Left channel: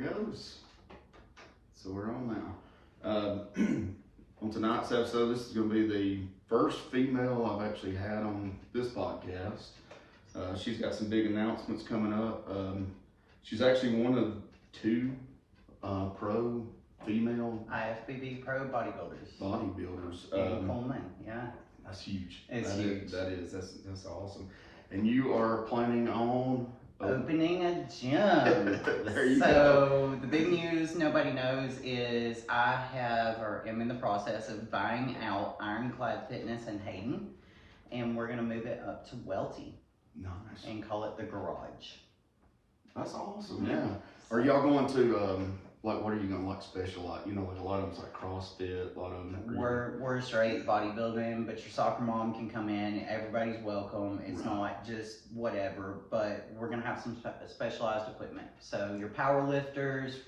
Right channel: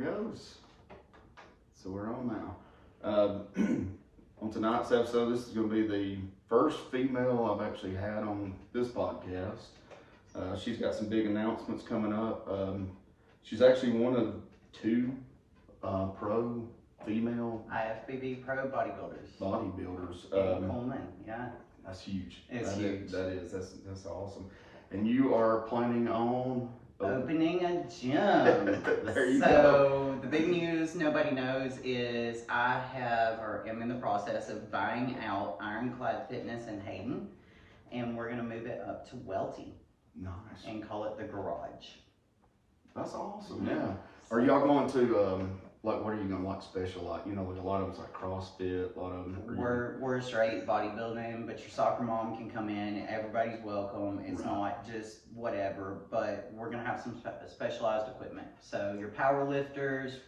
it goes. So we're on now. On tonight's episode, this is going to be the first female I've actually had on this podcast. She's got some big announcements coming up. She's actually one of two pro female IFBB pro bodybuilders. Bodybuilders. In Coleman, yeah. That's huge. It's huge. That's awesome. And you are planning on opening a gym. There you go. go. The big news nobody knows is I am in the process of buying out Ironclad Fitness in Hayden, and we're gonna move it up to Welty. Nice. And call it the Garage. That's awesome. Yeah. Are y'all going to like, what are you gonna like special? Like, you know, like a lot of them's like CrossFit, a lot of them. We're straight bodybuilding, but your soccer mom can come in. Everybody's welcome. It's not like just whatever, but we're gonna have some specialized equipment. So your power lifters,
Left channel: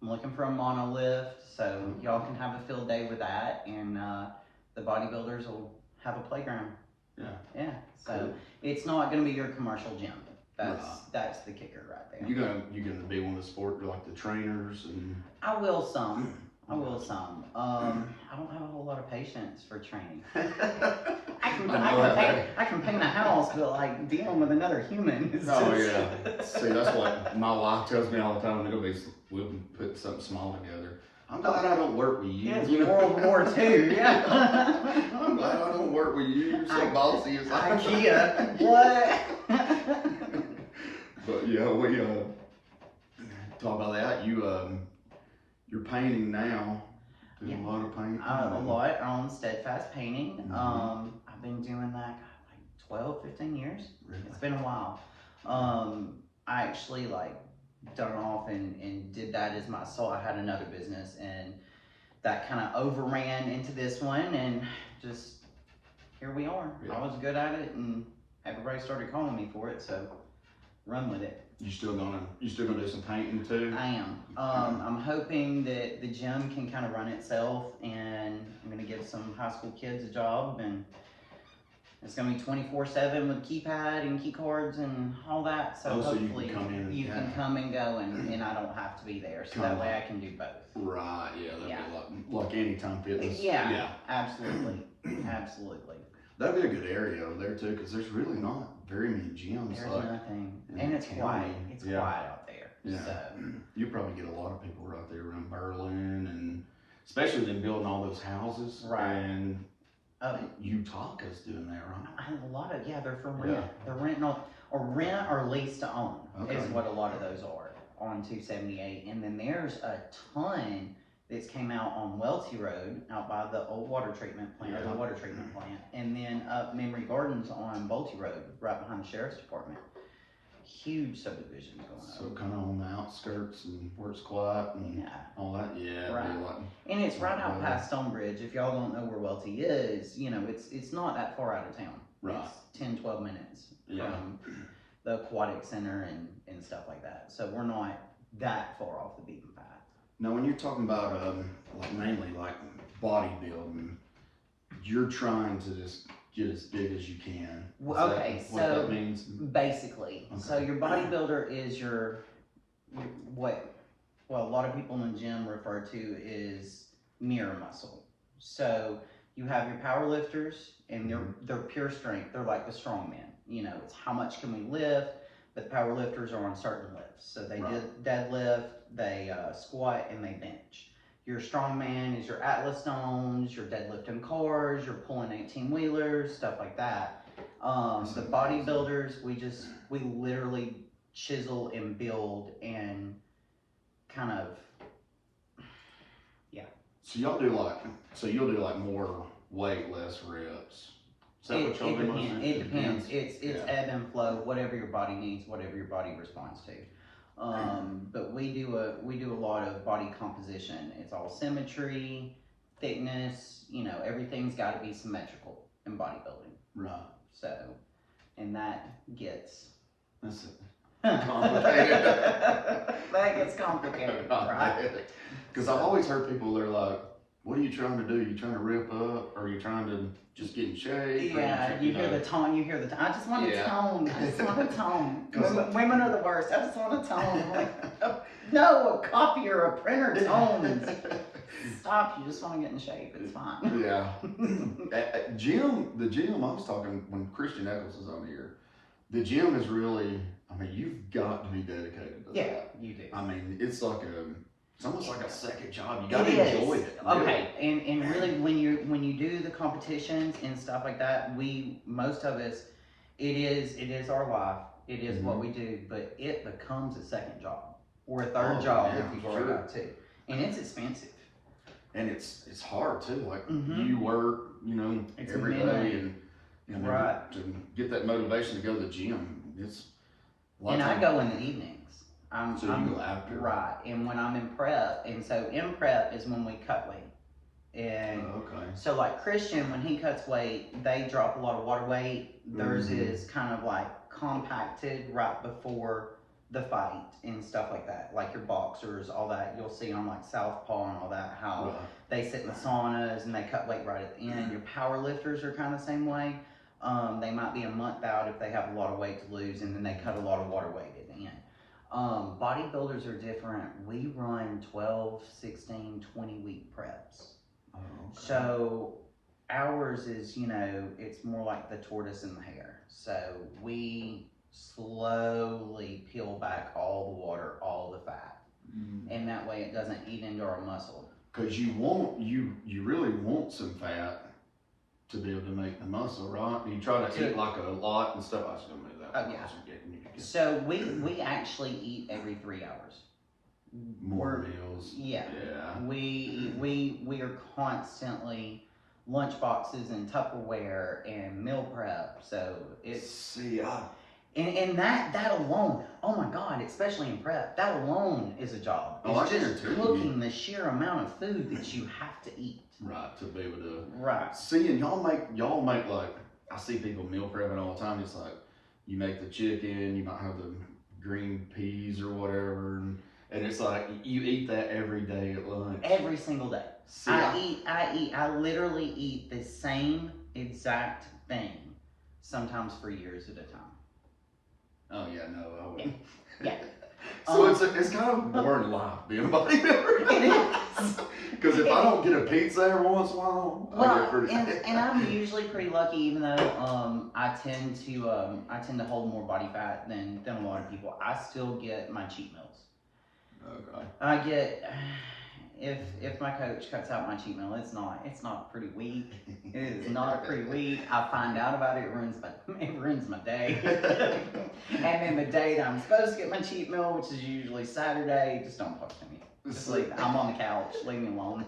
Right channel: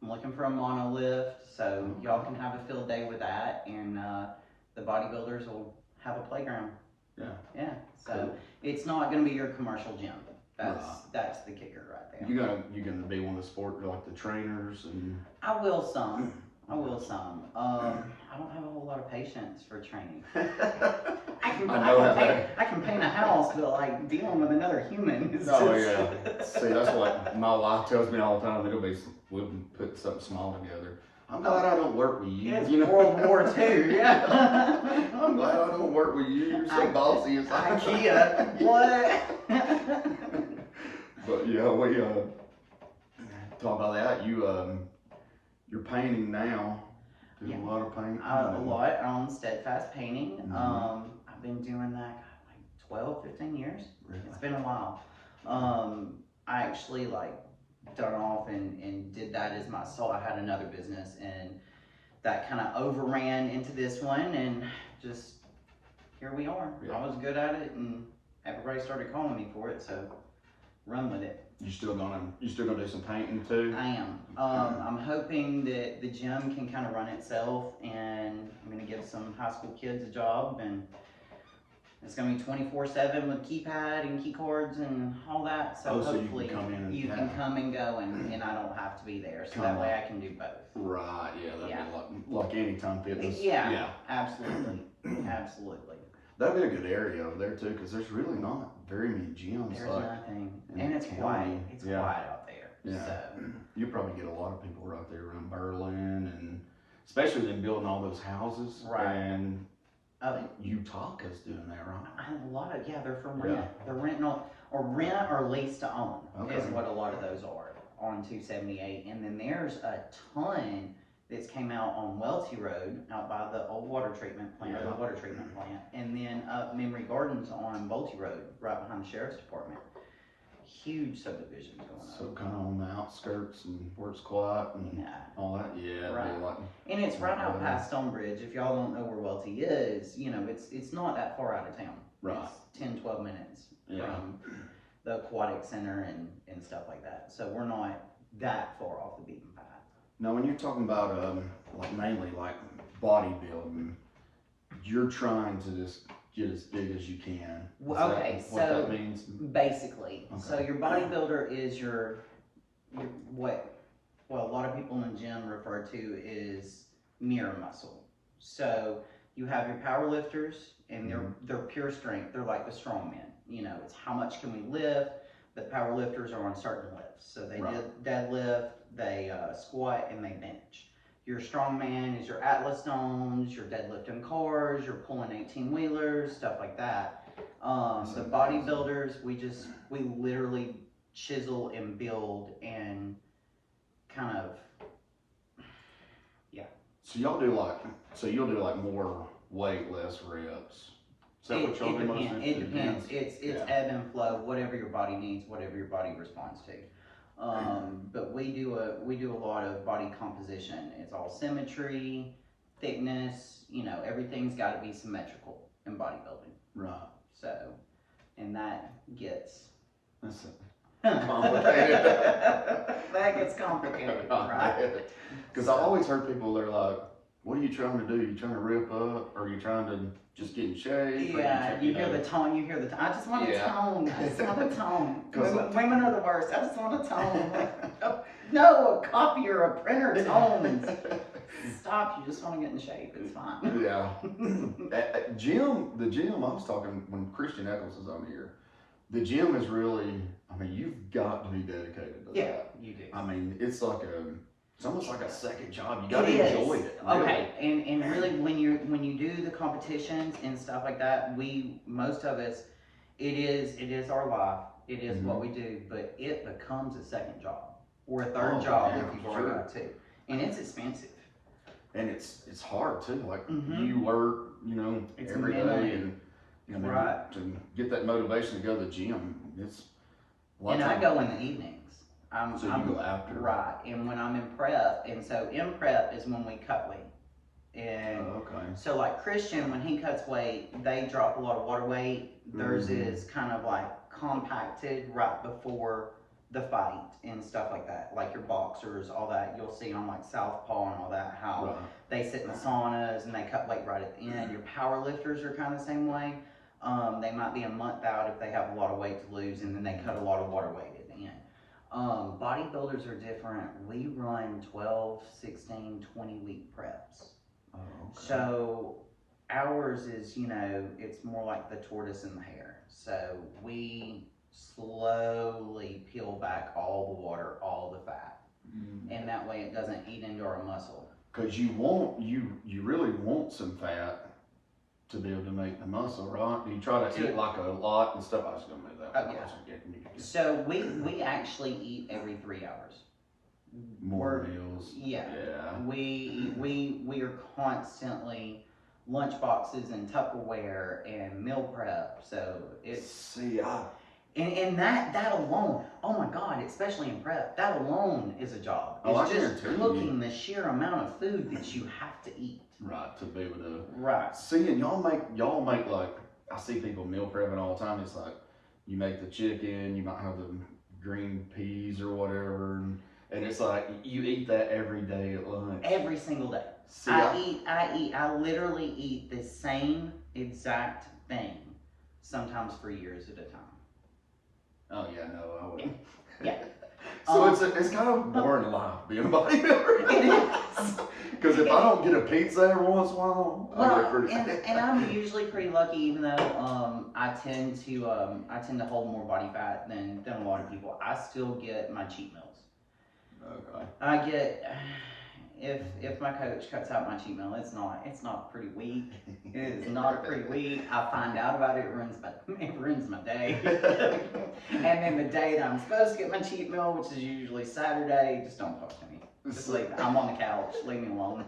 I'm looking for a monolift, so y'all can have a field day with that, and the bodybuilders will have a playground. Yeah. Yeah. So cool. It's not gonna be your commercial gym. That's the kicker right there. You gonna be one of the sport, like the trainers and. I will some. I don't have a whole lot of patience for training. I can paint a house, but like dealing with another human is yeah. See, that's what my wife tells me all the time. We'll put something small together. I'm glad I don't work with you. Yeah, you know? World War II. Yeah. I'm glad I don't work with you. You're so bossy. It's like IKEA. What? But yeah, we talk about that. You're painting now. Doing a lot of painting. A lot on Steadfast Painting. I've been doing that like 12, 15 years. Really? It's been a while. I actually done off and did that as my soul. I had another business and that kind of overran into this one, and just here we are. Yeah. I was good at it and everybody started calling me for it, so run with it. You still gonna do some painting too? I am. I'm hoping that the gym can kind of run itself, and I'm gonna give some high school kids a job, and it's gonna be 24/7 with keypad and key cards and all that. So hopefully you can come and go, and I don't have to be there. So that way I can do both. Right. Yeah. That'd be like Anytime Fitness. Yeah. Absolutely. Absolutely. That'd be a good area over there too, because there's really not very many gyms. There's nothing, and it's quiet. It's quiet out there. Yeah. So. You probably get a lot of people right there around Berlin, and especially them building all those houses. Right. And Utah's doing that, right? A lot of they're from rent. Yeah. They're renting rent or lease to own is what a lot of those are on 278. And then there's a ton that's came out on Welty Road, out by the old water treatment plant, or the water treatment plant, and then up Memory Gardens on Bolte Road, right behind the sheriff's department. Huge subdivisions going on. So kind of on the outskirts and where it's quiet and all that. Yeah. Right. And it's right out past Stonebridge. If y'all don't know where Welty is, it's not that far out of town. Right. It's 10, 12 minutes from the aquatic center and stuff like that. So we're not that far off the beaten path. Now, when you're talking about mainly bodybuilding, you're trying to just get as big as you can. What that means? Basically, so your bodybuilder is your what a lot of people in the gym refer to is mirror muscle. So you have your power lifters, and they're pure strength. They're like the strong men. It's how much can we lift. But power lifters are on certain lifts. So they deadlift, they squat, and they bench. Your strongman is your Atlas stones, your deadlifting cars, you're pulling 18-wheelers, stuff like that. The bodybuilders, we literally chisel and build and kind of, So you'll do more weight, less reps. Is that what y'all do? It depends. It's ebb and flow, whatever your body needs, whatever your body responds to. But we do a lot of body composition. It's all symmetry, thickness. Everything's got to be symmetrical in bodybuilding. Right. So, and that gets complicated. That gets complicated, right? Because I've always heard people, they're like, "What are you trying to do? You trying to rip up, or are you trying to just get in shape?" Yeah, you hear the tone. I just want a tone. I just want a tone. Women are the worst. I just want a tone. No, a copier, a printer tones. Stop, you just want to get in shape, it's fine. Yeah. The gym, I was talking when Christian Eccles is on here, the gym is really, I mean, you've got to be dedicated to that. You do. I mean, it's almost like a second job. You got to enjoy it. Really. Okay, and really when you do the competitions and stuff like that, most of us, it is our life. It is what we do, but it becomes a second job or a third job if you've already got two, and it's expensive. And it's hard too. Like you work, it's every day, and to get that motivation to go to the gym, it's. And I go in the evenings. So you go after, right? And when I'm in prep, and so in prep is when we cut weight. And so like Christian, when he cuts weight, they drop a lot of water weight. Theirs is kind of like compacted right before the fight and stuff like that. Like your boxers, all that, you'll see on like Southpaw and all that, how they sit in the saunas and they cut weight right at the end. Your power lifters are kind of the same way. They might be a month out if they have a lot of weight to lose, and then they cut a lot of water weight at the end. Bodybuilders are different. We run 12, 16, 20 week preps. So ours is, it's more like the tortoise and the hare. So we slowly peel back all the water, all the fat. And that way it doesn't eat into our muscle. Because you really want some fat to be able to make the muscle, right? You try to eat like a lot and stuff. I was going to do that. So we actually eat every 3 hours. More meals. Yeah. We are constantly lunch boxes and Tupperware and meal prep. So it's and that alone, oh my God, especially in prep, that alone is a job. It's just cooking the sheer amount of food that you have to eat. Right, to be able to see, and y'all make like, I see people meal prepping all the time. It's like you make the chicken, you might have the green peas or whatever, and it's like you eat that every day at lunch. Every single day. See, I literally eat the same exact thing, sometimes for years at a time. Oh yeah, no, I wouldn't. Yeah. So it's kind of a boring life being a bodybuilder. It is. Because if I don't get a pizza every once in a while, I get pretty. And I'm usually pretty lucky, even though I tend to hold more body fat than a lot of people. I still get my cheat meals. Okay. I get if my coach cuts out my cheat meal, it's not a pretty week. It is not a pretty week. I find out about it, it ruins my day. And then the day that I'm supposed to get my cheat meal, which is usually Saturday, just don't talk to me. Just I'm on the couch, leave me alone.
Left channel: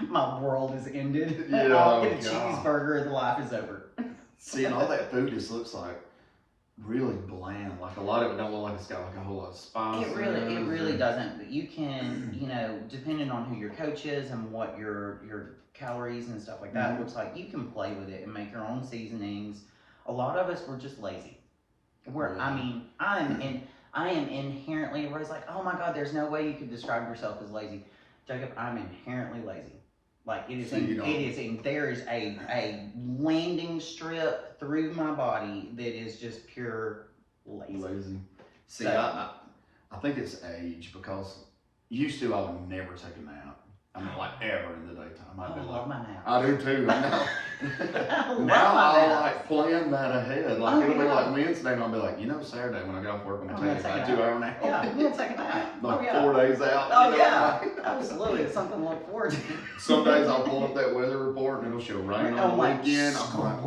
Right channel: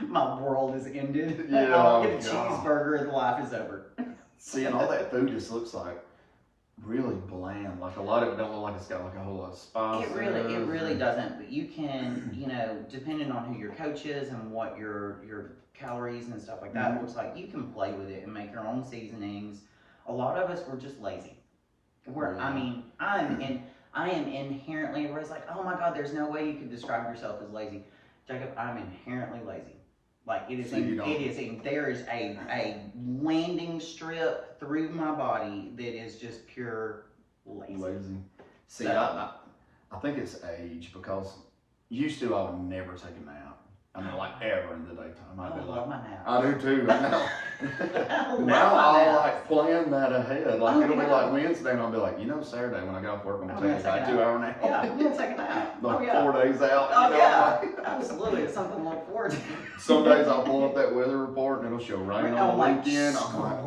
My world is ended. I'll get a cheeseburger, the life is over. See, and all that food just looks like really bland. Like a lot of it don't look like it's got like a whole lot of spice. It really doesn't. But you can, depending on who your coach is and what your calories and stuff like that looks like, you can play with it and make your own seasonings. A lot of us were just lazy. I am inherently, everybody's like, oh my God, there's no way you could describe yourself as lazy. Jacob, I'm inherently lazy. Like there is a landing strip through my body that is just pure lazy. See, so, I think it's age, because used to I would never take a nap. I mean, like ever in the daytime. I love my nap. I do too. Now I'll like plan that ahead. Like it'll be like Wednesday, and I'll be like, Saturday when I get off work, I'm gonna take about 2 hour nap. Yeah, I'm gonna take a nap. Like 4 days out. Absolutely, it's something to look forward to. Some days I'll pull up that weather report and it'll show rain on the weekend. I'm like,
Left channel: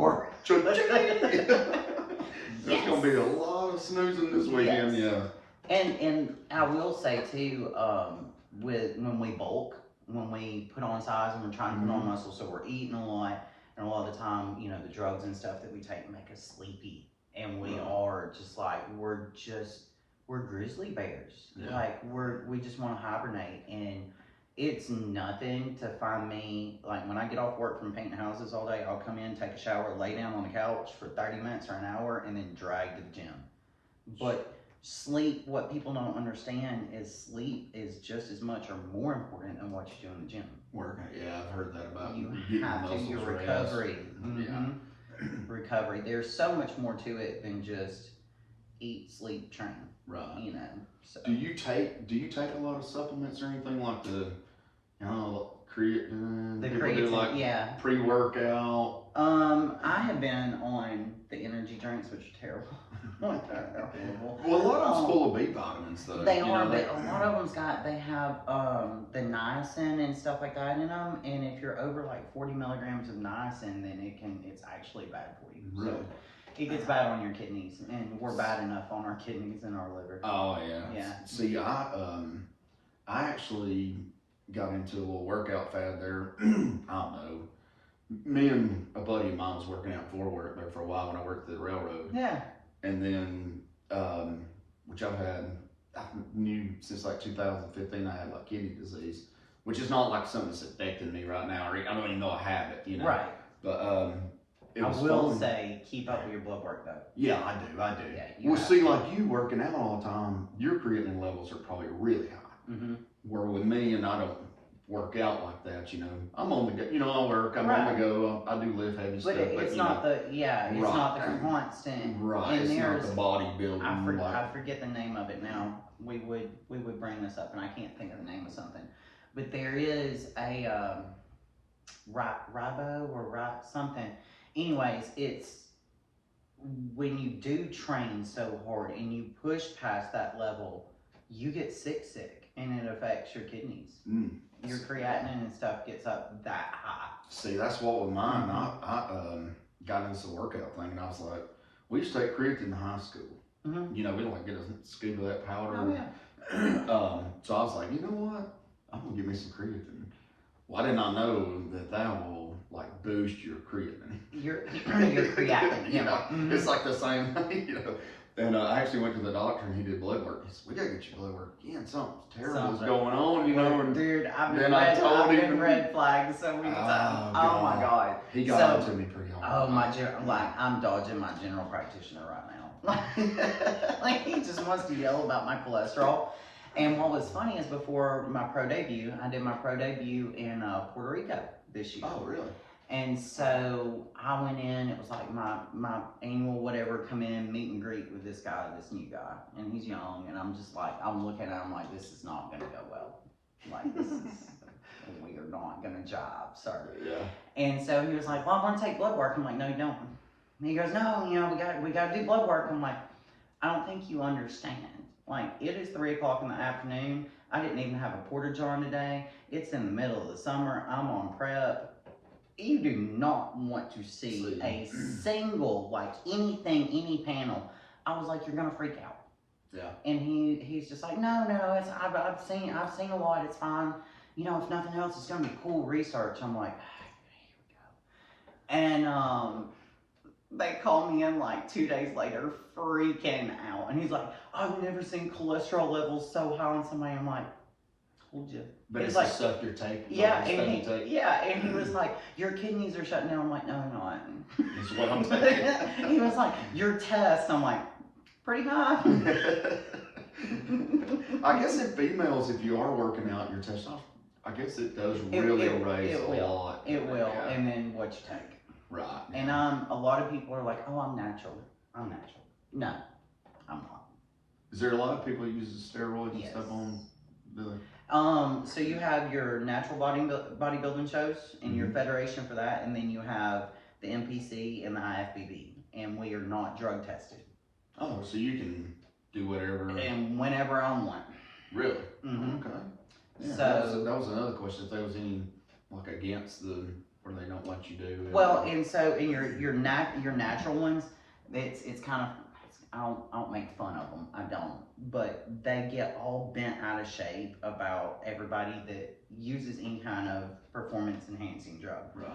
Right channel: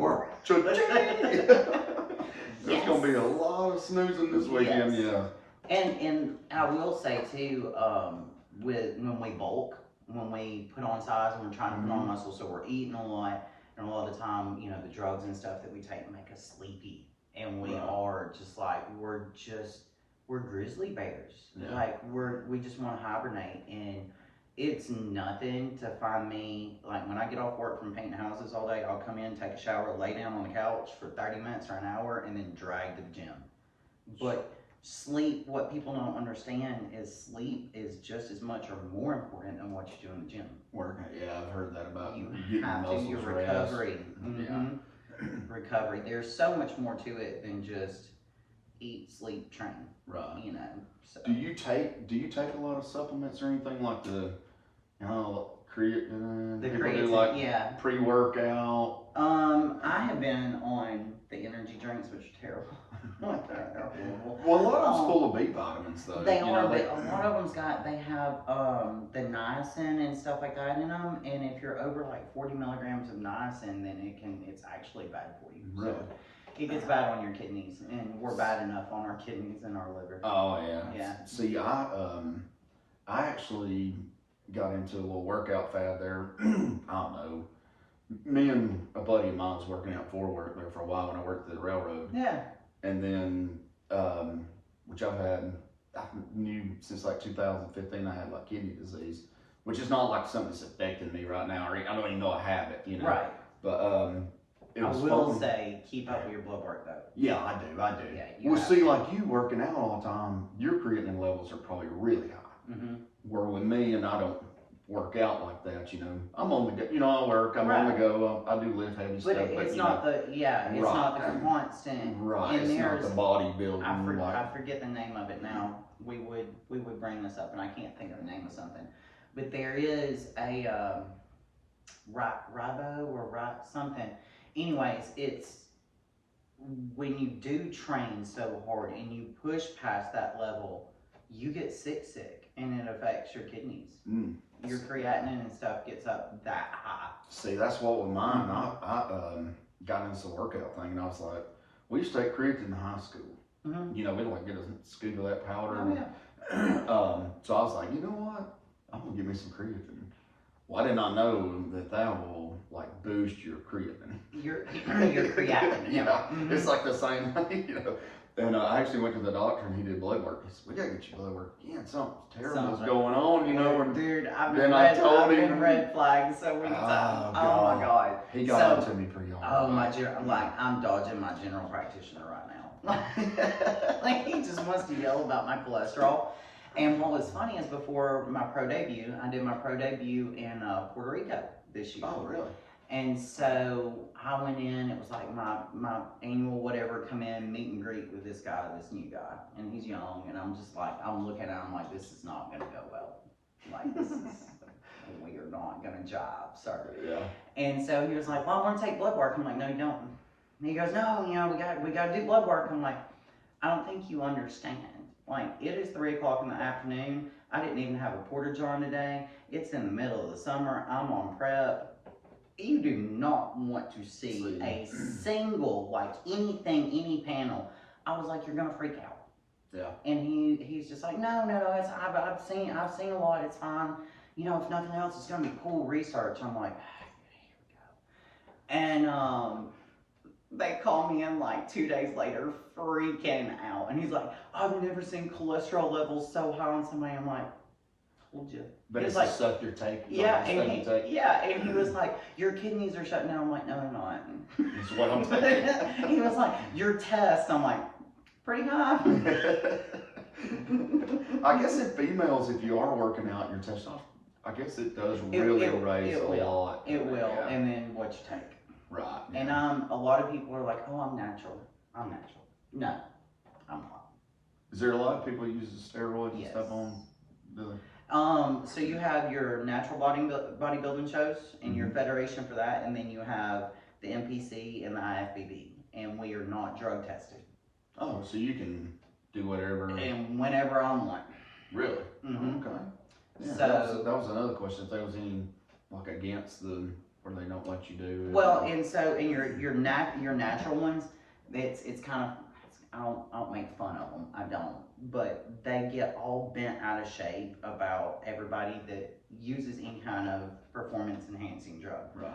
there's gonna be a lot of snoozing this weekend. Yes. Yeah. And I will say too, when we bulk, when we put on size and we're trying to put on muscle, so we're eating a lot, and a lot of the time, the drugs and stuff that we take make us sleepy, and we are just like, we're grizzly bears. Yeah. Like we just want to hibernate, and it's nothing to find me, like when I get off work from painting houses all day, I'll come in, take a shower, lay down on the couch for 30 minutes or an hour, and then drag to the gym. But sleep, what people don't understand is sleep is just as much or more important than what you do in the gym. I've heard that about you have to, your recovery. Recovery. There's so much more to it than just eat, sleep, train. Right. You know. So. Do you take a lot of supplements or anything like the, you know, creatine? The People creatine, do like yeah. pre-workout. I have been on the energy drinks, which are terrible. They're horrible. Well, a lot of them's full of B vitamins, though. They are, but a lot of them's they have the niacin and stuff like that in them, and if you're over like 40 milligrams of niacin, then it's actually bad for you. Really? So it gets bad on your kidneys, and we're bad enough on our kidneys and our liver. Oh yeah. Yeah. See, I actually got into a little workout fad there. I don't know. Me and a buddy of mine was working out for work there for a while when I worked at the railroad. Yeah. And then, which I knew since like 2015, I had like kidney disease, which is not like something that's affecting me right now, or I don't even know I have it, you know. Right. But it was I will fun. say, keep up with your blood work though. Yeah, I do. Yeah, Well, see, like you working out all the time, your creatinine levels are probably really high. Mm-hmm. Where with me, and I don't work out like that, you know. I'm on the go, you know, I work, I'm Right. on the go, I do lift heavy stuff, but it's you not know, it's not the constant. right, And it's not there's, the bodybuilding. I forget the name of it now. We would bring this up, and I can't think of the name of something. But there is a ribo or something. Anyways, it's when you do train so hard and you push past that level, you get sick, and it affects your kidneys. Your creatinine and stuff gets up that high. See, that's what with mine. I got into the workout thing, and I was like, we used to take creatine in high school. Mm-hmm. You know, we'd like get a scoop of that powder. Oh, yeah. So I was like, you know what? I'm gonna give me some creatine. Well, I did not know that will like boost your creatine. Your creatinine. You know, Mm-hmm. it's like the same thing. You know. And I actually went to the doctor and he did blood work. He said, we gotta get your blood work again. Something terrible is going on, you know. And dude, I've then I told been him red flagged so many times. Oh my god. He got on to me pretty hard. Oh I'm dodging my general practitioner right now. Like he just wants to yell about my cholesterol. And what was funny is before my pro debut, I did my pro debut in Puerto Rico this year. Oh, really? And so I went in, it was like my annual whatever, come in, meet and greet with this guy, this new guy. And he's young, and I'm just like, I'm looking at him like, this is not gonna go well. Like, this is, we are not gonna jive, sir. Yeah. And so he was like, well, I wanna take blood work. I'm like, no, you don't. And he goes, no, you know, we gotta do blood work. I'm like, I don't think you understand. Like, it is 3 o'clock in the afternoon. I didn't even have a porta john today. It's in the middle of the summer. I'm on prep. You do not want to see a single, like anything, any panel. I was like, you're gonna freak out. Yeah. And he's just like, no, it's I've seen a lot. It's fine. You know, if nothing else, it's gonna be cool research. I'm like, here we go. And they called me in like 2 days later, freaking out. And he's like, I've never seen cholesterol levels so high on somebody. I'm like, told you. But it's like, the stuff you're taking. Yeah, and he was like, your kidneys are shutting down. I'm like, no, they're not. It's what I'm taking. He was like, your test. I'm like, pretty high. I guess in females, if you are working out, your testosterone, I guess it does really raise a lot. It will, yeah. and then what you take. Right. And a lot of people are like, oh, I'm natural. No, I'm not. Is there a lot of people who use steroids and stuff on? Do they? So you have your natural bodybuilding shows and your federation for that, and then you have the NPC and the IFBB, and we are not drug tested. Oh, so you can do whatever. And whenever I want. Really? Mm-hmm. Okay. Yeah, So that was another question. If there was any like against the where they don't let you do. Well, and so in your natural ones, it's kind of. I don't make fun of them. I don't. But they get all bent out of shape about everybody that uses any kind of performance enhancing drug. Right.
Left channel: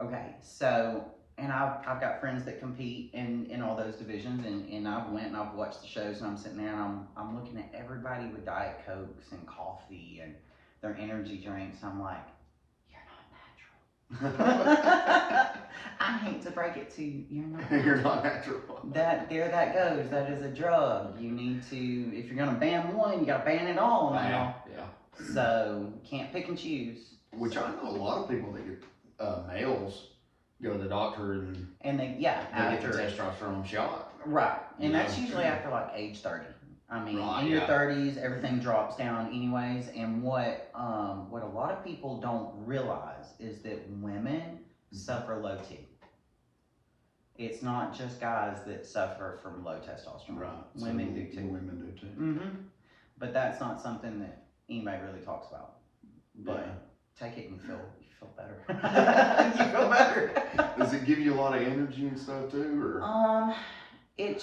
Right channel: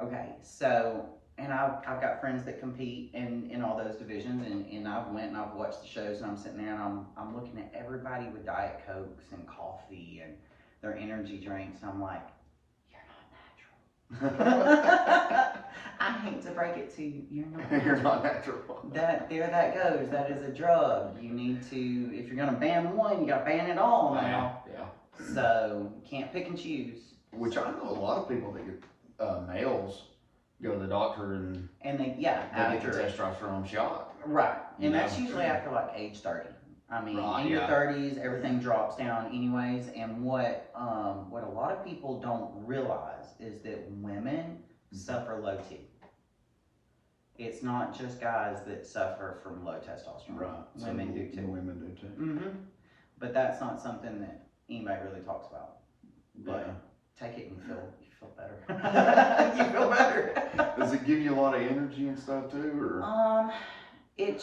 Okay. So, and I've got friends that compete in all those divisions, and I've went and I've watched the shows, and I'm sitting there and I'm looking at everybody with Diet Cokes and coffee and their energy drinks. I'm like, you're not natural. I hate to break it to you, you're not natural. You're not natural. That goes. That is a drug. You need to, if you're gonna ban one, you gotta ban it all now. Yeah. So can't pick and choose. Which I know a lot of people that get males go to the doctor and they get the testosterone shot. Right, and You that's know? usually after like age 30. I mean, Right, in your yeah. 30s, everything drops down anyways. And what a lot of people don't realize is that women suffer low T. It's not just guys that suffer from low testosterone. Right. Women do too. Women do too. Mm-hmm. But that's not something that anybody really talks about. But take it and you feel better. You feel better. Does it give you a lot of energy and stuff too, or? It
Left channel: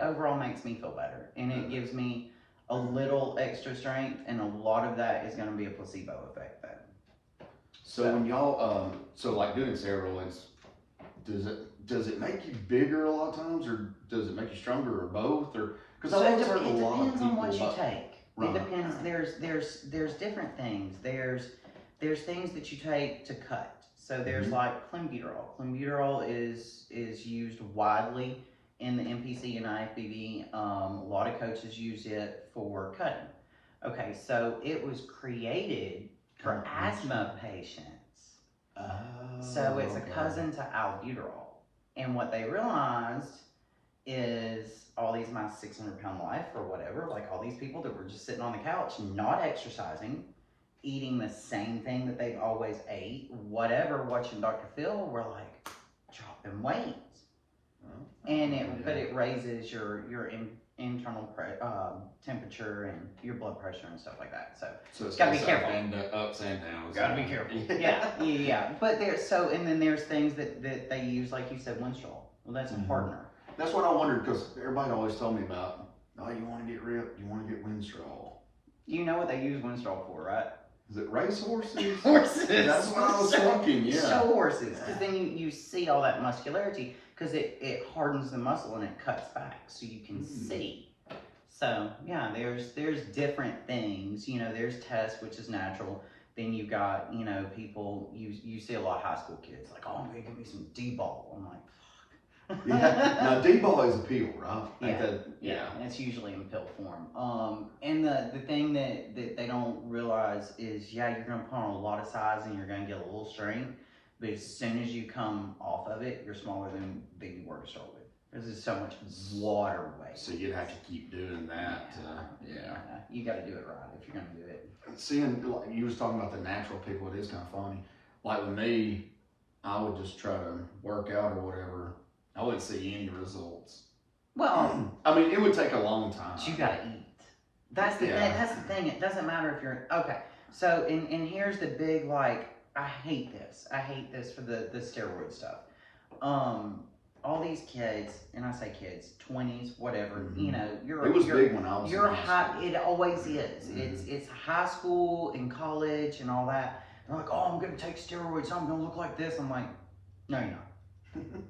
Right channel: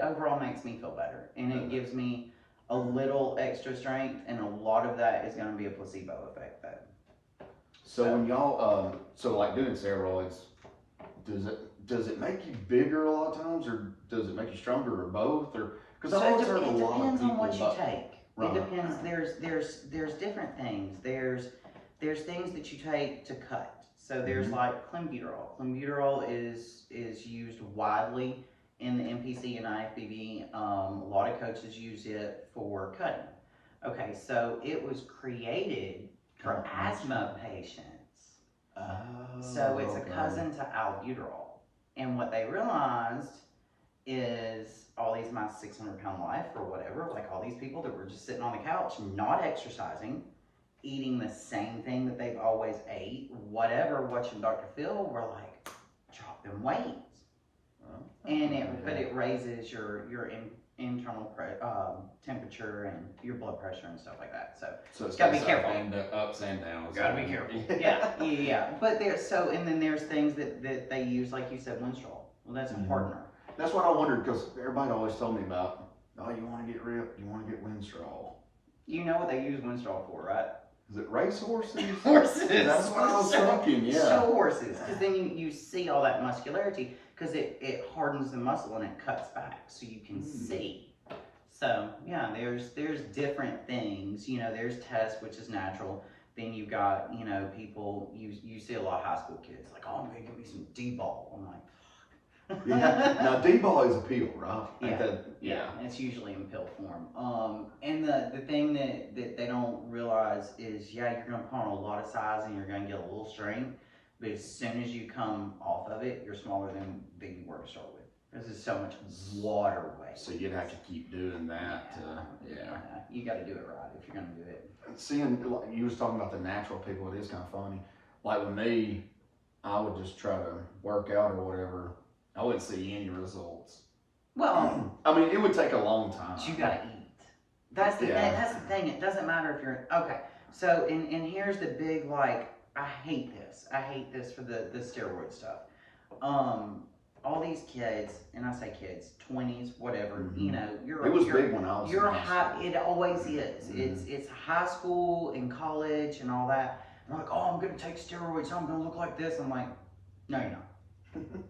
overall makes me feel better, and it gives me a little extra strength, and a lot of that is going to be a placebo effect, though. So when y'all, so like doing steroids, does it make you bigger a lot of times, or does it make you stronger, or both, or? Because I've always heard a lot of people. It depends on what you take. Right. It depends. There's different things. There's things that you take to cut. So there's like clenbuterol. Clenbuterol is used widely in the NPC and IFBB. A lot of coaches use it for cutting. Okay, so it was created for asthma patients. So it's a cousin to albuterol. And what they realized is all these my 600-pound life or whatever, like all these people that were just sitting on the couch, not exercising, eating the same thing that they've always ate, whatever, watching Dr. Phil, were like dropping weight. And it raises your internal temperature and your blood pressure and stuff like that. So it's gotta be careful. And ups and downs. Gotta be careful. Yeah. But and then there's things that they use, like you said, Winstrol. Well, that's a partner. That's what I wondered, because everybody always told me about, oh, you want to get ripped, you want to get Winstrol. You know what they use Winstrol for, right? Is it race horses? Horses. That's what I was thinking, yeah. Show horses, because then you see all that muscularity, because it hardens the muscle and it cuts back, so you can see. So yeah, there's different things. You know, there's test, which is natural. Then you got, you know, people, you see a lot of high school kids like, oh, I'm gonna give me some D-ball. I'm like, Yeah. Now D-ball is a pill, right? Yeah. It's usually in pill form. And the thing that they don't realize is, yeah, you're gonna put on a lot of size and you're gonna get a little strength, but as soon as you come off of it, you're smaller than you were to start with. There's just so much water weight. So you'd have to keep doing that. You got to do it right if you're gonna do it. Seeing, like you was talking about the natural people, it is kind of funny. Like with me, I would just try to work out or whatever. I wouldn't see any results. Well, I mean, it would take a long time. But you gotta eat. That's the thing. That's the thing. It doesn't matter if you're okay. So, and here's the big, like, I hate this. I hate this for the steroid stuff. All these kids, and I say kids, 20s, whatever. You know, It was big when I was. You're high. It always is. It's high school and college and all that. And they're like, oh, I'm gonna take steroids. I'm gonna look like this. I'm like, no, you're not.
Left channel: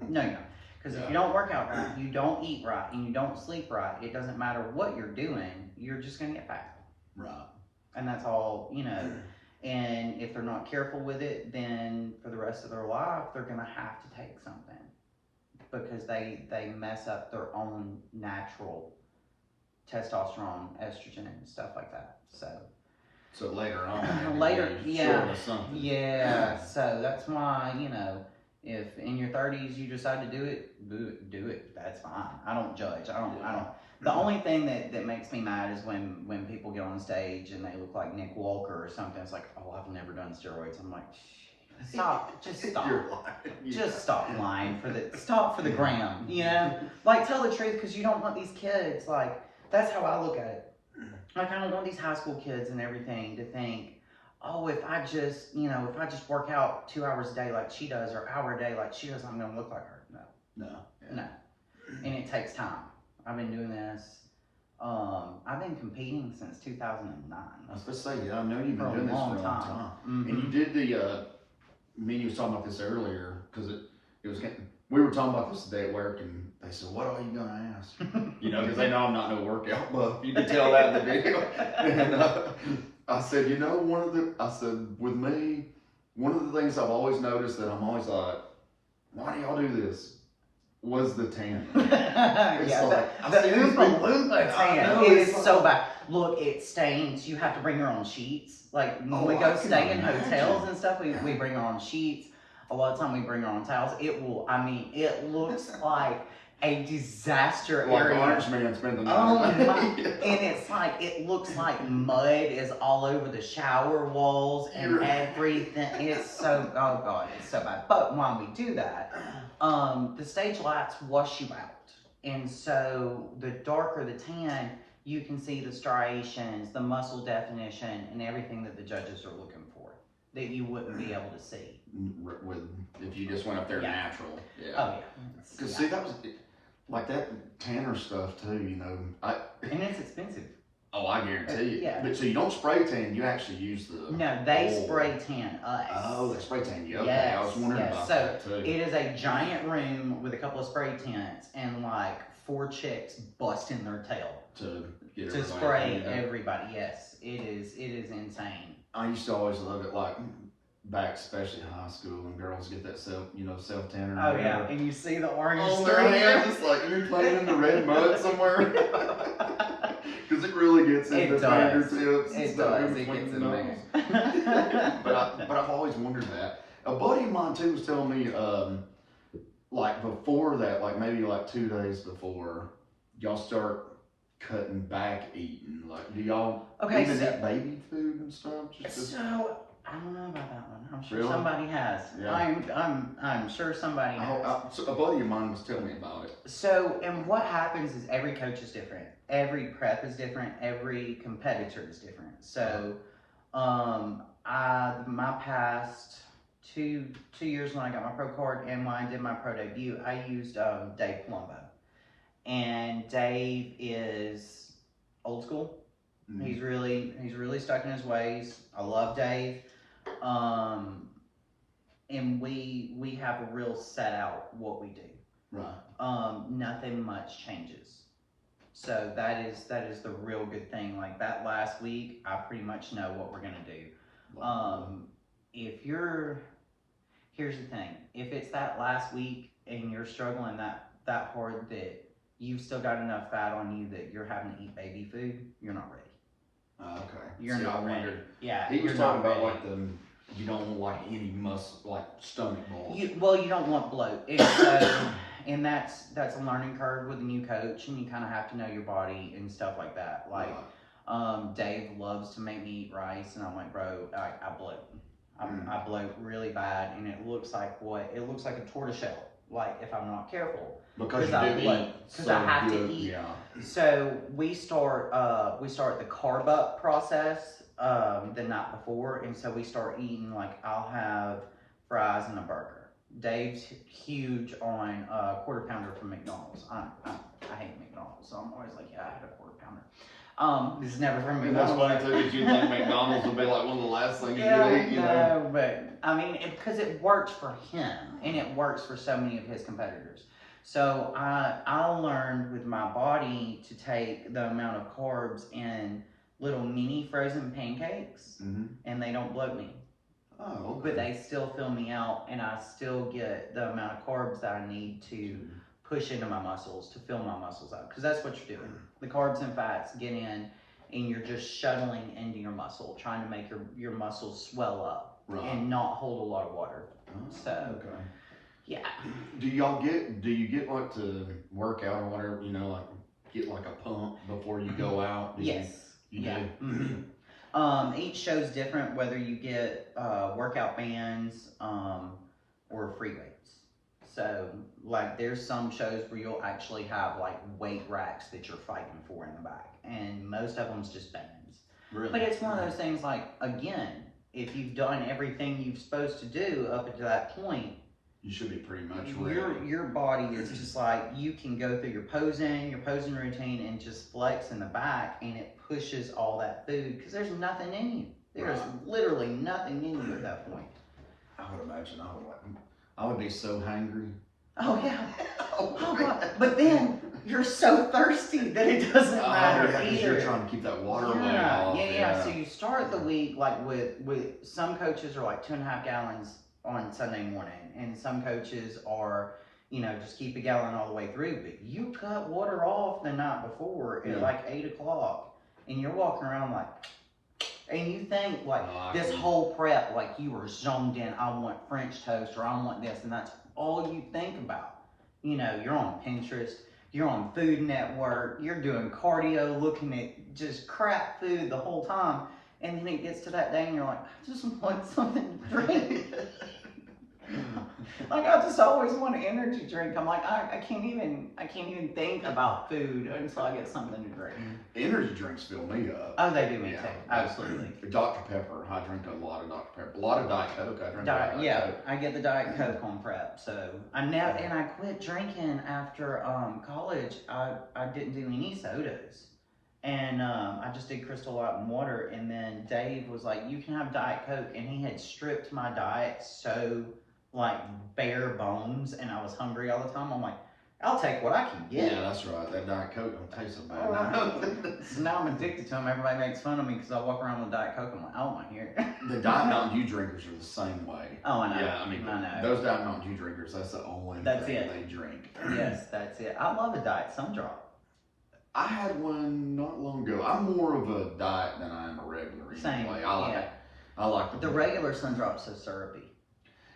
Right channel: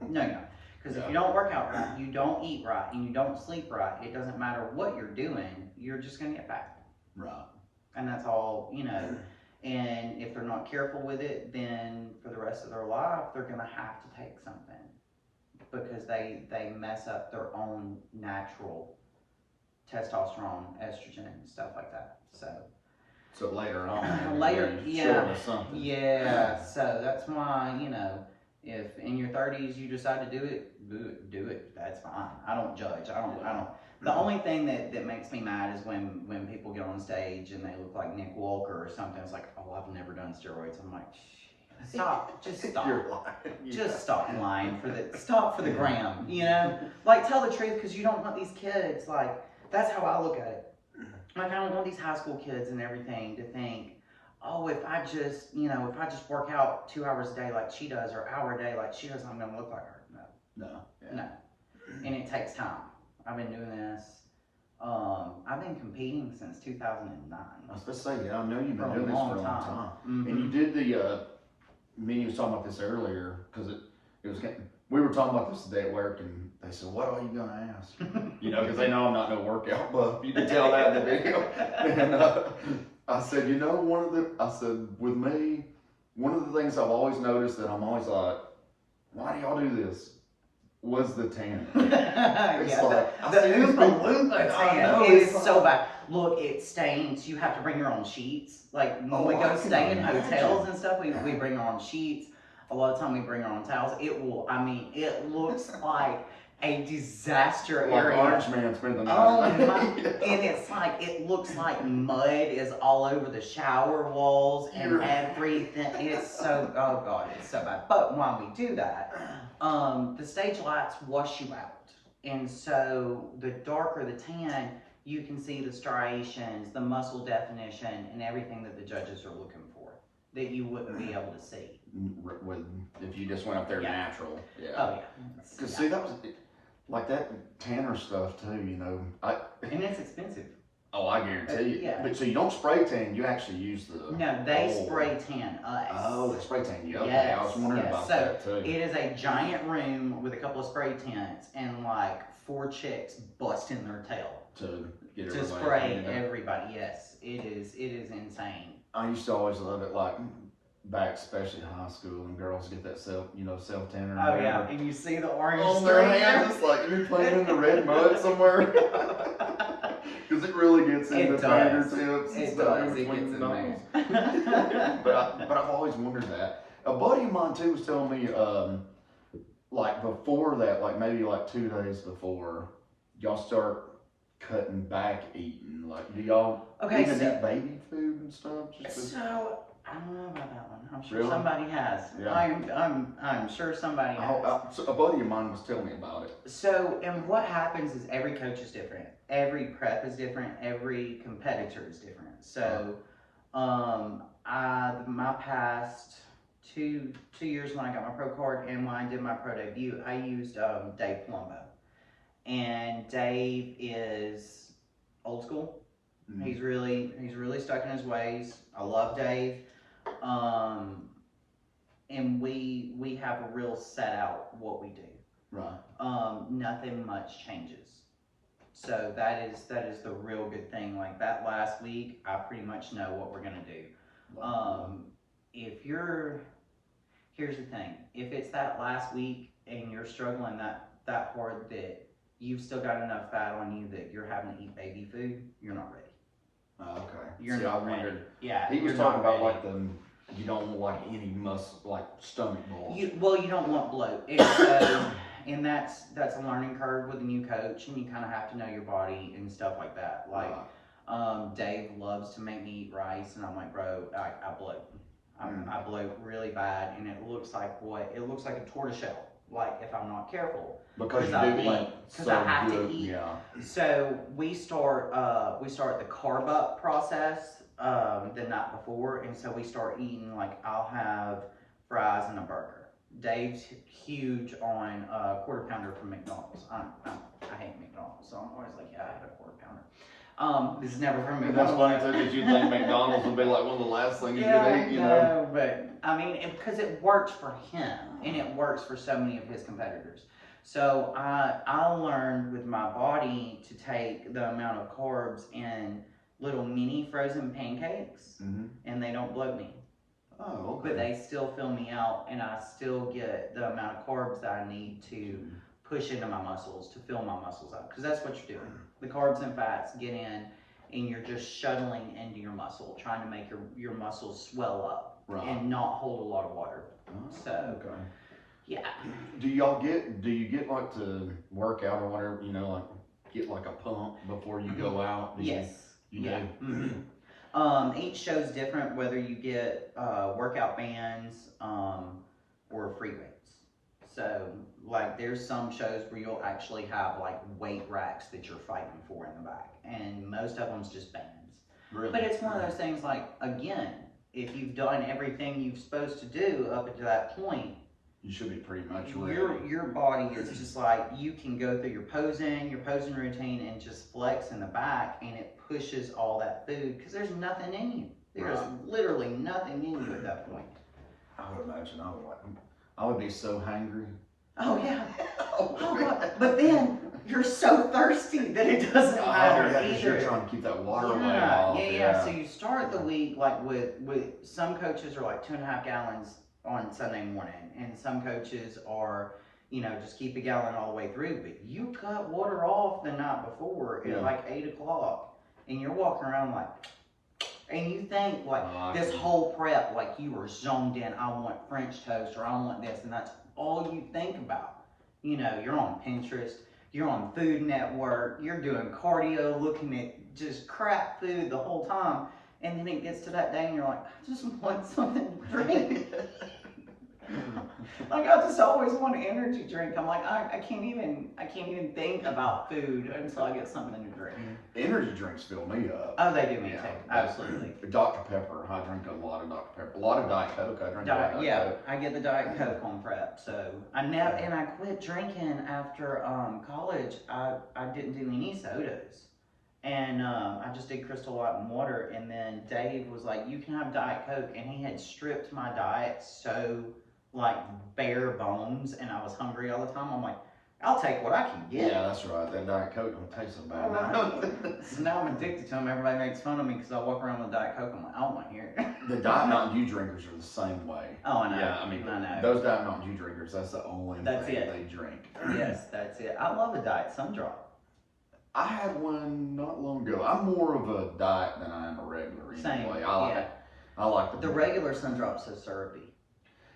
No, you're not. Because if you don't work out right, you don't eat right, and you don't sleep right, it doesn't matter what you're doing, you're just going to get fat. Right. And that's all, you know. And if they're not careful with it, then for the rest of their life, they're going to have to take something. Because they mess up their own natural testosterone, estrogen, and stuff like that. So later on. Yeah. Something. Yeah. So that's why, you know, if in your 30s you decide to do it. That's fine. I don't judge. I don't. The only thing that makes me mad is when people get on stage and they look like Nick Walker or something. It's like, oh, I've never done steroids. I'm like, stop. Just stop. You're lying. Just stop lying stop for the gram. You know, like tell the truth, because you don't want these kids. Like that's how I look at it. Like I don't want these high school kids and everything to think, oh, if I just work out 2 hours a day like she does, or hour a day like she does, I'm gonna look like her. No. And it takes time. I've been doing this. I've been competing since 2009. I was supposed to say, yeah, I know you've been doing this for a long time. Mm-hmm. And you did me and you was talking about this earlier, because it was getting, we were talking about this today at work, and they said, what are you gonna ask? You know, because they know I'm not no workout buff. You can tell that in the video. And I said, you know, with me, one of the things I've always noticed that I'm always like, why do y'all do this? Was the tan. The Oompa Loompa tan is so bad. Look, it stains. You have to bring your own sheets. Like when we go stay in hotels and stuff, we bring our own sheets. A lot of time we bring our own towels. It looks like a disaster Like area. Orange Man spent the night. Oh my, and it's like, it looks like mud is all over the shower walls and everything. It's so, oh God, it's so bad. But while we do that, the stage lights wash you out. And so the darker the tan, you can see the striations, the muscle definition, and everything that the judges are looking for that you wouldn't be able to see. If you just went up there Yeah. natural. Yeah. Oh yeah. Because see, that was like that tanner stuff too, you know. And it's expensive. Oh, I guarantee you. Yeah. But so you don't spray tan, you actually use the No, they oil. spray tan us. Oh, they spray tan you. Okay, Yes, I was wondering yes. about So that too. it is a giant room with a couple of spray tents and like 4 chicks busting their tail To get to everybody spray cleaned up. everybody. Yes, it is insane. I used to always love it, like back, especially high school, and girls get that self tanner. Oh yeah, and you see the orange on their streak. hands, like you're playing in the red mud somewhere. Because it really gets into It does. fingertips and It stuff does. in It between gets the in knuckles. there. But I've always wondered that. A buddy of mine too was telling me, like before that, like maybe like 2 days before, y'all start cutting back eating. Like, do y'all even eat baby food and stuff? So I don't know about that one. I'm sure Really? somebody has. Yeah. I'm sure somebody has. So a buddy of mine was telling me about it. So, and what happens is every coach is different. Every prep is different. Every competitor is different. So, my past two years when I got my pro card and when I did my pro debut, I used Dave Palumbo. And Dave is old school. Mm-hmm. He's really stuck in his ways. I love Dave. And we have a real set out what we do. Right. Nothing much changes. So that is the real good thing. Like that last week, I pretty much know what we're gonna do. Here's the thing. If it's that last week and you're struggling that hard that you've still got enough fat on you that you're having to eat baby food, you're not ready. Okay. You're not ready. Yeah. He was talking about like you don't want like any muscle, like stomach balls. You don't want bloat. And so, and that's a learning curve with a new coach, and you kind of have to know your body and stuff like that. Like, Dave loves to make me eat rice, and I'm like, bro, I bloat. I bloat really bad, and it looks like a tortoiseshell. Like if I'm not careful, because I have to eat. Yeah. So we start the carb up process the night before, and so we start eating like I'll have fries and a burger. Dave's huge on quarter pounder from McDonald's. I hate McDonald's, so I'm always like, yeah, I had a quarter pounder. This is never from McDonald's. And that's funny too, because you think McDonald's would be like one of the last things you'd eat, you know? No, but I mean, because it works for him, and it works for so many of his competitors. So I learned with my body to take the amount of carbs in little mini frozen pancakes, and they don't bloat me. Oh, okay. But they still fill me out, and I still get the amount of carbs that I need to push into my muscles, to fill my muscles up. Because that's what you're doing. The carbs and fats get in, and you're just shuttling into your muscle, trying to make your muscles swell up and not hold a lot of water. So, okay. Yeah. Do you get like to work out or whatever, you know, like get like a pump before you go out? Yes. You do? Mm-hmm. Each show's different, whether you get workout bands or free weights. So, like, there's some shows where you'll actually have like weight racks that you're fighting for in the back, and most of them's just bands. Really? But it's one of those things. Like, again, if you've done everything you're supposed to do up until that point, you should be pretty much ready. Your body is just like, you can go through your posing routine and just flex in the back, and it pushes all that food because there's nothing in you. There's literally nothing in you at that point. I would imagine I would be so hangry. Oh yeah. Oh God. But then you're so thirsty that it doesn't matter Yeah, because either. you're trying to keep that water weight off. Yeah. So you start the week like with some coaches are like 2.5 gallons on Sunday morning, and some coaches are, you know, just keep a gallon all the way through. But you cut water off the night before at like 8 o'clock, and you're walking around like, and you think like this whole prep, like you were zoned in. I want French toast, or I want this, and that's all you think about. You know, you're on Pinterest, you're on Food Network, you're doing cardio, looking at just crap food the whole time. And then it gets to that day and you're like, I just want something to drink. Like, I just always want an energy drink. I'm like, I can't even think about food until I get something to drink. Energy drinks fill me up. Oh, they do me too. Absolutely. Dr. Pepper. I drink a lot of Dr. Pepper. A lot of Diet Coke. I drink a lot of Diet Coke. I get the Diet Coke on prep. So I quit drinking after college. I didn't do any sodas. And I just did Crystal Light and water. And then Dave was like, you can have Diet Coke. And he had stripped my diet so like bare bones, and I was hungry all the time. I'm like, I'll take what I can get. Yeah, that's right. That Diet Coke don't taste so bad. So now I'm addicted to them. Everybody makes fun of me because I walk around with Diet Coke. I'm like, oh my here. The Diet Mountain Dew drinkers are the same way. Oh, I know. Yeah, I mean, those Diet Mountain Dew drinkers, that's the only thing they drink. Yes, that's it. I love a Diet Sundrop. I had one not long ago. I'm more of a diet than I am a regular anyway. I like the regular Sundrop's so syrupy.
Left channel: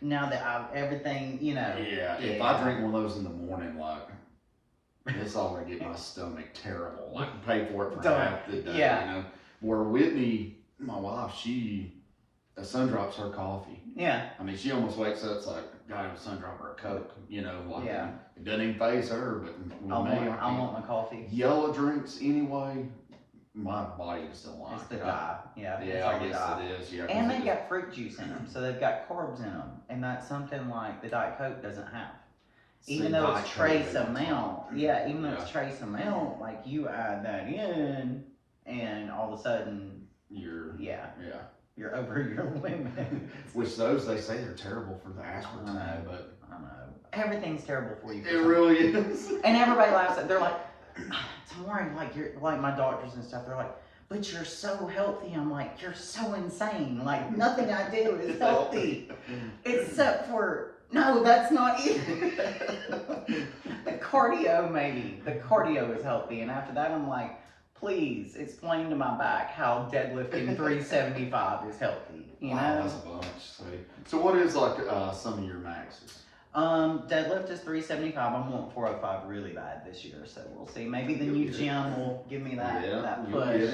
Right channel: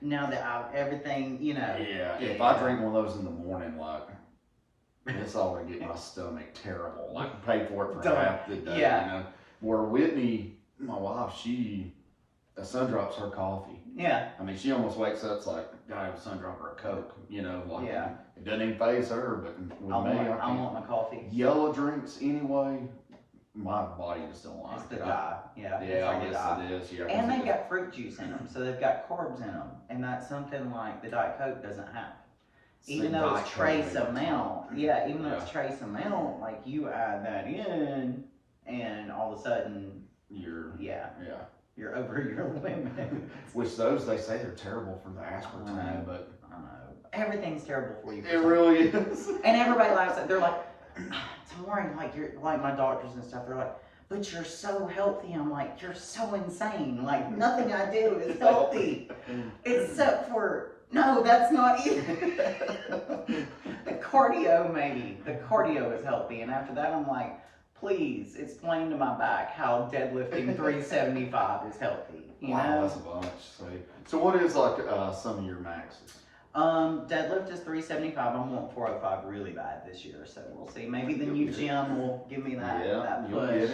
Now that I've everything, you know. Yeah, if I drink one of those in the morning, like, it's all gonna get my stomach terrible. Like, pay for it for half the day, you know. Where Whitney, my wife, a Sundrop's her coffee. Yeah. I mean, she almost wakes up, it's like, gotta have a Sundrop or a Coke, you know, like, it doesn't even faze her, but with me, I want my coffee. Yellow drinks anyway, my body just don't like it. It's the dye. Yeah, I guess it is. Yeah, and they got fruit juice in them, so they've got carbs in them, and that's something like the Diet Coke doesn't have. Even though it's trace amount, even though it's trace amount, like you add that in, and all of a sudden you're over your limit. Which those they say they're terrible for the aspartame, but I know everything's terrible for you. It really is. And everybody laughs at. They're like, Tamara, like you're like my doctors and stuff. They're like, but you're so healthy. I'm like, you're so insane. Like nothing I do is healthy, except for no, that's not even. The cardio maybe. The cardio is healthy, and after that, I'm like, please explain to my back how deadlifting 375 is healthy. You know? That's a bunch. So what is like some of your maxes? Deadlift is 375. I want 405 really bad this year, so we'll see. Maybe the new gym will give me that push.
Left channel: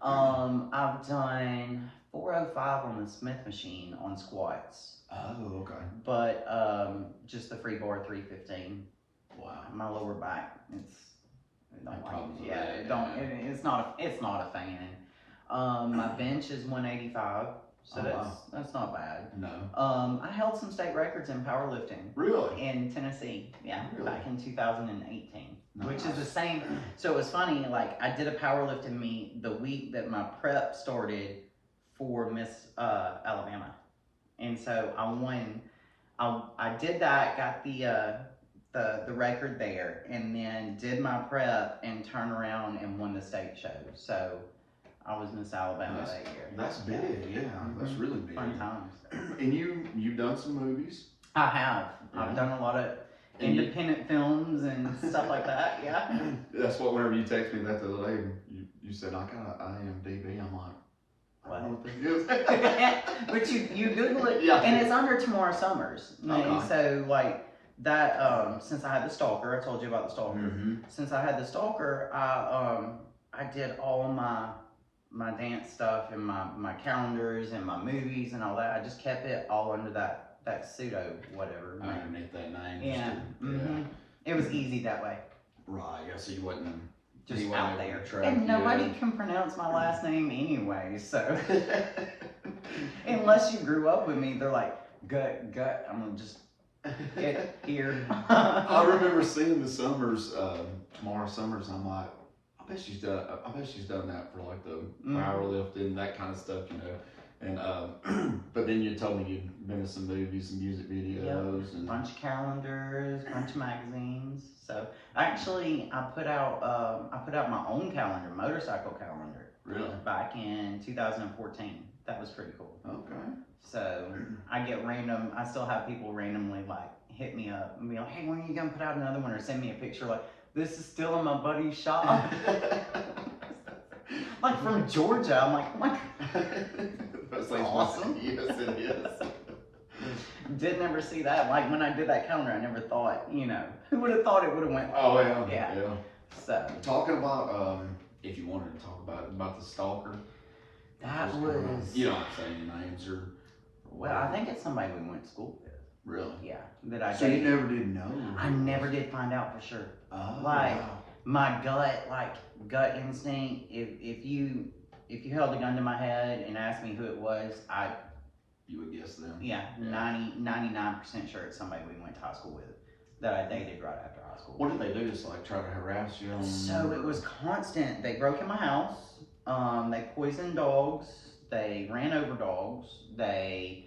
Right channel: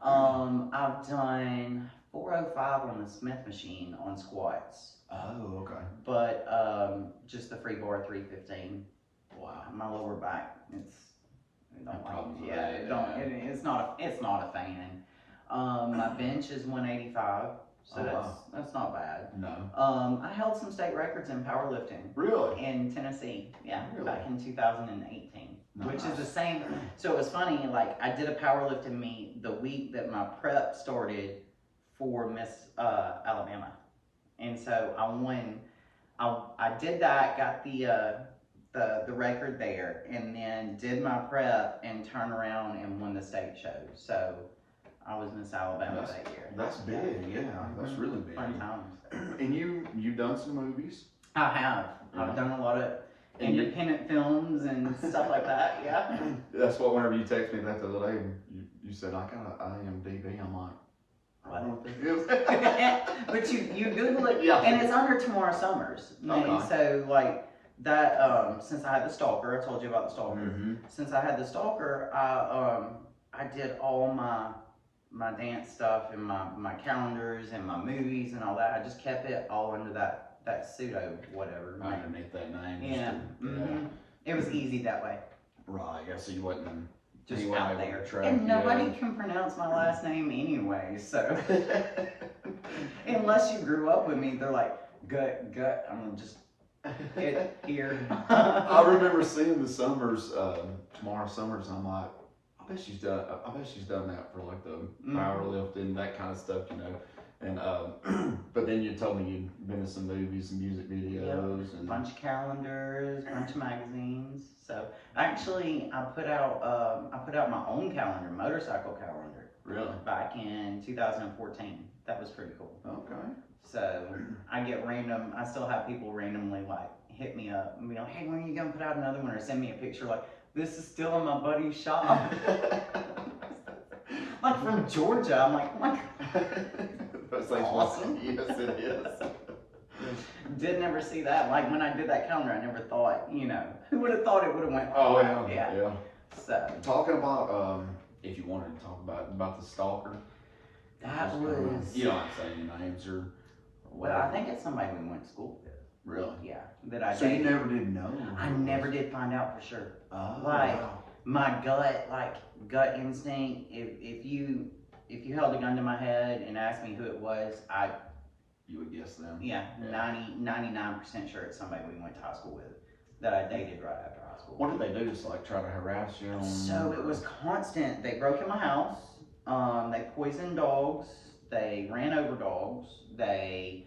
I've done 405 on the Smith machine on squats. Oh, okay. But just the free bar 315. Wow, my lower back, it's not a fan. My bench is 185. So that's not bad. No. I held some state records in powerlifting. Really? In Tennessee. Yeah. Really? Back in 2018. Nice. Which is the same. So it was funny, like I did a powerlifting meet the week that my prep started for Miss Alabama. And so I won. I did that, got the record there, and then did my prep and turned around and won the state show. So I was Miss Alabama that year. That's big, That's really big. Fun times. And you've done some movies? I have. Yeah. I've done a lot of independent films and stuff like that, yeah. That's what, whenever you text me that the other day, you said, I got an IMDb. I'm like, I don't know what that is. But you Google it, yeah. And it's under Tamara Summers. Okay. And so, like, that, since I had the stalker, I told you about the stalker. Mm-hmm. Since I had the stalker, I did all my dance stuff and my calendars and my movies and all that. I just kept it all under that pseudo whatever. Underneath that name. Yeah. It was easy that way. Right, yeah, so you wasn't just out there. And nobody can pronounce my last name anyway, so. Unless you grew up with me, they're like, gut, I'm gonna just get here. I remember seeing the Summers, Tamara Summers, I'm like, I bet she's done that for like the powerlifting, that kind of stuff, you know. And but then you told me you'd been in some movies and music videos and bunch of calendars, bunch of magazines. So actually, I put out my own calendar, motorcycle calendar. Really? Back in 2014. That was pretty cool. Okay. So I get random. I still have people randomly like hit me up and be like, "Hey, when are you gonna put out another one?" Or send me a picture like, "This is still in my buddy's shop." Like from Georgia. I'm like, oh my God. That's awesome. Yes, it is. Didn't ever see that. Like when I did that calendar, I never thought, you know, who would have thought it would have went like Oh that? yeah. So Talking about if you wanted to talk about the stalker. that was. You don't have to say any names or. Well, I think it's somebody we went to school with. Really? Yeah, that I. So dated. you never did know? I never did find out for sure. Oh, Like wow. my gut instinct. If you held a gun to my head and asked me who it was, You would guess them. yeah. 99% sure it's somebody we went to high school with that I dated right after high school. What did they do? Just like try to harass you? So it was constant. They broke in my house. They poisoned dogs. They ran over dogs. They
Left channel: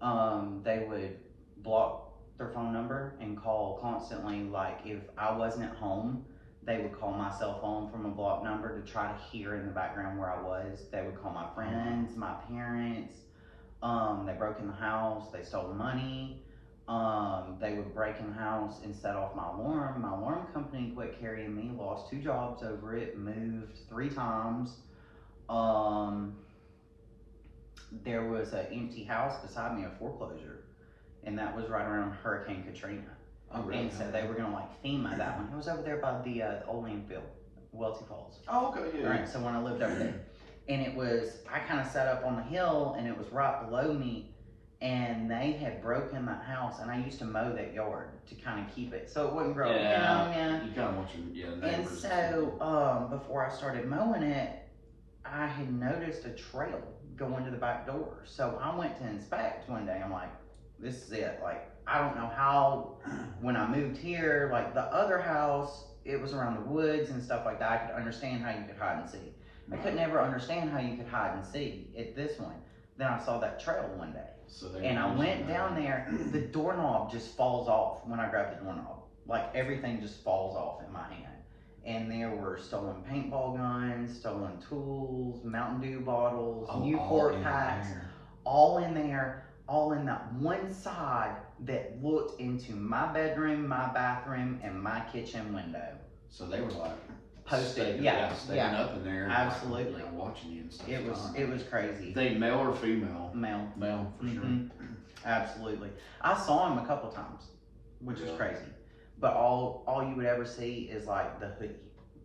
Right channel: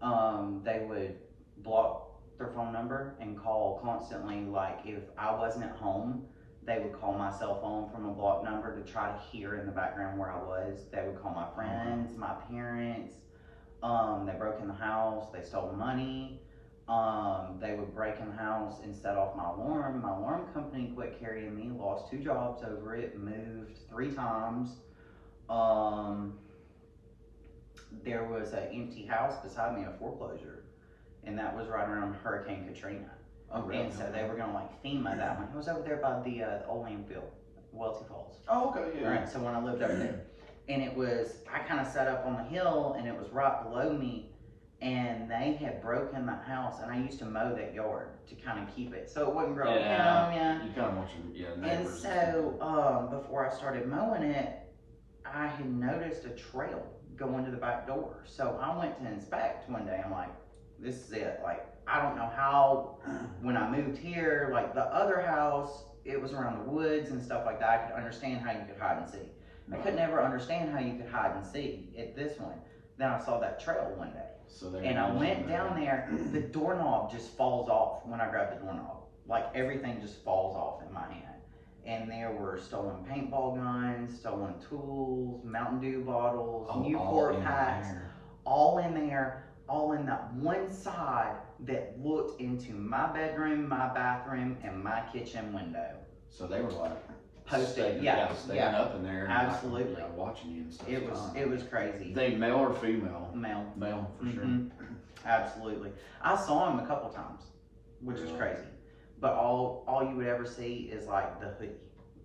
would block their phone number and call constantly. Like if I wasn't at home, they would call my cell phone from a blocked number to try to hear in the background where I was. They would call my friends, my parents. They broke in the house. They stole money. They would break in the house and set off my alarm. My alarm company quit carrying me, lost 2 jobs over it, moved 3 times. There was an empty house beside me, a foreclosure, and that was right around Hurricane Katrina. Oh, really? And so they were gonna like FEMA that one. It was over there by the old landfill, Welty Falls. Oh, okay, yeah. Right, so when I lived over there. And it was, I kind of sat up on the hill and it was right below me, and they had broken the house, and I used to mow that yard to kind of keep it so it wouldn't grow down. Yeah. You kind of want your And neighbors. so before I started mowing it, I had noticed a trail going to the back door. So I went to inspect one day. I'm like, this is it. Like, I don't know how, when I moved here, like the other house, it was around the woods and stuff like that. I could understand how you could hide and see. I could never understand how you could hide and see at this one. Then I saw that trail one day. And I went down there, the doorknob just falls off when I grab the doorknob. Like everything just falls off in my hand. And there were stolen paintball guns, stolen tools, Mountain Dew bottles, Newport packs, all in there, all in that one side that looked into my bedroom, my bathroom, and my kitchen window. So they were like posted, staying up in there, absolutely, like, watching you and stuff. It was crazy. They male or female? Male. Male for sure. Absolutely. I saw him a couple of times, which is crazy. But all you would ever see is like the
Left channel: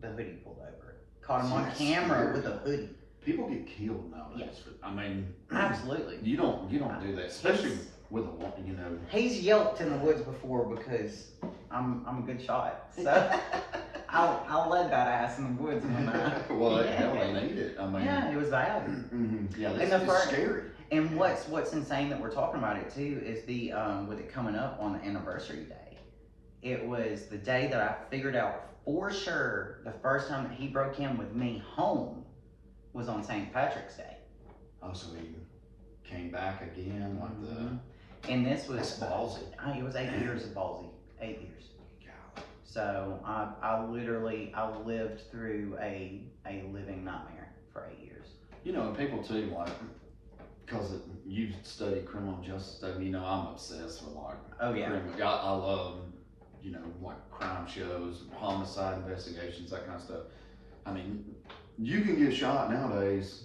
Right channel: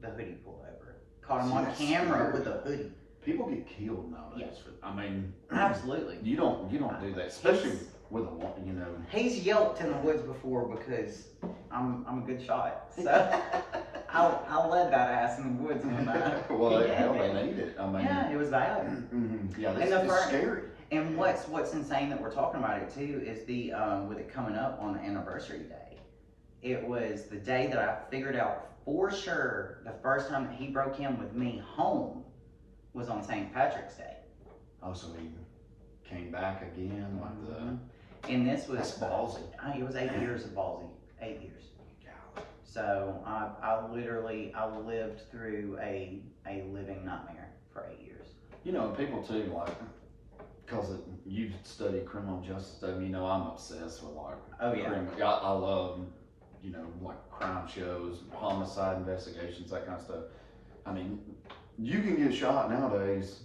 hoodie pulled over. Caught him on camera with a hoodie. People get killed nowadays. I mean, absolutely. You don't do that, especially with a woman. You know, he's yelped in the woods before because I'm a good shot. So I'll let that ass in the woods one night. Well, hell, they need it. I mean, yeah, it was valid. Yeah, it's scary. And what's insane that we're talking about it too is the with it coming up on the anniversary day. It was the day that I figured out for sure the first time that he broke in with me home was on St. Patrick's Day. Oh, so he came back again, like and this was that's ballsy. It was 8 years of ballsy. 8 years. God. So I lived through a living nightmare for 8 years. You know, and people too, like, because you've studied criminal justice stuff, you know, I'm obsessed with like I love, you know, like crime shows, homicide investigations, that kind of stuff. I mean, you can get shot nowadays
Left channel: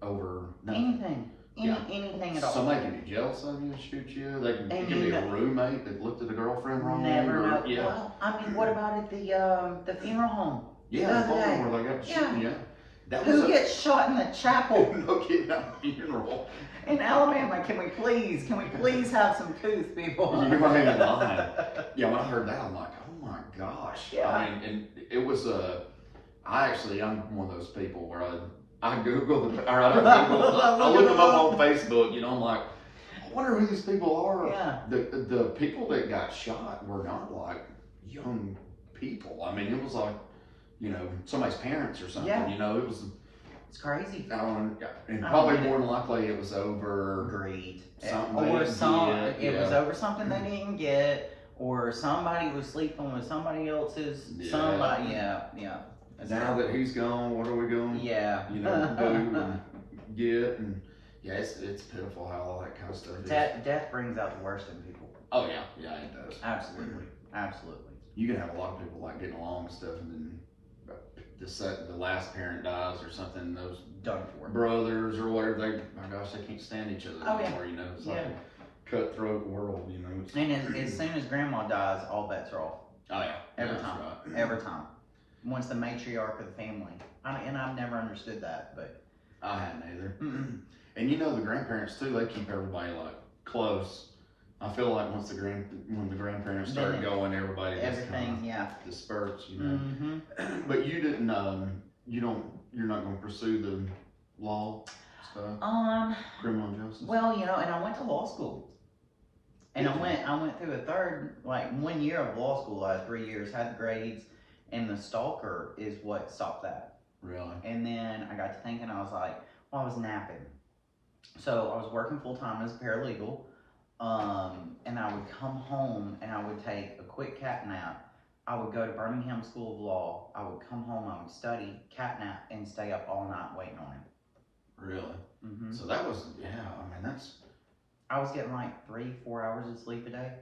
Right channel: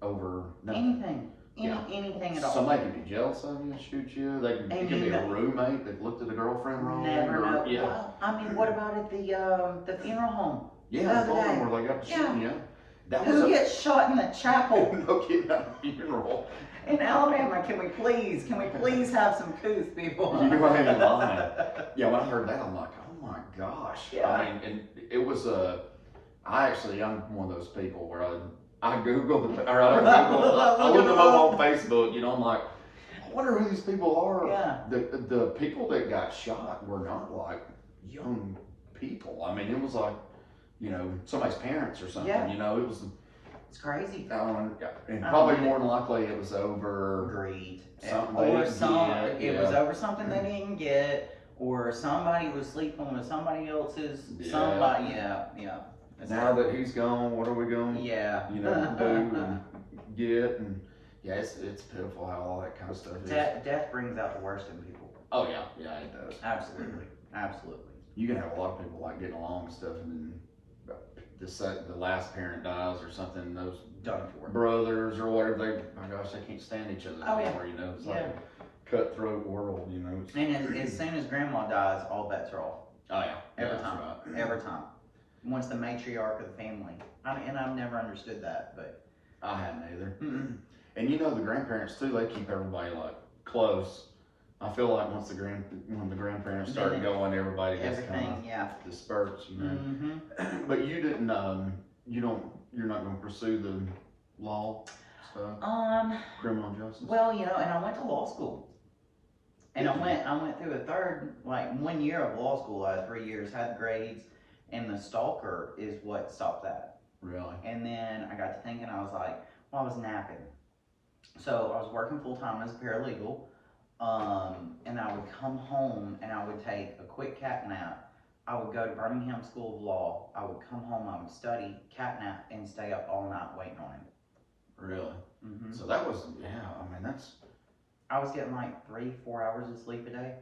over nothing. Anything at all. Somebody can be jealous of you and shoot you. It can be a roommate that looked at a girlfriend wrong. Never know. Yeah. Well, I mean, what about at the funeral home? Yeah, the funeral where they got to shoot you. Who gets shot in the chapel? No kidding, at a funeral. In Alabama, can we please have some couth, people? You ain't lying. Yeah, when I heard that, I'm like, oh my gosh. Yeah. I mean, and it was I'm one of those people where I Google I look them up on Facebook, you know, I'm like, I wonder who these people are. Yeah. The people that got shot were not like young people. I mean, it was like, you know, somebody's parents or something. Yeah. You know, it's crazy. And probably more than likely it was over greed. Something it was over something they didn't get, or somebody was sleeping with somebody else's somebody. Yeah. Now that he's gone, what are we going? Yeah. You know, do and get and it's pitiful how all that kind of stuff is. Death brings out the worst in people. Oh yeah, it does. Absolutely. You can have a lot of people like getting along and stuff, and then the last parent dies or something. Those done for brothers or whatever, my gosh, they can't stand each other anymore. You know, it's like cutthroat world, you know. And as soon as grandma dies, all bets are off. Oh yeah, Every yeah, time. right. Every time. Once the matriarch of the family. And I've never understood that, but. I hadn't either. And you know the grandparents too, they keep everybody like close. I feel like when the grandparents start going, everybody just everything, disperses, you know. But you didn't, you're not going to pursue the law stuff, criminal justice. Well, you know, and I went to law school, and I went through a 1 year of law school. I had 3 years, had the grades, and the stalker is what stopped that. Really? And then I got to thinking, I was like, well, I was napping. So I was working full time as a paralegal, and I would come home and I would take a quick cat nap. I would go to Birmingham School of Law. I would come home, I would study, cat nap, and stay up all night waiting on him. Really? So that was, I mean, that's... I was getting like 3-4 hours of sleep a day,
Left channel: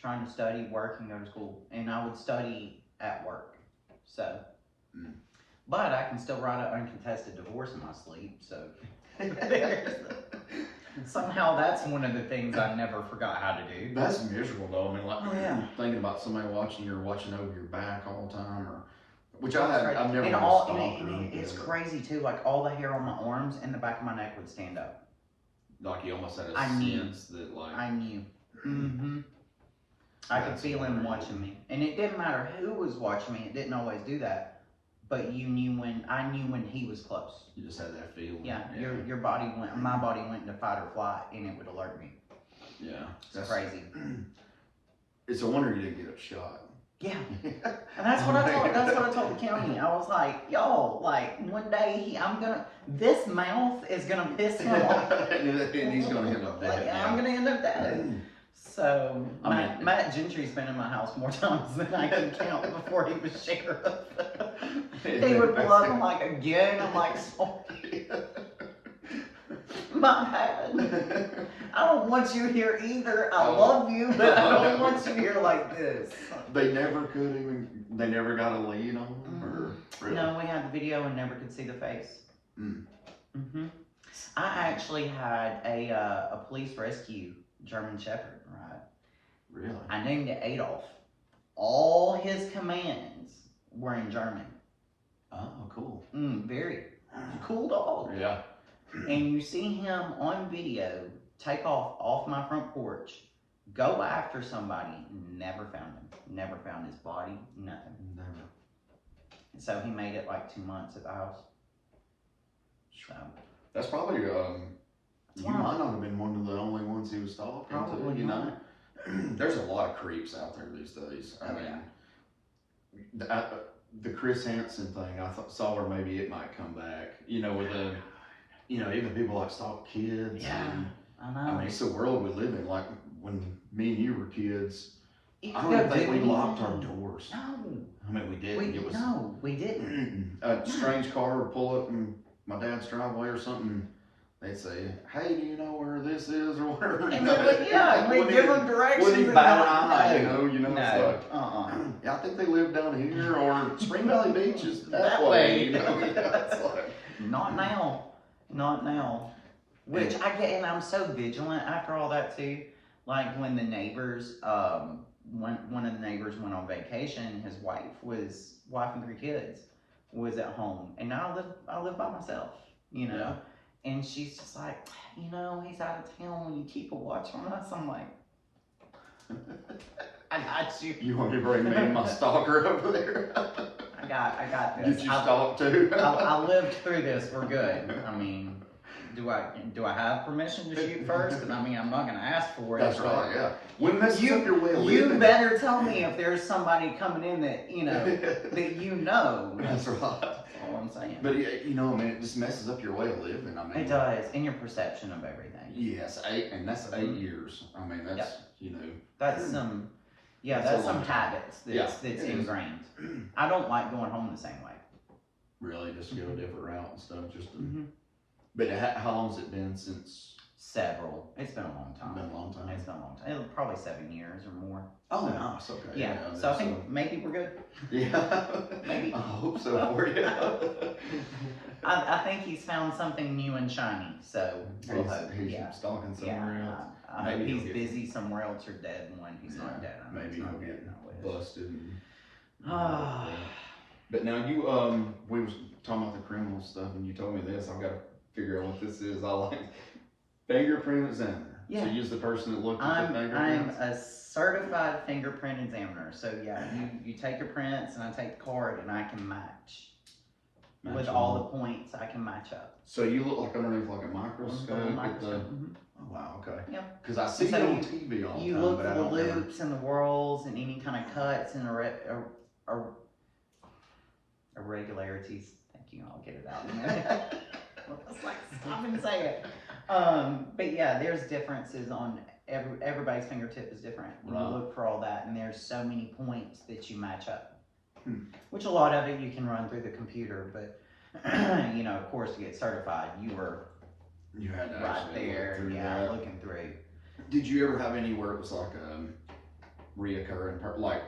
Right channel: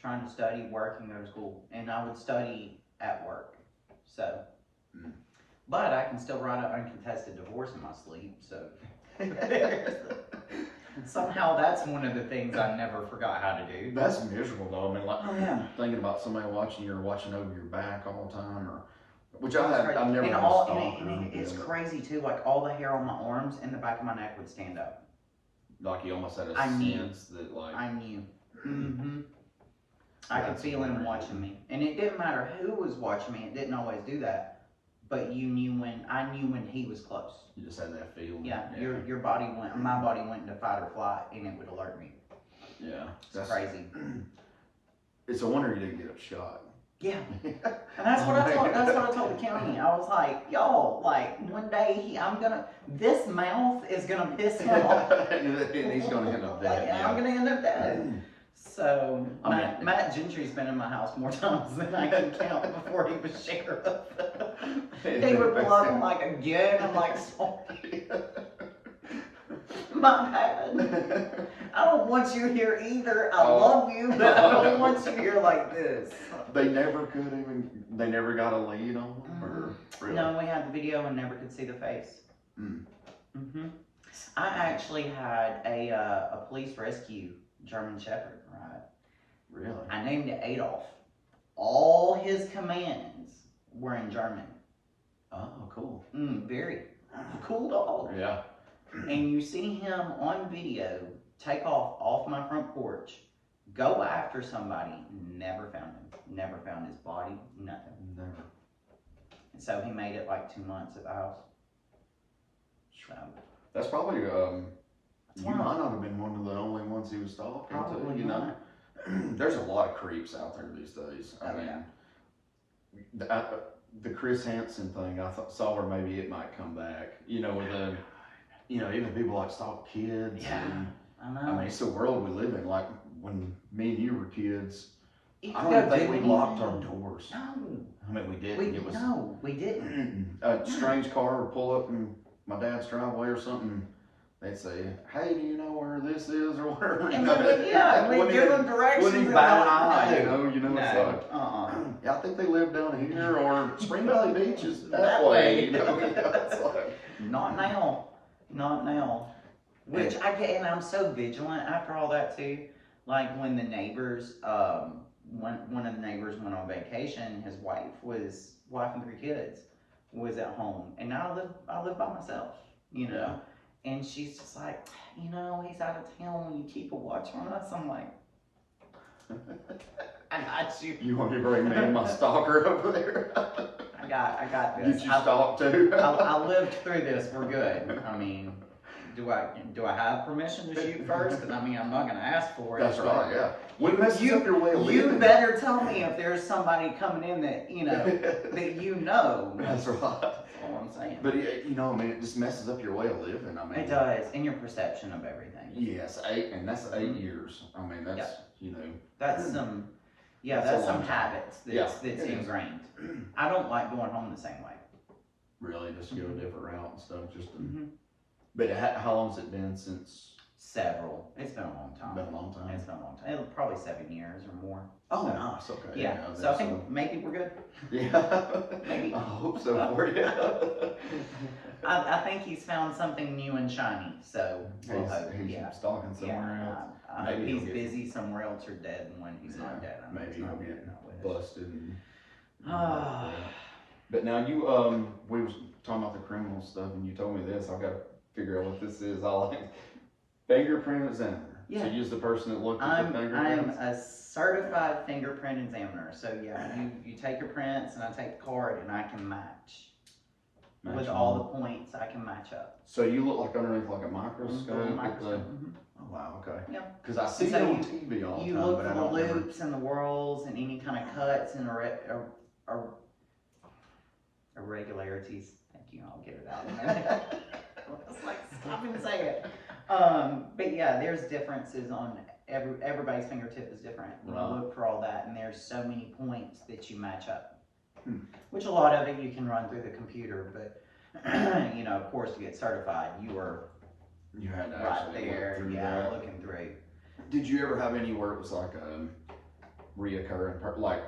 trying to study, work, and go to school. And I would study at work, so... But I can still write an uncontested divorce in my sleep, so... Somehow that's one of the things I never forgot how to do. That's miserable though. I mean, like thinking about somebody watching you or watching over your back all the time, or which I've never been a stalker. And it's crazy too. Like all the hair on my arms and the back of my neck would stand up. Like you almost had a sense that like I knew. I could feel him watching me, and it didn't matter who was watching me. It didn't always do that. But I knew when he was close. You just had that feeling. Yeah, your body my body went into fight or flight, and it would alert me. Yeah, it's crazy. It's a wonder you didn't get shot. Yeah, and that's what I told. That's what I told the county. I was like, y'all, like one day this mouth is gonna piss him off, and he's gonna end up dead. I'm gonna end up dead. So Matt Gentry's been in my house more times than I can count before he was sheriff. He would pull up, I'm like, again? I'm like, sorry. My bad. I don't want you here either. I love you, but I don't want you here like this. They never got a lead on him? Or really? No, we had the video and never could see the face. I actually had a police rescue German Shepherd, right? Really? I named it Adolf. All his commands were in German. Oh, cool. Very cool dog. Yeah. And you see him on video take off my front porch, go after somebody, never found him. Never found his body, nothing. Never. And so he made it like 2 months at the house. So. That's probably, you might not have been one of the only ones he was stalking too, you know? There's a lot of creeps out there these days. I mean, the Chris Hansen thing, I saw where maybe it might come back. You know, with the, even people like stalk kids. Yeah, I know. I mean, it's the world we live in. Like when me and you were kids, I don't even even think we locked our doors. No. I mean, we didn't. No, we didn't. A strange car would pull up in my dad's driveway or something. They'd say, "Hey, do you know where this is or whatever?" And we give them directions. Wouldn't even bat an eye, no. It's like, yeah, I think they live down here, or Spring Valley Beach is that way. It's like, not now. Which I get, and I'm so vigilant after all that too. Like when the neighbors, one of the neighbors went on vacation, his wife and 3 kids was at home, and now I live by myself, Yeah. And she's just like, he's out of town. Will you keep a watch on us? I'm like, I got you. You want me to bring me and my stalker over there? I got this. Did you stalk too? I lived through this. We're good. I mean, do I have permission to shoot first? Because I'm not going to ask for it. That's right. Yeah. When messes up your way of living. You better tell me if there's somebody coming in that that That's right. That's all I'm saying. But it just messes up your way of living. I mean, it does, and your perception of everything. Yes, that's 8 years. I mean, that's That's some. Yeah, that's some habits that's ingrained. I don't like going home the same way. Really, just go a different route and stuff. But how long's it been since? Several. It's been a long time. Been a long time. It's been a long time. Probably 7 years or more. Oh, nice. Okay. Yeah. So I think maybe we're good. Yeah. Maybe. I hope so for you. I think he's found something new and shiny. So we'll hope. He's stalking somewhere else. I hope he's busy somewhere else or dead one. He's not dead. Maybe he'll get busted. Ah. But now you we was talking about the criminal stuff, and you told me this. I've got to figure out what this is. I like fingerprint examiner. Yeah. So you're the person that looked at the fingerprints? I'm a certified fingerprint examiner. So yeah, you take your prints and I take the card and I can match with all the points. I can match up. So you look like underneath like a microscope. Mm-hmm. Oh wow, okay. Yep. Because I see you on TV all the time, you look but I for don't the ever... loops and the whorls and any kind of cuts and irregularities. Thank you. I'll get it out in a minute. It's like stop and say it. But yeah, there's differences on everybody's fingertip is different. You look for all that, and there's so many points that you match up. Which a lot of it you can run through the computer, but you know, of course, to get certified, you had to right actually there, look through that. looking through. Did you ever have any where it was like reoccurring, like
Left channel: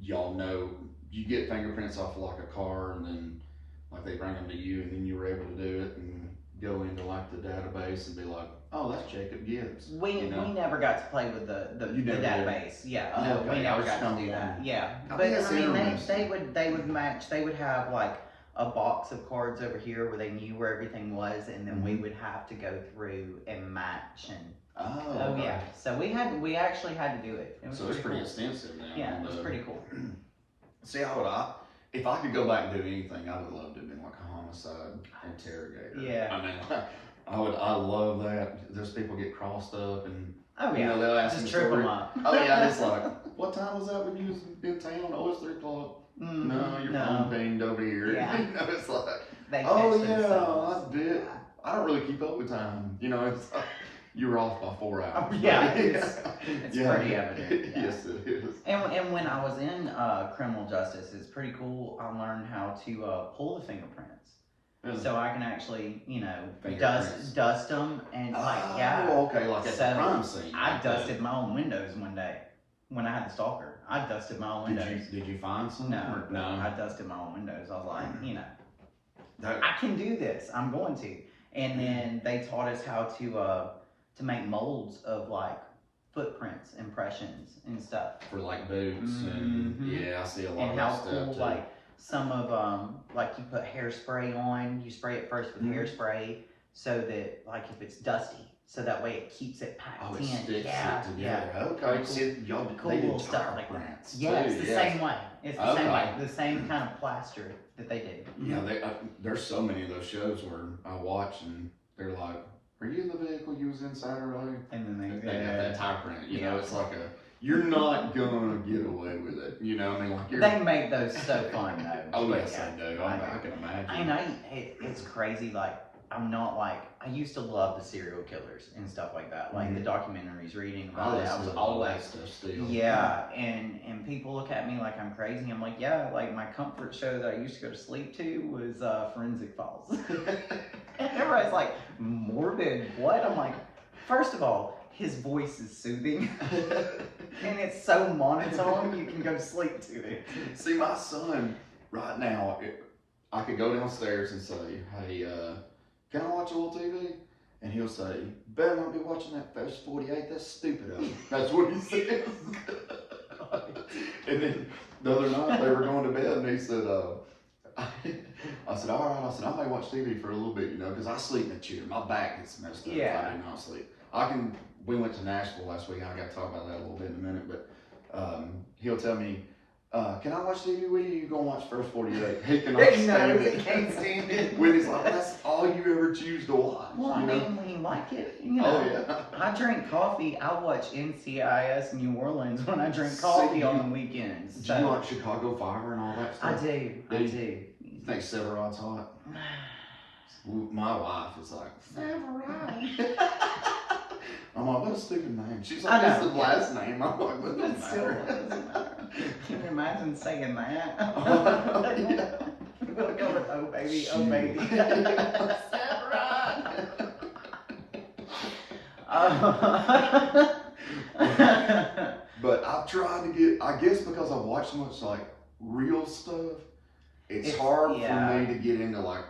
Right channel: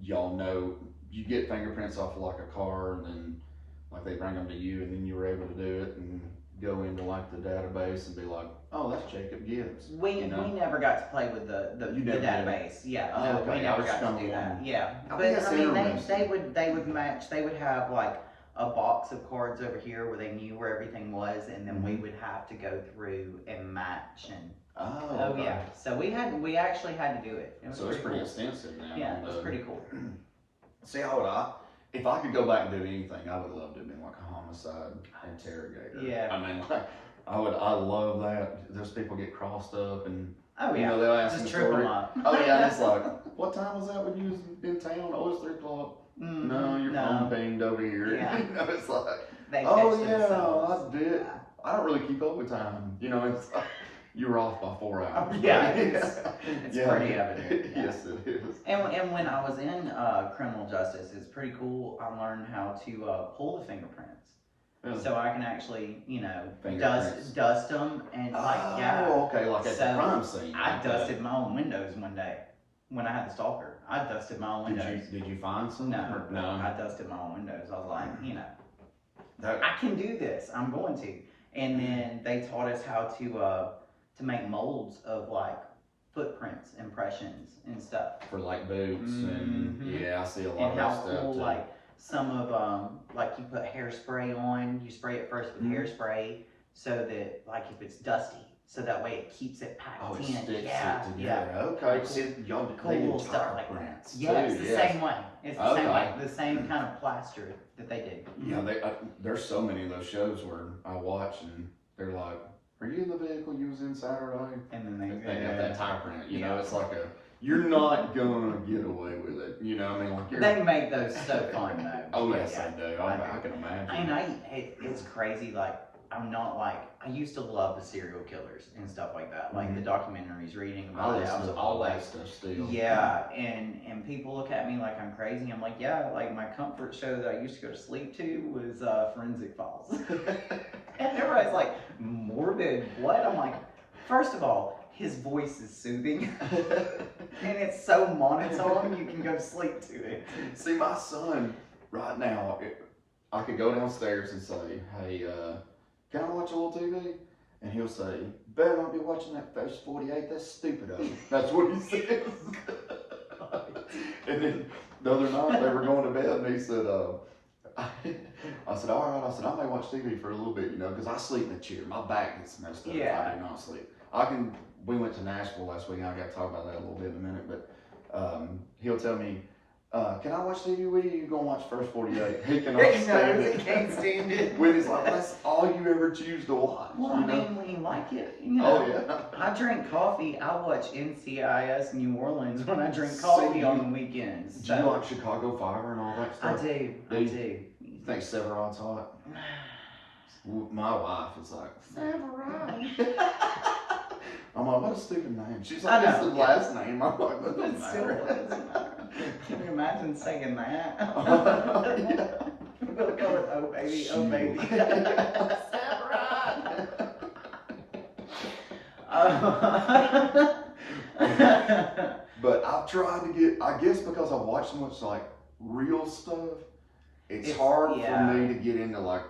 y'all know you get fingerprints off of like a car, and then like they bring them to you, and then you were able to do it and go into like the database and be like, oh, that's Jacob Gibbs. We never got to play with the database. Yeah, oh, no, okay. we never got to do that. Yeah, but I mean, they would match. They would have like a box of cards over here where they knew where everything was, and then we would have to go through and match and. Oh, okay. Yeah. So we actually had to do it. It was so it's pretty cool. extensive now. Yeah, it was pretty cool. See, if I could go back and do anything, I would love to have been like a homicide interrogator. Yeah. I mean, like, I love that. There's people get crossed up and Oh yeah. you know, they'll ask Just them trip story. them up. Oh yeah, and it's like, what time was that when you was in town? Oh, it's 3 o'clock. No, your phone pinged over here. Yeah. You know, it's like, They oh catch yeah, themselves. I did. I don't really keep up with time. You know, it's like, you were off by 4 hours. Yeah, it's pretty evident. Yeah. Yes, it is. And when I was in criminal justice, it's pretty cool. I learned how to pull the fingerprints. Really? So I can actually, you know, Fingerprints. dust them and Oh, okay, like at the crime scene. I dusted my own windows one day when I had the stalker. I dusted my own windows. Did you find some? No, No. I dusted my own windows. I was like, you know, I can do this. I'm going to. And then they taught us how to make molds of like footprints, impressions, and stuff. For like boots and yeah, I see a lot And of how that stuff cool, too. like some of like you put hairspray on. You spray it first with hairspray, so that like if it's dusty, so that way it keeps it packed Oh, it in. sticks it Yeah. together. Okay, see, y'all Cool they do little stuff tire like that. prints Yeah, too, it's the yes. same way. It's the same way. The same kind of plaster that they did. Yeah, there's so many of those shows where I watch and they're like, "Are you in the vehicle you was in Saturday?" And then They got that tire print. You know, it's like you're not gonna get away with it. You know, I mean, like They make those so fun though. Oh But yes, I do. I can imagine. And it's crazy. Like I'm not like I used to love the serial killers and stuff like that. Like the documentaries, reading about it. I was always stuff still. yeah. And people look at me like I'm crazy. I'm like yeah. Like my comfort show that I used to go to sleep to was Forensic Files. And everybody's like morbid. What? I'm like, first of all, his voice is soothing, and it's so monotone you can go to sleep to it. See, my son right now, I could go downstairs and say, "Hey, can I watch a little TV?" And he'll say, "Better not be watching that First 48. That's stupid of you." That's what he says. And then the other night they were going to bed, and he said, I said, all right. I said, I may watch TV for a little bit, you know, because I sleep in a chair. My back gets messed up if I do not sleep. We went to Nashville last week. I got to talk about that a little bit in a minute, but he'll tell me, can I watch TV with you? You gonna watch First 48? He cannot stand it. He can't stand it. With his like, that's all you ever choose to watch. Well, I mean, when you like it, you know. Oh yeah. I drink coffee. I watch NCIS New Orleans when I drink coffee on the weekends. Do you like Chicago Fire and all that stuff? I do. You think Severod's hot? My wife is like, Severod. I'm like, what a stupid name. She's like, it's the last name. I'm like, but it doesn't matter. Can you imagine saying that? Yeah. We'll go with oh baby, oh baby. But I've tried to get, I guess because I watch so much like real stuff, it's hard for me to get into like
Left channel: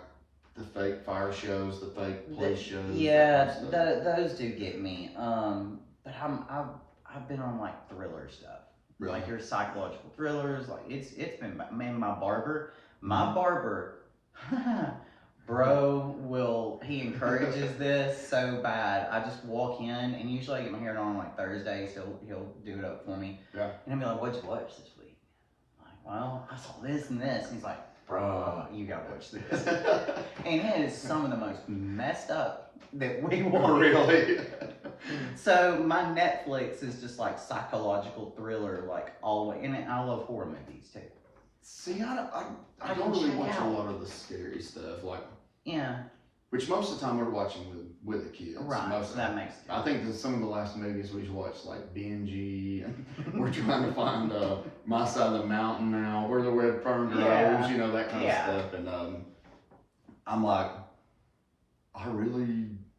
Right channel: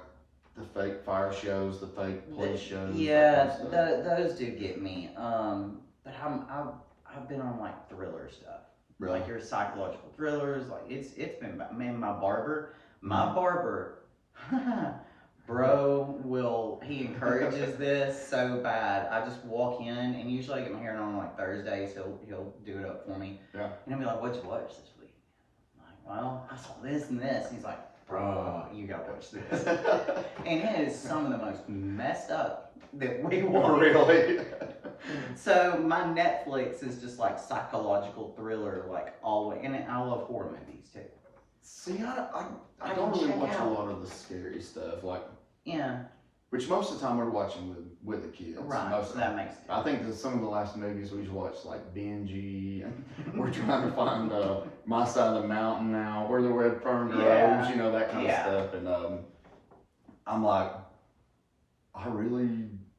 the fake fire shows, the fake police shows. Yeah, those do get me. But I've been on like thriller stuff, Really? like your psychological thrillers. Like it's been, man, my barber, bro, he encourages this so bad. I just walk in, and usually I get my hair done on like Thursdays. He'll do it up for me. Yeah. And I'll be like, "What'd you watch this week?" I'm like, "Well, I saw this and this." And he's like, "Bro, you gotta watch this." And it is some of the most messed up that we watch. Really? So my Netflix is just like psychological thriller, like all the way. And I love horror movies too. See, I don't really watch a lot of the scary stuff, like, yeah, which most of the time we're watching with the kids. right. Most of That makes sense. I think that some of the last movies we've watched, like Benji, and we're trying to find My Side of the Mountain now, Where the Red Fern Grows, Yeah. you know, that kind of stuff. And I'm like,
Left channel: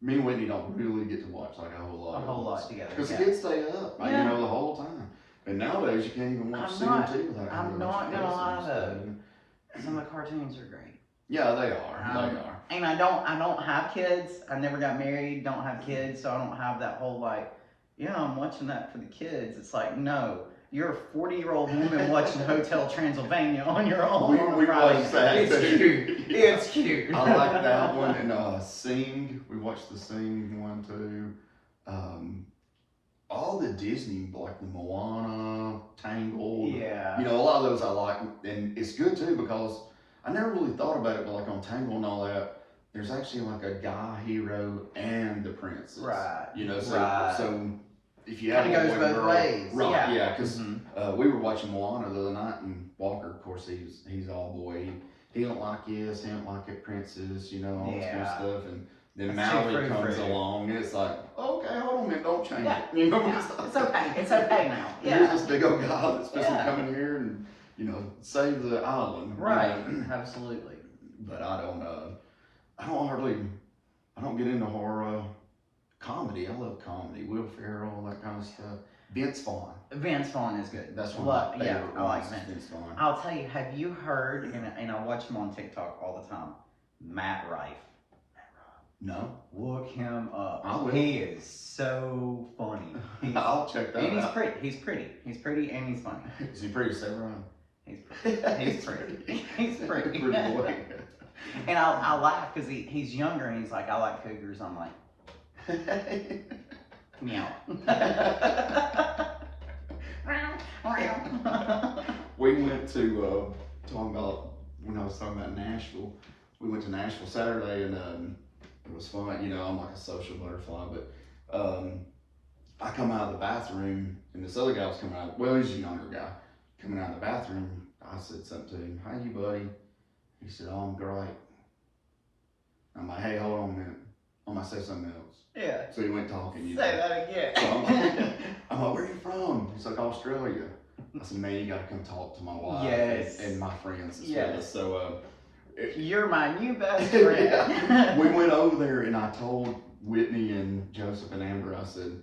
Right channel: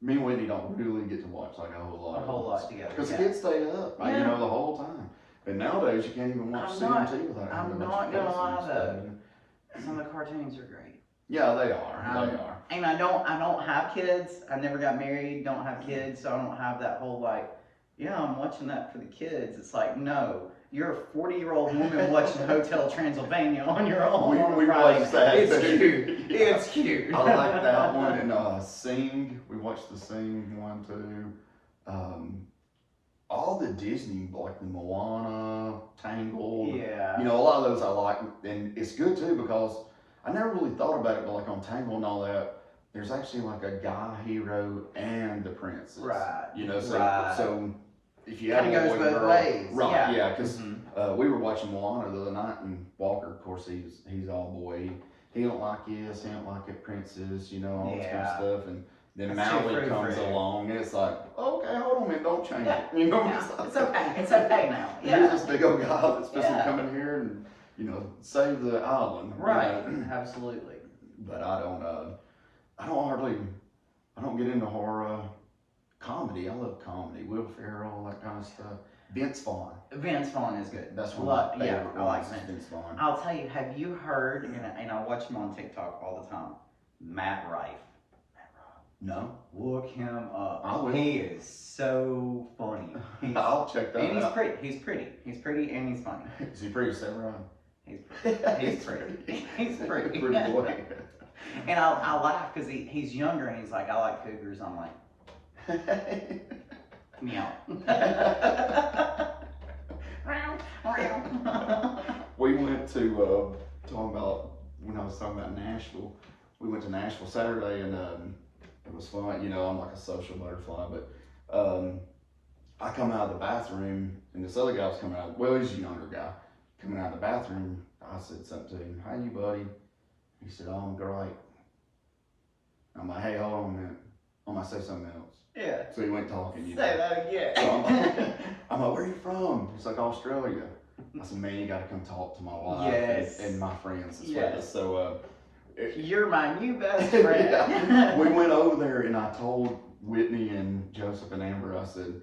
me and Whitney don't really get to watch like a whole lot Together. because the kids stay up, like, you know, the whole time. And nowadays you can't even watch CMT without having a bunch of gonna lie kids though. and stuff. Some of the cartoons are great. Yeah, they are. And I don't have kids. I never got married. Don't have kids, so I don't have that whole like, yeah, I'm watching that for the kids. It's like, no, you're a 40-year-old woman watching Hotel Transylvania on your own. We watched that. It's cute. It's cute. I like that one. And Sing, we watched the Sing one too. All the Disney, like the Moana, Tangled. Yeah. You know, a lot of those I like, and it's good too because I never really thought about it, but like on Tangled and all that, there's actually like a guy hero and the princess. Right. You know, so Right. so if you have a Kinda boy goes and both girl, ways. right? Yeah, because Mhm. we were watching Moana the other night, and Walker, of course, he's all boy. He don't like this, he don't like it, princess, you know, all this kind of stuff, and then That's Maui too comes fruit. along, and it's like, okay, hold on a minute, don't change Yeah. it, you know. Yeah. It's okay. It's okay now. Here's Yeah. this big old guy that's supposed to Yeah. come in here and, you know, save the island. Right. You know? Absolutely. But I don't get into horror. Comedy, I love comedy. Will Ferrell, that kind of stuff. Vince Vaughn. Vince Vaughn is good. That's one of my favorite I like ones, Vince. Vince Vaughn. I'll tell you, have you heard, and I watch him on TikTok all the time, Matt Rife. No. Look him up. I will. He is so funny. I'll check that And out. he's pretty. He's pretty and he's funny. Is he pretty, Sarah? He's pretty. He's pretty. He's pretty. Pretty boy. And I laugh because he's younger and he's like, I like cougars. I'm like, meow. We went to, talking about, when I was talking about Nashville, we went to Nashville Saturday, and it was fun. You know, I'm like a social butterfly, but I come out of the bathroom, and this other guy was coming out, well, he's a younger guy, coming out of the bathroom. I said something to him, "How you, buddy?" He said, "Oh, I'm great." I'm like, "Hey, hold on a minute. I'm gonna say something else." Yeah. So he went talking, you know. Say that again. So I'm like, "Where are you from?" He's like, "Australia." I said, "Man, you gotta come talk to my wife Yes. and my friends as Yes. well." So You're my new best friend. yeah. We went over there, and I told Whitney and Joseph and Amber, I said,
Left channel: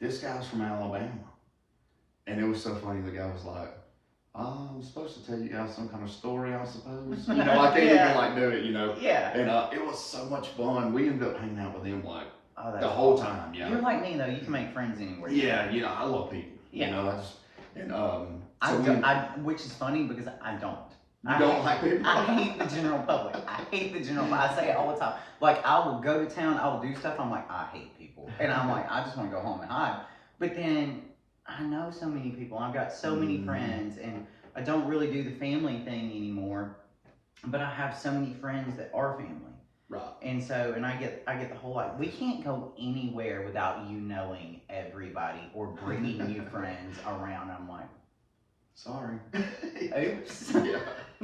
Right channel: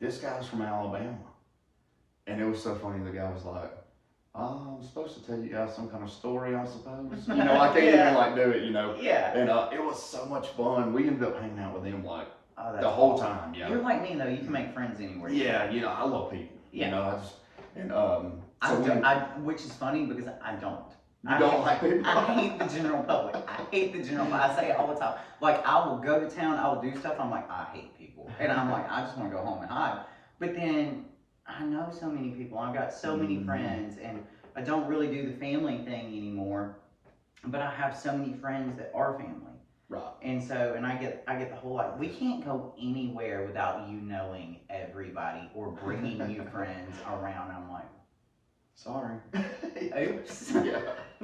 "This guy's from Alabama." And it was so funny. The guy was like, "Oh, I was supposed to tell you guys some kind of story, I suppose." You know, I can't Yeah. even like do it, you know. Yeah. And it was so much fun. We ended up hanging out with them like Oh, that's the whole awesome. time. Yeah. You're like me though. You can make friends anywhere. you Yeah, you know, I love people. Yeah. You know, I just and which is funny because I don't. You don't like people? I hate the general public. I hate the general public. I say it all the time. Like, I will go to town, I will do stuff. I'm like, I hate people. And I'm like, I just want to go home and hide. But then I know so many people. I've got so many friends, and I don't really do the family thing anymore. But I have so many friends that are family. Right. And so, and I get the whole like, we can't go anywhere without you knowing everybody or bringing new friends around. I'm like, Sorry. oops. Yeah.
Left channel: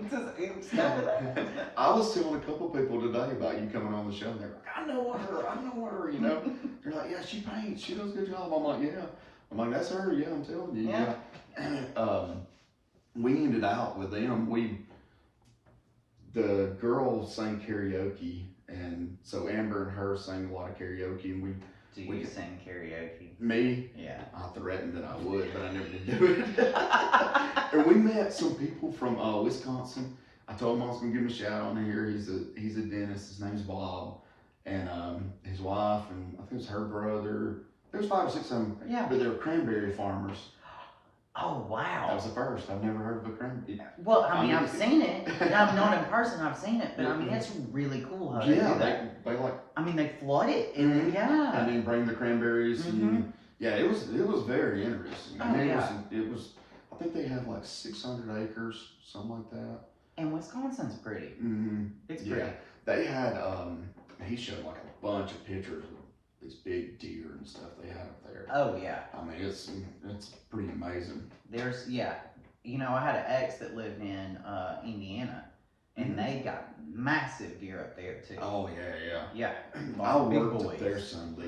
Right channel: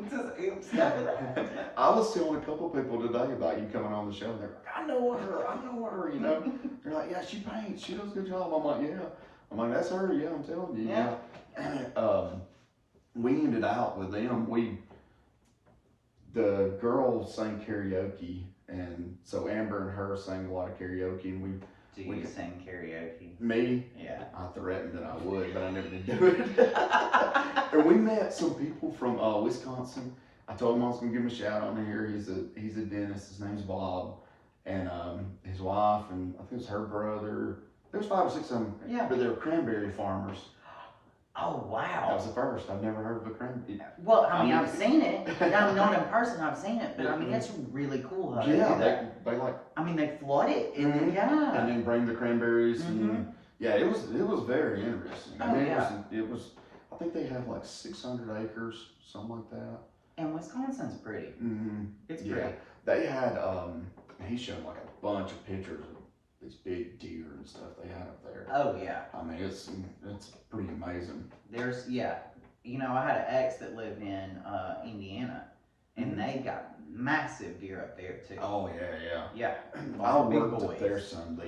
Just oops. I was telling a couple people today about you coming on the show. They're like, I know her, you know. They're like, yeah, she paints, she does a good job. I'm like, yeah. I'm like, that's her, yeah, I'm telling you. Yeah. We ended out with them. The girls sang karaoke, and so Amber and her sang a lot of karaoke, and Do you sing karaoke? Me? Yeah. I threatened that I would, but I never did do it. And we met some people from Wisconsin. I told him I was gonna give him a shout out on here. He's a dentist. His name's Bob, and his wife, and I think it was her brother. There's 5 or 6 of them. Yeah. But they were cranberry farmers. Oh wow. That was the first. I've never heard of a cranberry. Well, I mean, I've seen it. I'm not in person. I've seen it, but I mean, it's really cool how they do that. They like. I mean, they flood it, and yeah. And then bring the cranberries, and yeah, it was very interesting. I mean, it was. I think they have like 600 acres, something like that. And Wisconsin's pretty. It's pretty. Yeah, they had. He showed like a bunch of pictures of these big deer and stuff they had up there. Oh yeah. I mean, it's pretty amazing. There's you know, I had an ex that lived in Indiana, and they got massive deer up there too. Oh yeah. Yeah. I worked up there some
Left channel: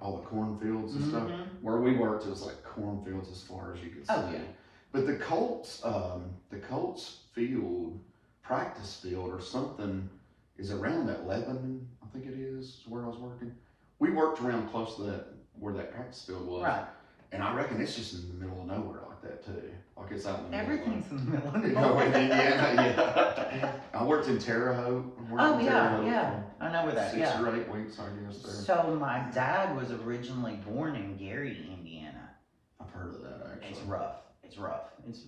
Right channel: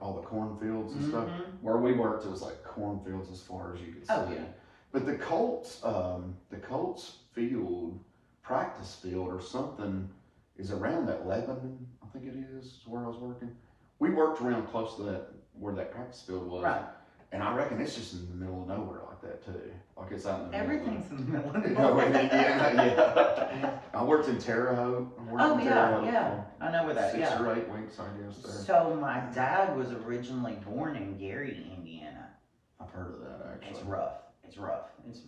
all the cornfields and stuff. Where we worked, it was like cornfields as far as you could see. Oh yeah. But the Colts field, practice field or something, is around that Lebanon, I think it is where I was working. We worked around close to where that practice field was. Right. And I reckon it's just in the middle of nowhere like that too. Like it's out in the Everything's in the middle of nowhere. nowhere. In Indiana, yeah. I worked in Terre Haute. Oh yeah. I know where that is. 6 or 8 weeks, I guess. There. So my dad was originally born in Gary, Indiana. I've heard of that actually. It's rough.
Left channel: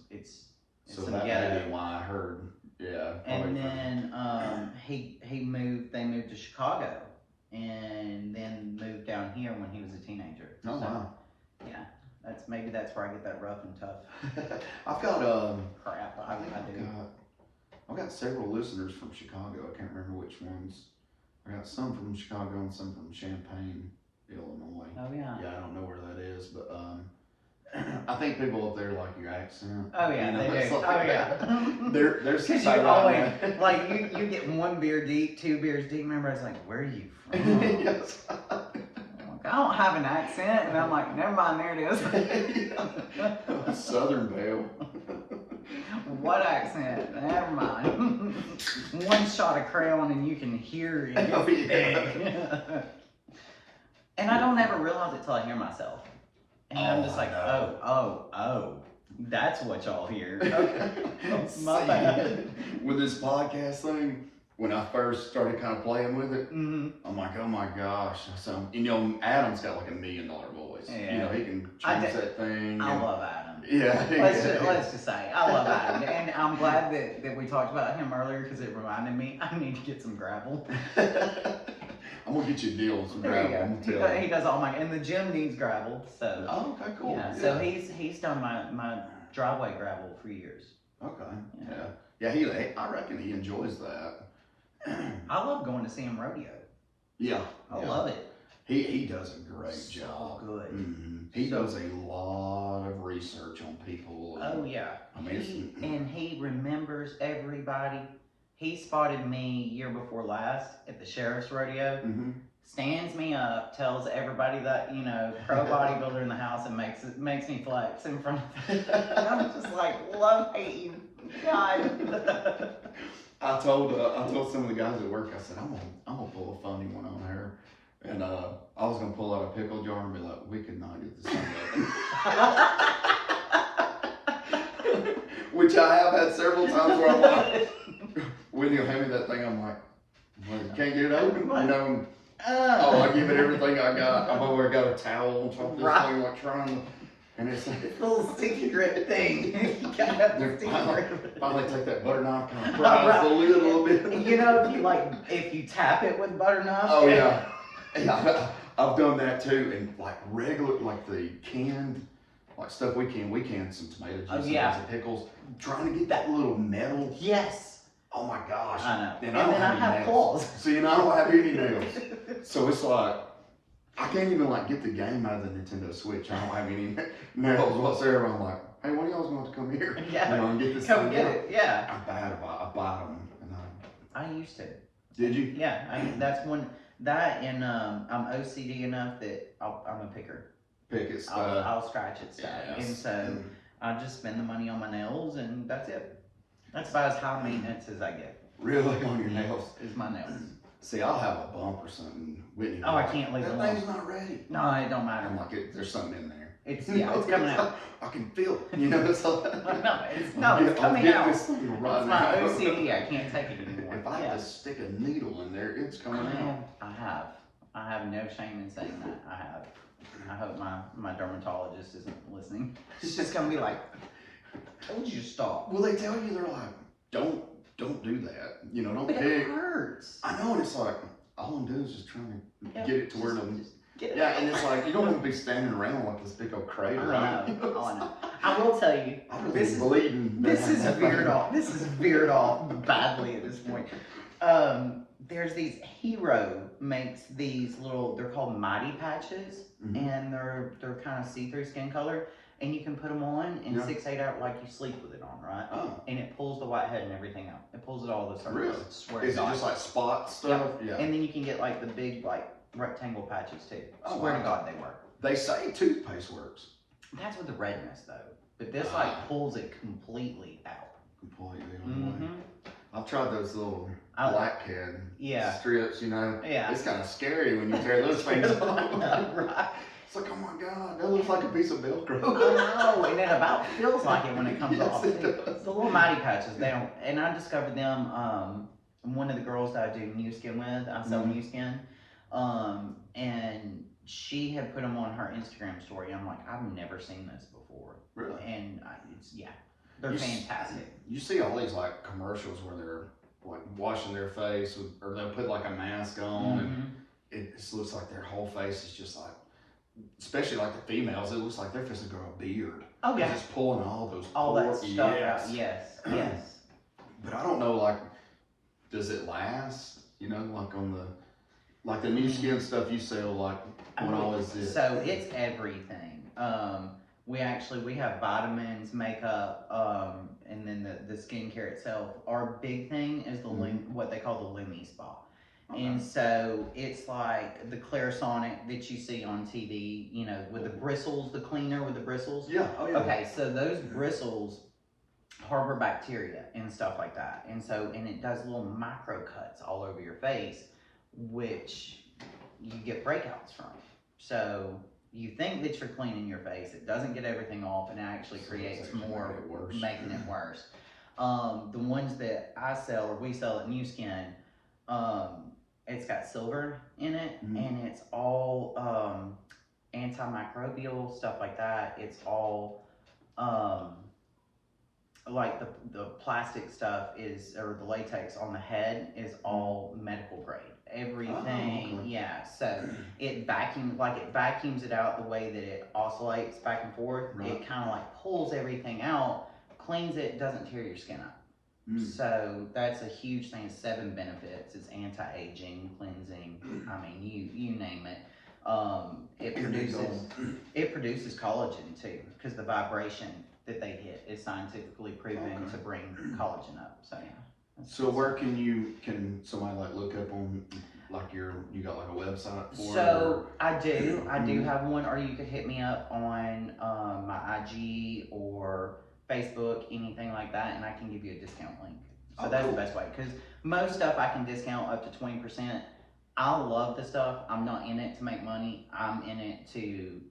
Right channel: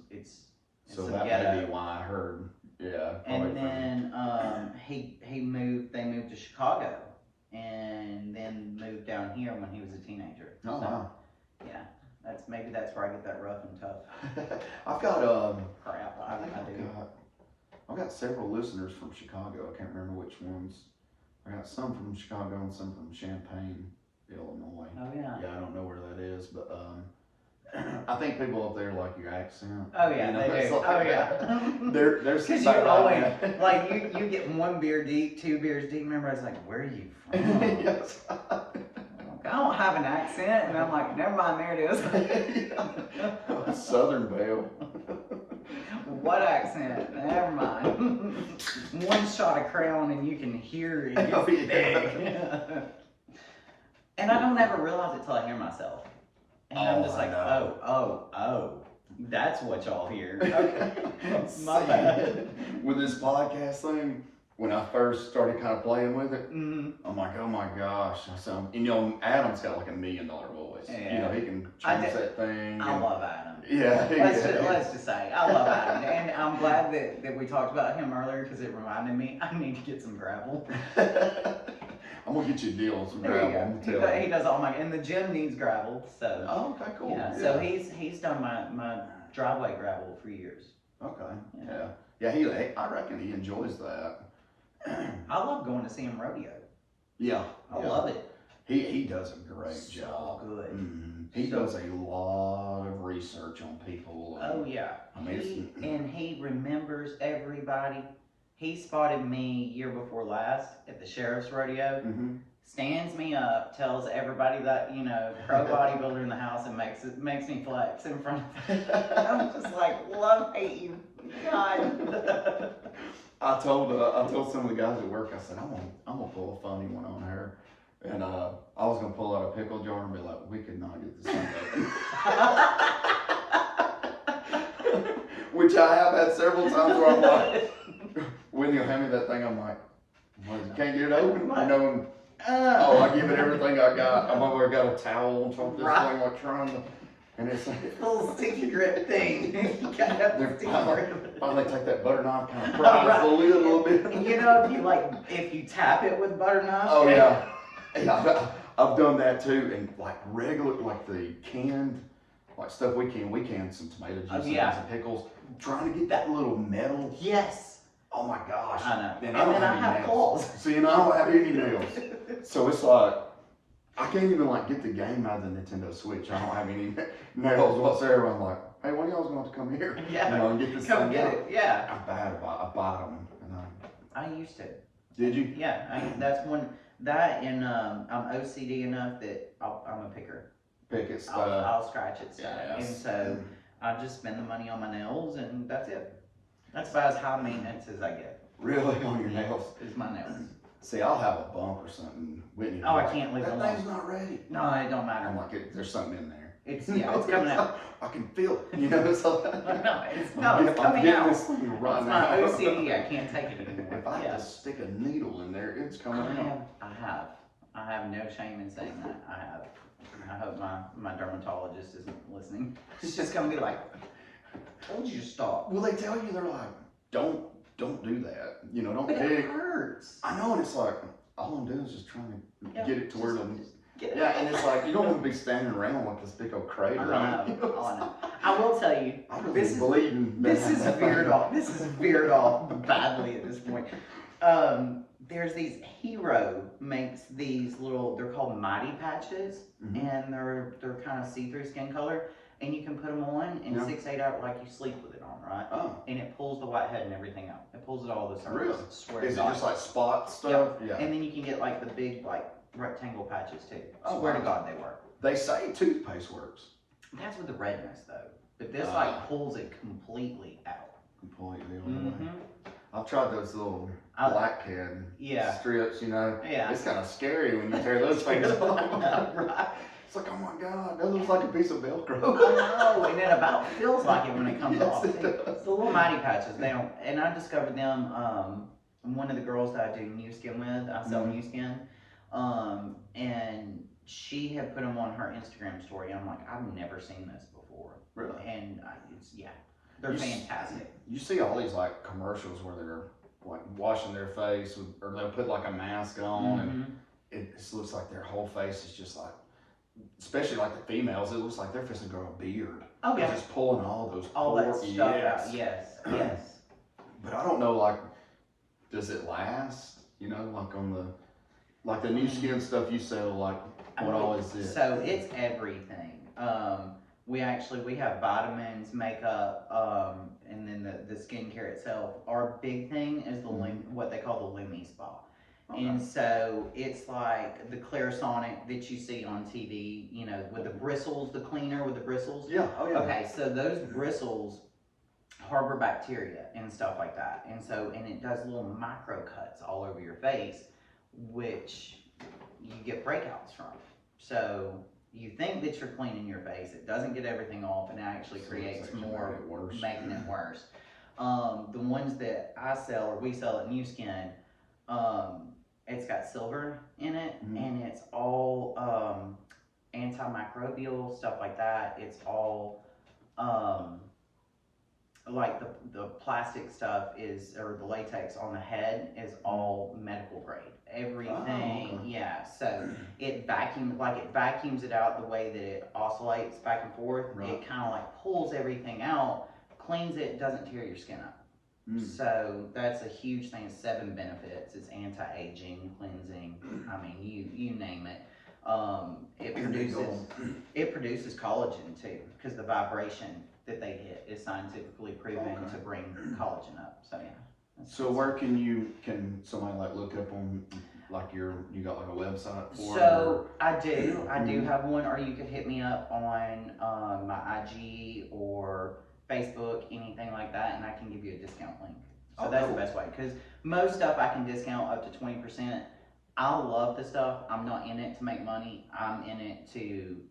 It's so that may be why I heard. Yeah. And then they moved to Chicago, and then moved down here when he was a teenager. Oh wow. Yeah, that's where I get that rough and tough. I've got crap. I do. I've got several listeners from Chicago. I can't remember which ones. I got some from Chicago and some from Champaign, Illinois. Oh yeah. Yeah, I don't know where that is, but I think people up there like your accent. Oh yeah, you know, they do. like Oh yeah. They're Because you always like you get 1 beer deep, 2 beers deep. Remember, I was like, "Where are you from?" Yes. I'm like, I don't have an accent, and I'm like, "Never mind, there it is." Southern Belle. What accent? Never mind. 1 shot of Crown, and you can hear it. Oh, It's big. And I don't ever realize it till I hear myself. And I'm just like, oh, that's what y'all hear. Okay. My bad. With this podcast thing, when I first started kind of playing with it, I'm like, oh my gosh. So, Adam's got like $1 million voice. Yeah. He can change that thing. I love Adam. Yeah. Let's just say, I love Adam. And I'm glad that we talked about him earlier because it reminded me I need to get some gravel. I'm gonna get you a deal, some There gravel. you go. He does all my, and the gym needs gravel, so. Oh, okay, cool. Yeah, so he's done my driveway gravel for years. Okay, yeah. I reckon he enjoys that. I love going to see him rodeo. Yeah. I love it. He does a great job. Good. He does a lot of research on people. Oh yeah. I mean, he remembers everybody. He spotted me year before last at the sheriff's rodeo. Stands me up, tells everybody that pro bodybuilder in the house, and makes me flex in front of them. I'm just like, hate you, God. I told some of the guys at work, I said, I'm gonna pull a funny one on her. And I was gonna pull out a pickle jar and be like, we could not get this thing open. Which I have had several times where I'm like, when you hand me that thing, I'm like, well, can't get it open. I give it everything I got. I've already got a towel on top of this thing, like trying to, and it's like a little sticky grip thing. You gotta have the sticky grip. Finally take that butter knife, kind of pries the lid a little bit. If you tap it with a butter knife. Oh yeah. Yeah, I've done that too, and like the canned, like stuff we canned some tomato juice and some pickles, trying to get that little metal. Yes. Oh my gosh. I know. And then I have claws. See, and I don't have any nails. So it's like, I can't even like get the game out of the Nintendo Switch. I don't have any nails whatsoever. I'm like, hey, when y'all's going to come here? Yeah. And get this Come thing get out. it. Yeah. I'm bad about I bite them. I used to. Did you? Yeah. That's one. That and I'm OCD enough that I'm a picker. Pick it stuff. I'll scratch at stuff. Yes. And so I just spend the money on my nails, and that's it. That's about as high maintenance as I get. Really? On your nails? Is my nails. See, I'll have a bump or something. Whitney, Oh, I can't leave it that alone. thing's not ready. No, it don't matter. I'm like, there's something in there. It's it's coming out. I can feel it. You know, it's like, it's I'm coming getting out. this thing right It's now. my OCD. I can't take it anymore. If I have to stick a needle in there, it's coming out. I have no shame in saying that. I hope my dermatologist isn't listening. She's just gonna be like, I told you to stop. Well, they tell you, they're like, don't do that. You know, don't But pick. it hurts. I know, and it's like, all I'm doing is just trying to get it to where I'm. Get it. Yeah, and it's like, you don't want to be standing around like this big old crater. I know. I will tell you, This is bleeding. This is veered off. This is veered off badly at this point. There's these Hero makes these little. They're called Mighty patches, and they're kind of see-through skin color, and you can put them on in 6-8 hours, like you sleep with it on, right? Oh. And it pulls the whitehead and everything out. It pulls it all the surface. Really? Swear Is to it God. just like spot stuff? Yep. Yeah. And then you can get like the big like rectangle patches too. Oh, Swear wow. to God, they work. They say toothpaste works. That's with the redness though. But this like pulls it completely out. Completely on the way. I've tried those little black can strips, you know. Yeah. It's kind of scary when you tear those things off. Right. It's like, oh my God, that looks like a piece of Velcro. I know, and it about feels like it when it comes Yes, off. it does. The little Mighty patches, they don't, and I discovered them, one of the girls that I do new skin with, I sell new skin, and she had put them on her Instagram story, and I'm like, I've never seen this before. Really? And they're fantastic. You see all these like commercials where they're like washing their face or they'll put like a mask on and it just looks like their whole face is just like, especially like the females, it looks like they're just gonna grow a beard. Oh yeah. Just pulling all those all pores. that stuff out. Yes. But I don't know, like, does it last? You know, like the new skin stuff you sell, like what all is it? So it's everything. We have vitamins, makeup, and then the skincare itself. Our big thing is what they call the Lumi Spa. Okay. And so it's like the Clarisonic that you see on TV, you know, with the bristles, the cleaner with the bristles. Yeah, oh yeah. Okay, so those bristles harbor bacteria and stuff like that. And it does little micro cuts all over your face, which you get breakouts from. So you think that you're cleaning your face, it doesn't get everything off, and it actually creates more, making it worse. The ones that I sell or we sell at New Skin, it's got silver in it, and it's all antimicrobial, stuff like that. It's all like the plastic stuff or the latex on the head is all medical grade. Everything, yeah. So it vacuums it out the way that it oscillates back and forth. Right. It kind of like pulls everything out, cleans it, doesn't tear your skin up. So that's a huge thing. 7 benefits. It's anti-aging, cleansing. I mean, you name it. It produces collagen too, because the vibration that they hit is scientifically proven to bring collagen up. So yeah. So where can somebody like look up on like you got like a website for So I do have one, or you could hit me up on my IG or Facebook, anything like that, and I can give you a discount link. So that's the best way, because most stuff I can discount up to 20%. I love the stuff. I'm not in it to make money. I'm in it to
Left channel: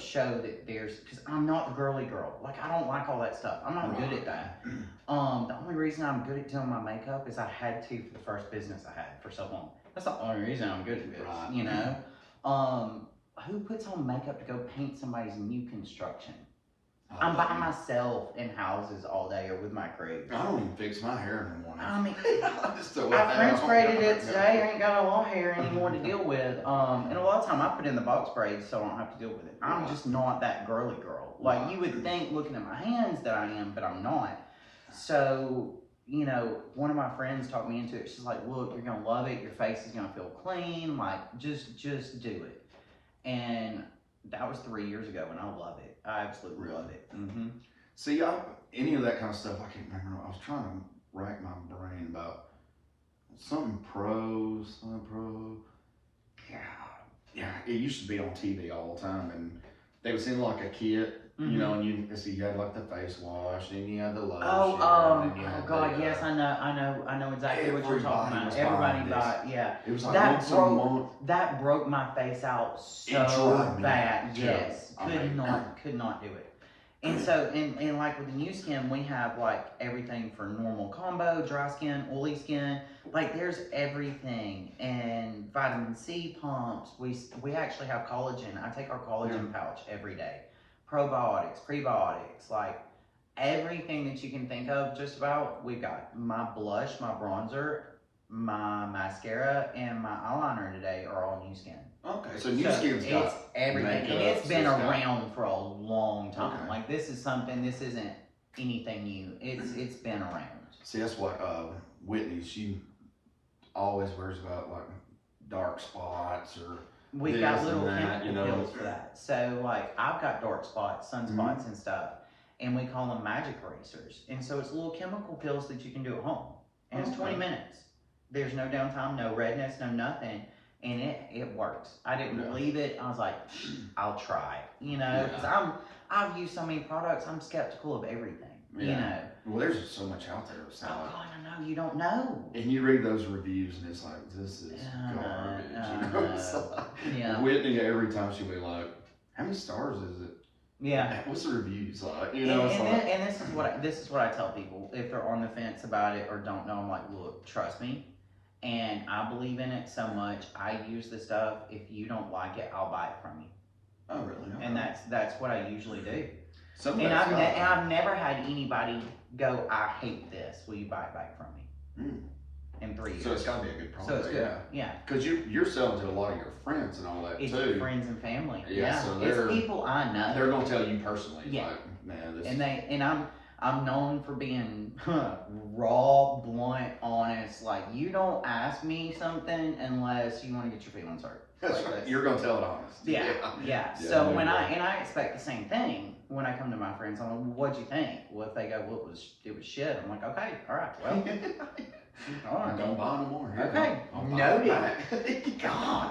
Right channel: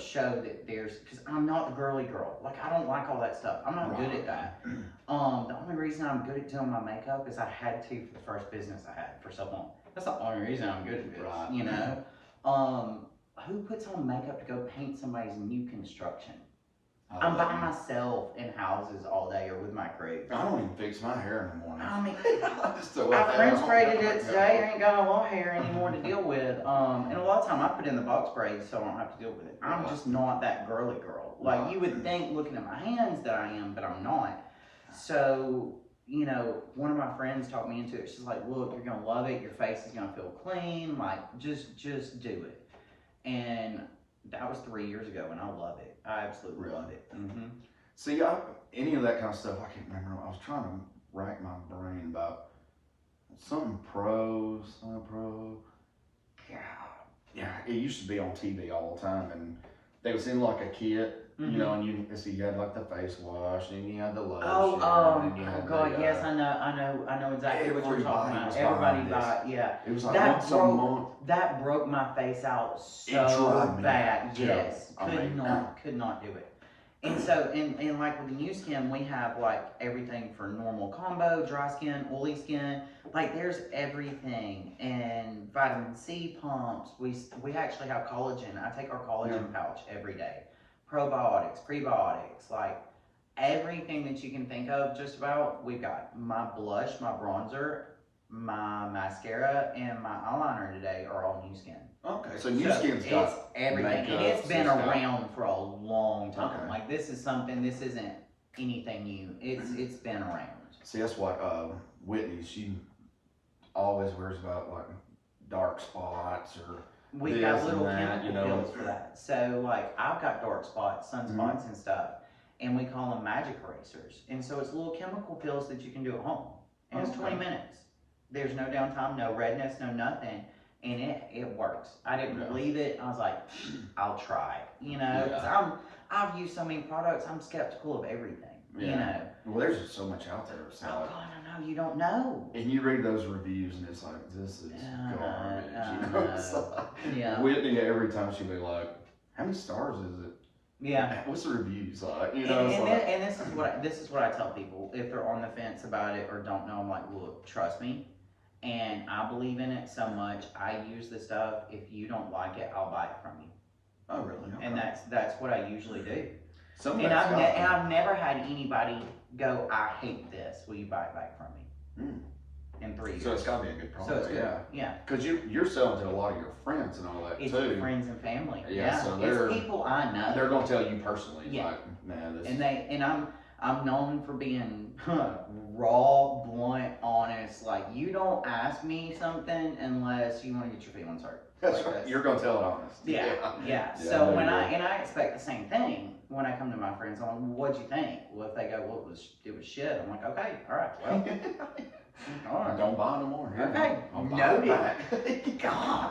show that because I'm not the girly girl. Like, I don't like all that stuff. I'm not good at that. The only reason I'm good at doing my makeup is I had to for the first business I had for so long. That's the only reason I'm good at it, you know? Who puts on makeup to go paint somebody's new construction? I'm by myself in houses all day or with my crew. I don't even fix my hair in the morning. I mean, I French braided it today. I ain't got a lot of hair anymore to deal with. And a lot of time I put in the box braids so I don't have to deal with it. I'm just not that girly girl. Like you would think looking at my hands that I am, but I'm not. So, you know, one of my friends talked me into it. She's like, look, you're going to love it. Your face is going to feel clean. Like, just do it. And that was 3 years ago, and I love it. I absolutely love it. See, any of that kind of stuff, I can't remember. I was trying to rack my brain about something pro. Yeah, it used to be on TV all the time, and they was in like a kit, You know, and you had like the face wash, and you had the lotion. Oh God, yes, I know exactly what you're talking about. Everybody bought, yeah. It was like once a month. That broke my face out so bad. Yes, could not do it. And so, and like with the new skin, we have like everything for normal combo, dry skin, oily skin. Like there's everything, and vitamin C pumps. We actually have collagen. I take our collagen pouch every day. Probiotics, prebiotics, like everything that you can think of. Just about. We've got my blush, my bronzer, my mascara, and my eyeliner today are all new skin. Okay, so new skin's got everything, and it's been around for a long time. Okay. Like this isn't anything new. It's been around. See, that's what Whitney, she always worries about, like dark spots or we've got little chemical pills for that. So like I've got dark spots, sunspots and stuff, and we call them magic erasers. And so it's little chemical pills that you can do at home, and it's 20 minutes. There's no downtime, no redness, no nothing. And it works. I didn't believe it. I was like, I'll try. You know, because I've used so many products. I'm skeptical of everything. You know. Well, there's just so much out there. So. Oh God, I know. You don't know. And you read those reviews, and it's like, this is garbage. Whitney, every time she'll be like, "How many stars is it? Yeah. What's the reviews like?" You know. And this is what I tell people if they're on the fence about it or don't know. I'm like, look, trust me. And I believe in it so much. I use the stuff. If you don't like it, I'll buy it from you. Oh, really? Okay. And that's what I usually do. And I've never had anybody go, "I hate this. Will you buy it back from me?" In 3 years. So it's got to be a good product. So it's good. Yeah. Because you're selling to a lot of your friends and all that it's too. Friends and family. Yeah. So it's people I know. They're gonna tell you personally. Yeah. Like, man, this. And I'm known for being raw, blunt, honest. Like, you don't ask me something unless you want to get your feelings hurt. That's right. You're gonna tell it honest. Yeah. So when I expect the same thing when I come to my friends, I'm like, "What'd you think?" Well, if they go, "Well, it was shit," I'm like, "Okay, all right, well, all right, don't buy no more." Okay, noted. God,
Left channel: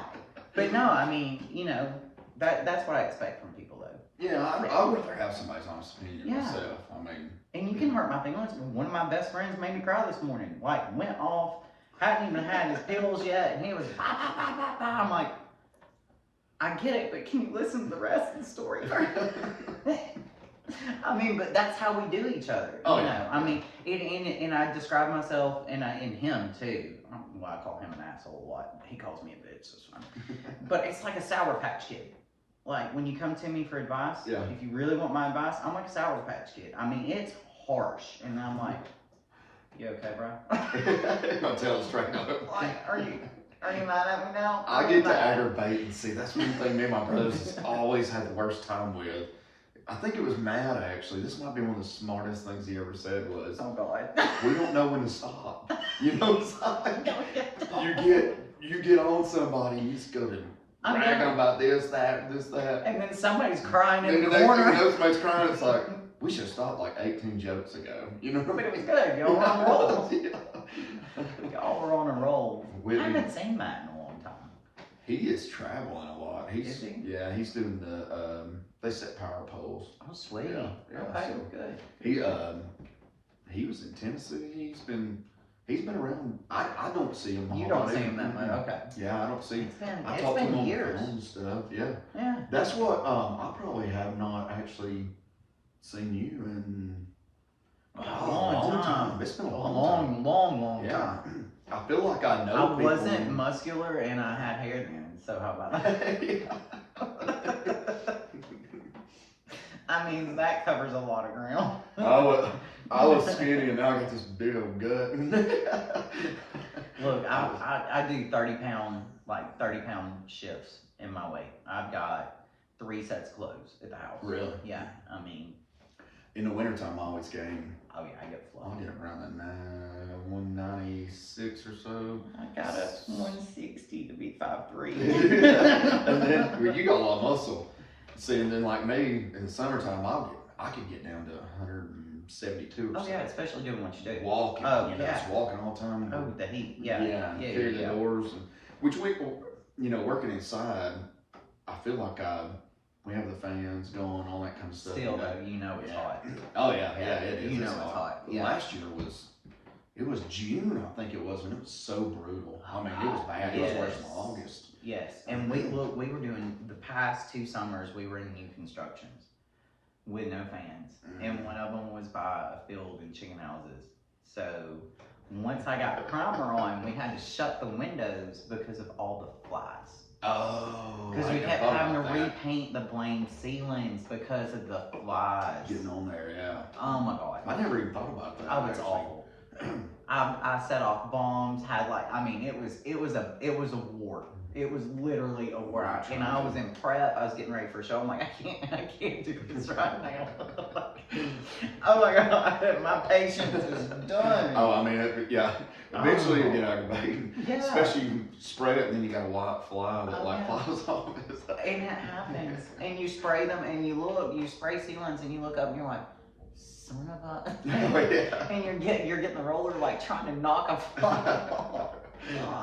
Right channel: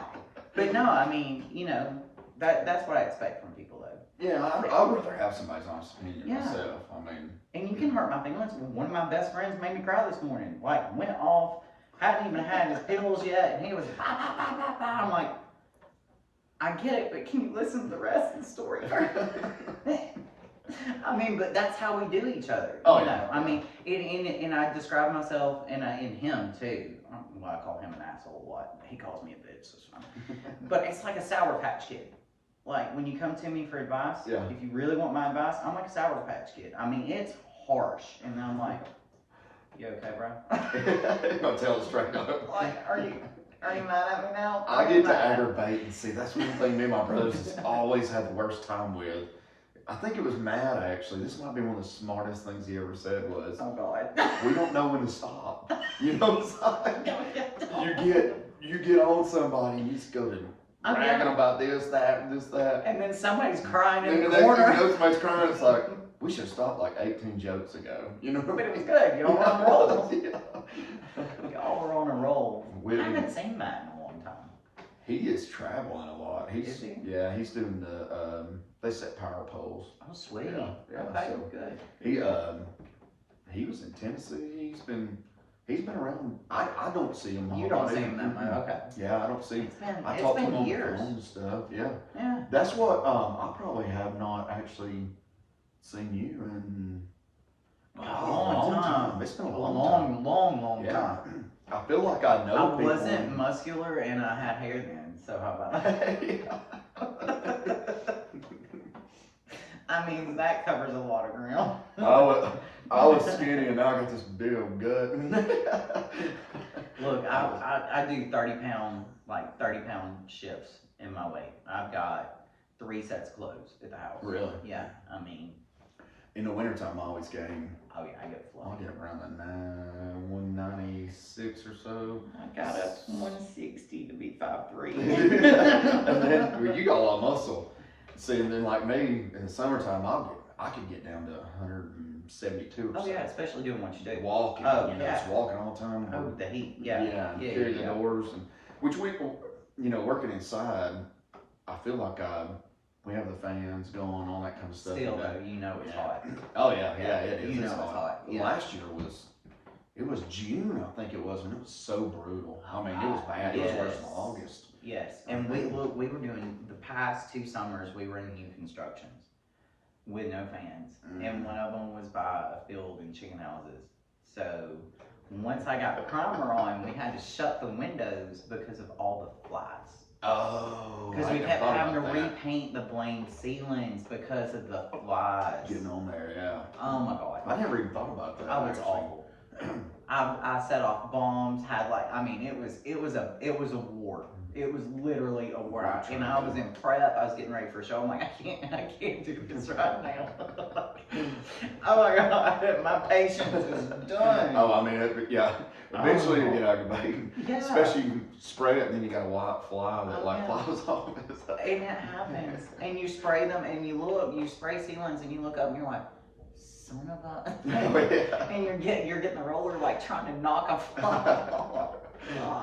but no, I mean, you know, that's what I expect from people, though. Yeah, I'd rather have somebody's honest opinion myself. I mean, and you can hurt my feelings. One of my best friends made me cry this morning. Like, went off, hadn't even had his pills yet, and he was bah, bah, bah, bah, bah. I'm like, I get it, but can you listen to the rest of the story? I mean, but that's how we do each other. Oh, you know, I mean, and I describe myself, and him too. Well, I call him an asshole a lot. He calls me a bitch. So it's fine. But it's like a Sour Patch Kid. Like, when you come to me for advice, if you really want my advice, I'm like a Sour Patch Kid. I mean, it's harsh. And I'm like, "You okay, bro?" I'll tell it straight up. Like, are you mad at me now? I get to aggravate and see. That's one thing me and my brothers has always had the worst time with. I think it was Matt, actually. This might be one of the smartest things he ever said was, "Oh, God. We don't know when to stop." You know what I'm saying? You get on somebody and you just go to bragging about this, that. And then somebody's crying in the corner. corner. And then somebody's crying. It's like, we should stop like 18 jokes ago. You know? But it was good. Y'all were on a roll. Y'all were on a roll. I haven't seen Matt in a long time. He is traveling a lot. Is he? Yeah, he's doing the, they set power poles. Oh, sweet. Yeah, okay, so good. He was in Tennessee. He's been around. I don't see him. You don't see him that much. Okay. Yeah, I don't see him. I it's talk to him on years. the phone and stuff. Yeah. Yeah. That's what I probably have not actually seen you in a long time. It's been a long time. I feel like I know people. I wasn't muscular and I had hair then. So how about that? I mean, that covers a lot of ground. I was skinny and now I got this big old gut. Look, I do 30-pound shifts in my weight. I've got 3 sets of clothes at the house. Really? Yeah. I mean, in the wintertime, I always gain. Oh yeah, I get fluff. I'll get around that 196 or so. I got up 160 to be 5'3". And then well, you got a lot of muscle. See, and then like me in the summertime, I could get down to 172 or so. Yeah, especially doing what you do. Walking, just walking all the time. Oh, the heat, carry the doors, and which we, working inside, I feel like we have the fans going, all that kind of stuff. Still though, you know it's hot. Oh yeah, it is. You know it's hot. Yeah. Last year it was June, I think it was, when it was so brutal. I mean, it was bad. It was worse than August. Yes, and we were doing the past 2 summers. We were in new constructions with no fans, and one of them was by a field and chicken houses. So once I got the primer on, we had to shut the windows because of all the flies. Oh, because we kept having to repaint the blamed ceilings because of the flies. Getting on there, yeah. Oh my god. I never even thought about that. Oh, it's awful. I set off bombs. Had it was a war. It was literally a war. And I was in prep. I was getting ready for a show. I'm like, I can't do this right now. Oh my god, my patience is done. Oh, I mean, eventually you get aggravated. Yeah. Especially you spray it and then you got a white fly that flies off. And it happens. And you spray them and you spray sealants and you look up and you're like, son of a. And you're getting the roller like trying to knock a fly off.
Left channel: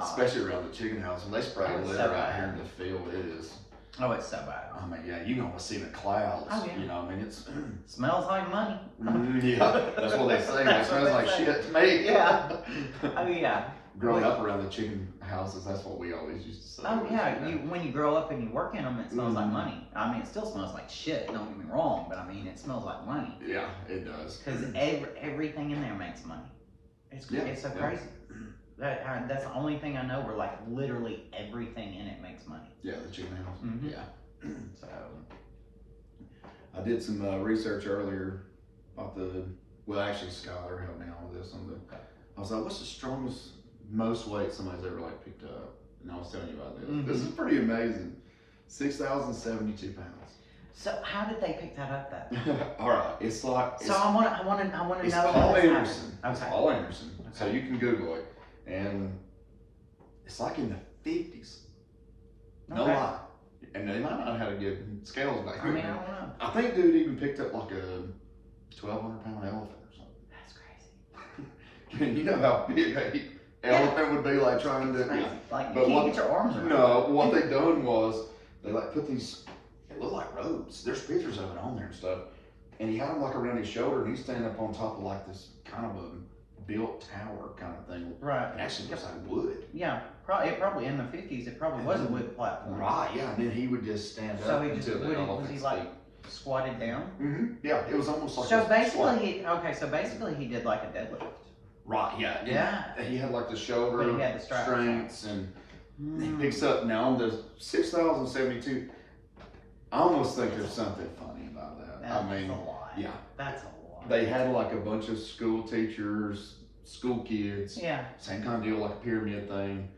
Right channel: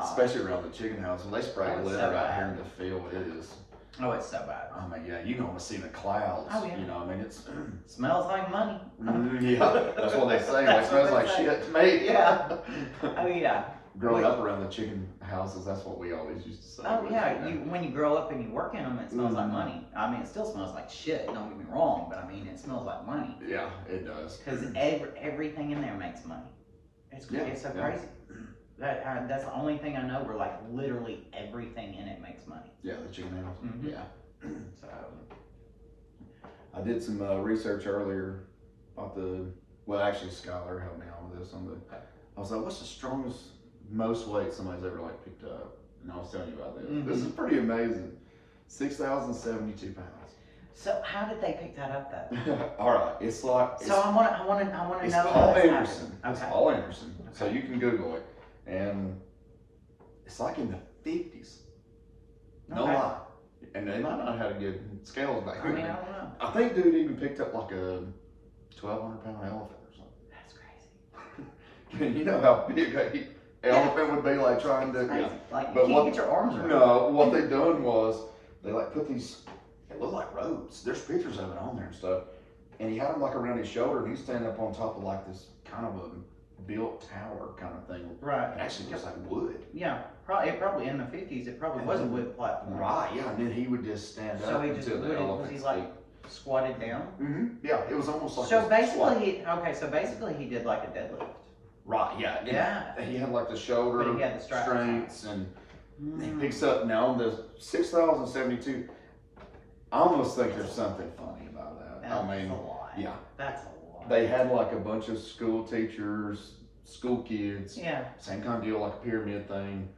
Especially around the chicken house when they spray litter out here in the field, it is. Oh, it's so bad. I mean, yeah, you can almost see the clouds. Oh, yeah. You know, I mean, it's smells like money. Yeah, that's what they say. It smells like shit to me. Yeah. Oh yeah. Growing up around the chicken houses, that's what we always used to say. Oh yeah, when you grow up and you work in them, it smells like money. I mean, it still smells like shit. Don't get me wrong, but I mean, it smells like money. Yeah, it does. Because everything in there makes money. It's so crazy. That's the only thing I know where like literally everything in it makes money. Yeah, the chicken house. Mm-hmm. Yeah. So I did some research earlier about actually Skylar helped me out with this. I was like, what's the strongest, most weight somebody's ever like picked up? And I was telling you about this. Mm-hmm. This is pretty amazing. 6,072 pounds. So how did they pick that up then? All right, it's like. So I want to know. It's how Paul this Anderson. happened. It's Okay. Paul Anderson. Okay. So you can Google it, and it's like in the 50s. No Okay. lie. And they might not have had a good scales back I then. mean, I don't know. I think dude even picked up like a 1,200-pound elephant or something. That's crazy. You know how big a elephant would be, like trying to. Crazy. Yeah. Like you But can't get your arms around. No, what they done was they like put these. It looked like ropes. There's pictures of it on there and stuff. And he had them like around his shoulder, and he's standing up on top of like this kind of a built tower kind of thing. Right. It actually looks like wood. Yeah. Probably in the 50s. It probably was a wood platform. Right. Yeah. And then he would just stand So up he just until the was elephant's he like squatted down? Mm-hmm. Yeah. It was almost like. So a basically, squat. so basically he did like a deadlift. Right. Yeah. Yeah. He had like the shoulder But he had the strengths and he picks up now on the 6,072. I almost think there's something funny about that. That's I mean, a lot. yeah. That's a lot. They had like a bunch of school teachers, school kids. Yeah. Same kind of deal, like a pyramid thing.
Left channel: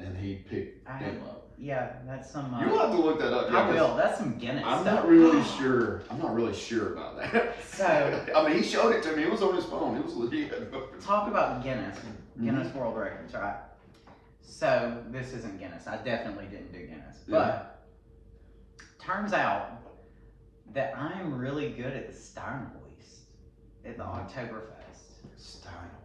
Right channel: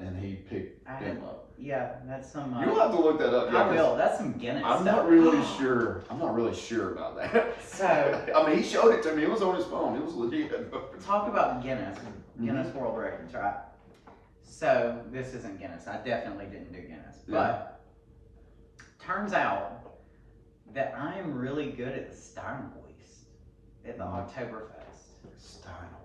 And he picked them up. Yeah, that's some. You'll have to look that up. I will. That's some Guinness I'm stuff. not really sure. I'm not really sure about that. So. I mean, he showed it to me. It was on his phone. It was legit. Talk about Guinness. Guinness World Records, right? So this isn't Guinness. I definitely didn't do Guinness, but turns out that I am really good at the Steinweist at the Oktoberfest. Steinweist.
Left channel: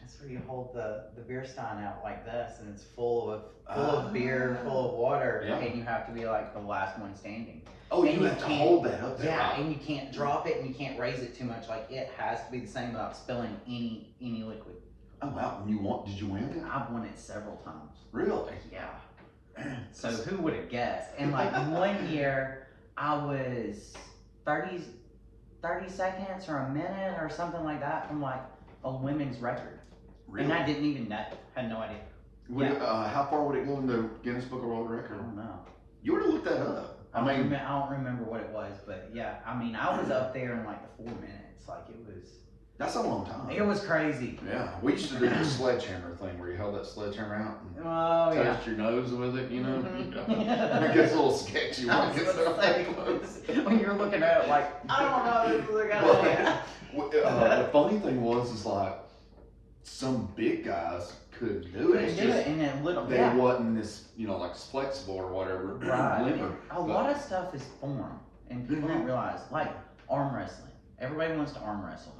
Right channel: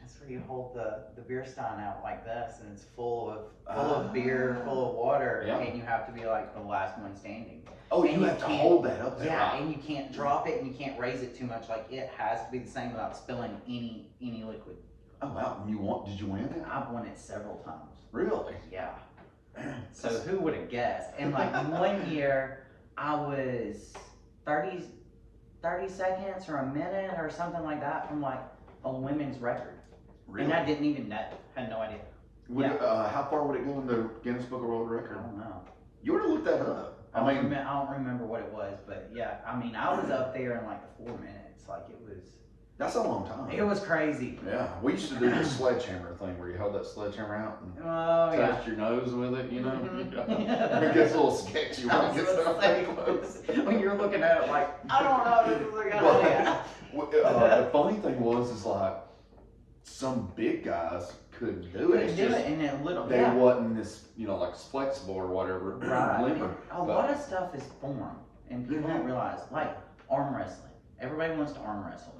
That's where you hold the beer stein out like this, and it's full of beer, full of water, and you have to be like the last one standing. Oh, and you have to hold that up there. Yeah, right? and you can't drop it, and you can't raise it too much. Like it has to be the same without spilling any liquid. Oh wow! Did you win it? I've won it several times. Really? Yeah. So who would have guessed? And like one year, I was 30 seconds or a minute or something like that from like a women's record. Really? And I didn't even know. Had no idea. How far would it go in the Guinness Book of World Record? I don't know. You ought to look that up. I don't remember what it was, but yeah, I mean, I was up there in like the 4 minutes. Like it was. That's a long time. It was crazy. Yeah, we used to do the sledgehammer thing where you held that sledgehammer out and touched your nose with it, you know? Mm-hmm. It gets a little sketchy when it gets say, close. When you're looking at it like, I don't know, this is a good idea. The funny thing is like, some big guys couldn't do it. Couldn't do it, and then little, they wasn't this, like flexible or whatever, limber. A lot of stuff is form, and people don't realize, like arm wrestling. Everybody wants to arm wrestle me.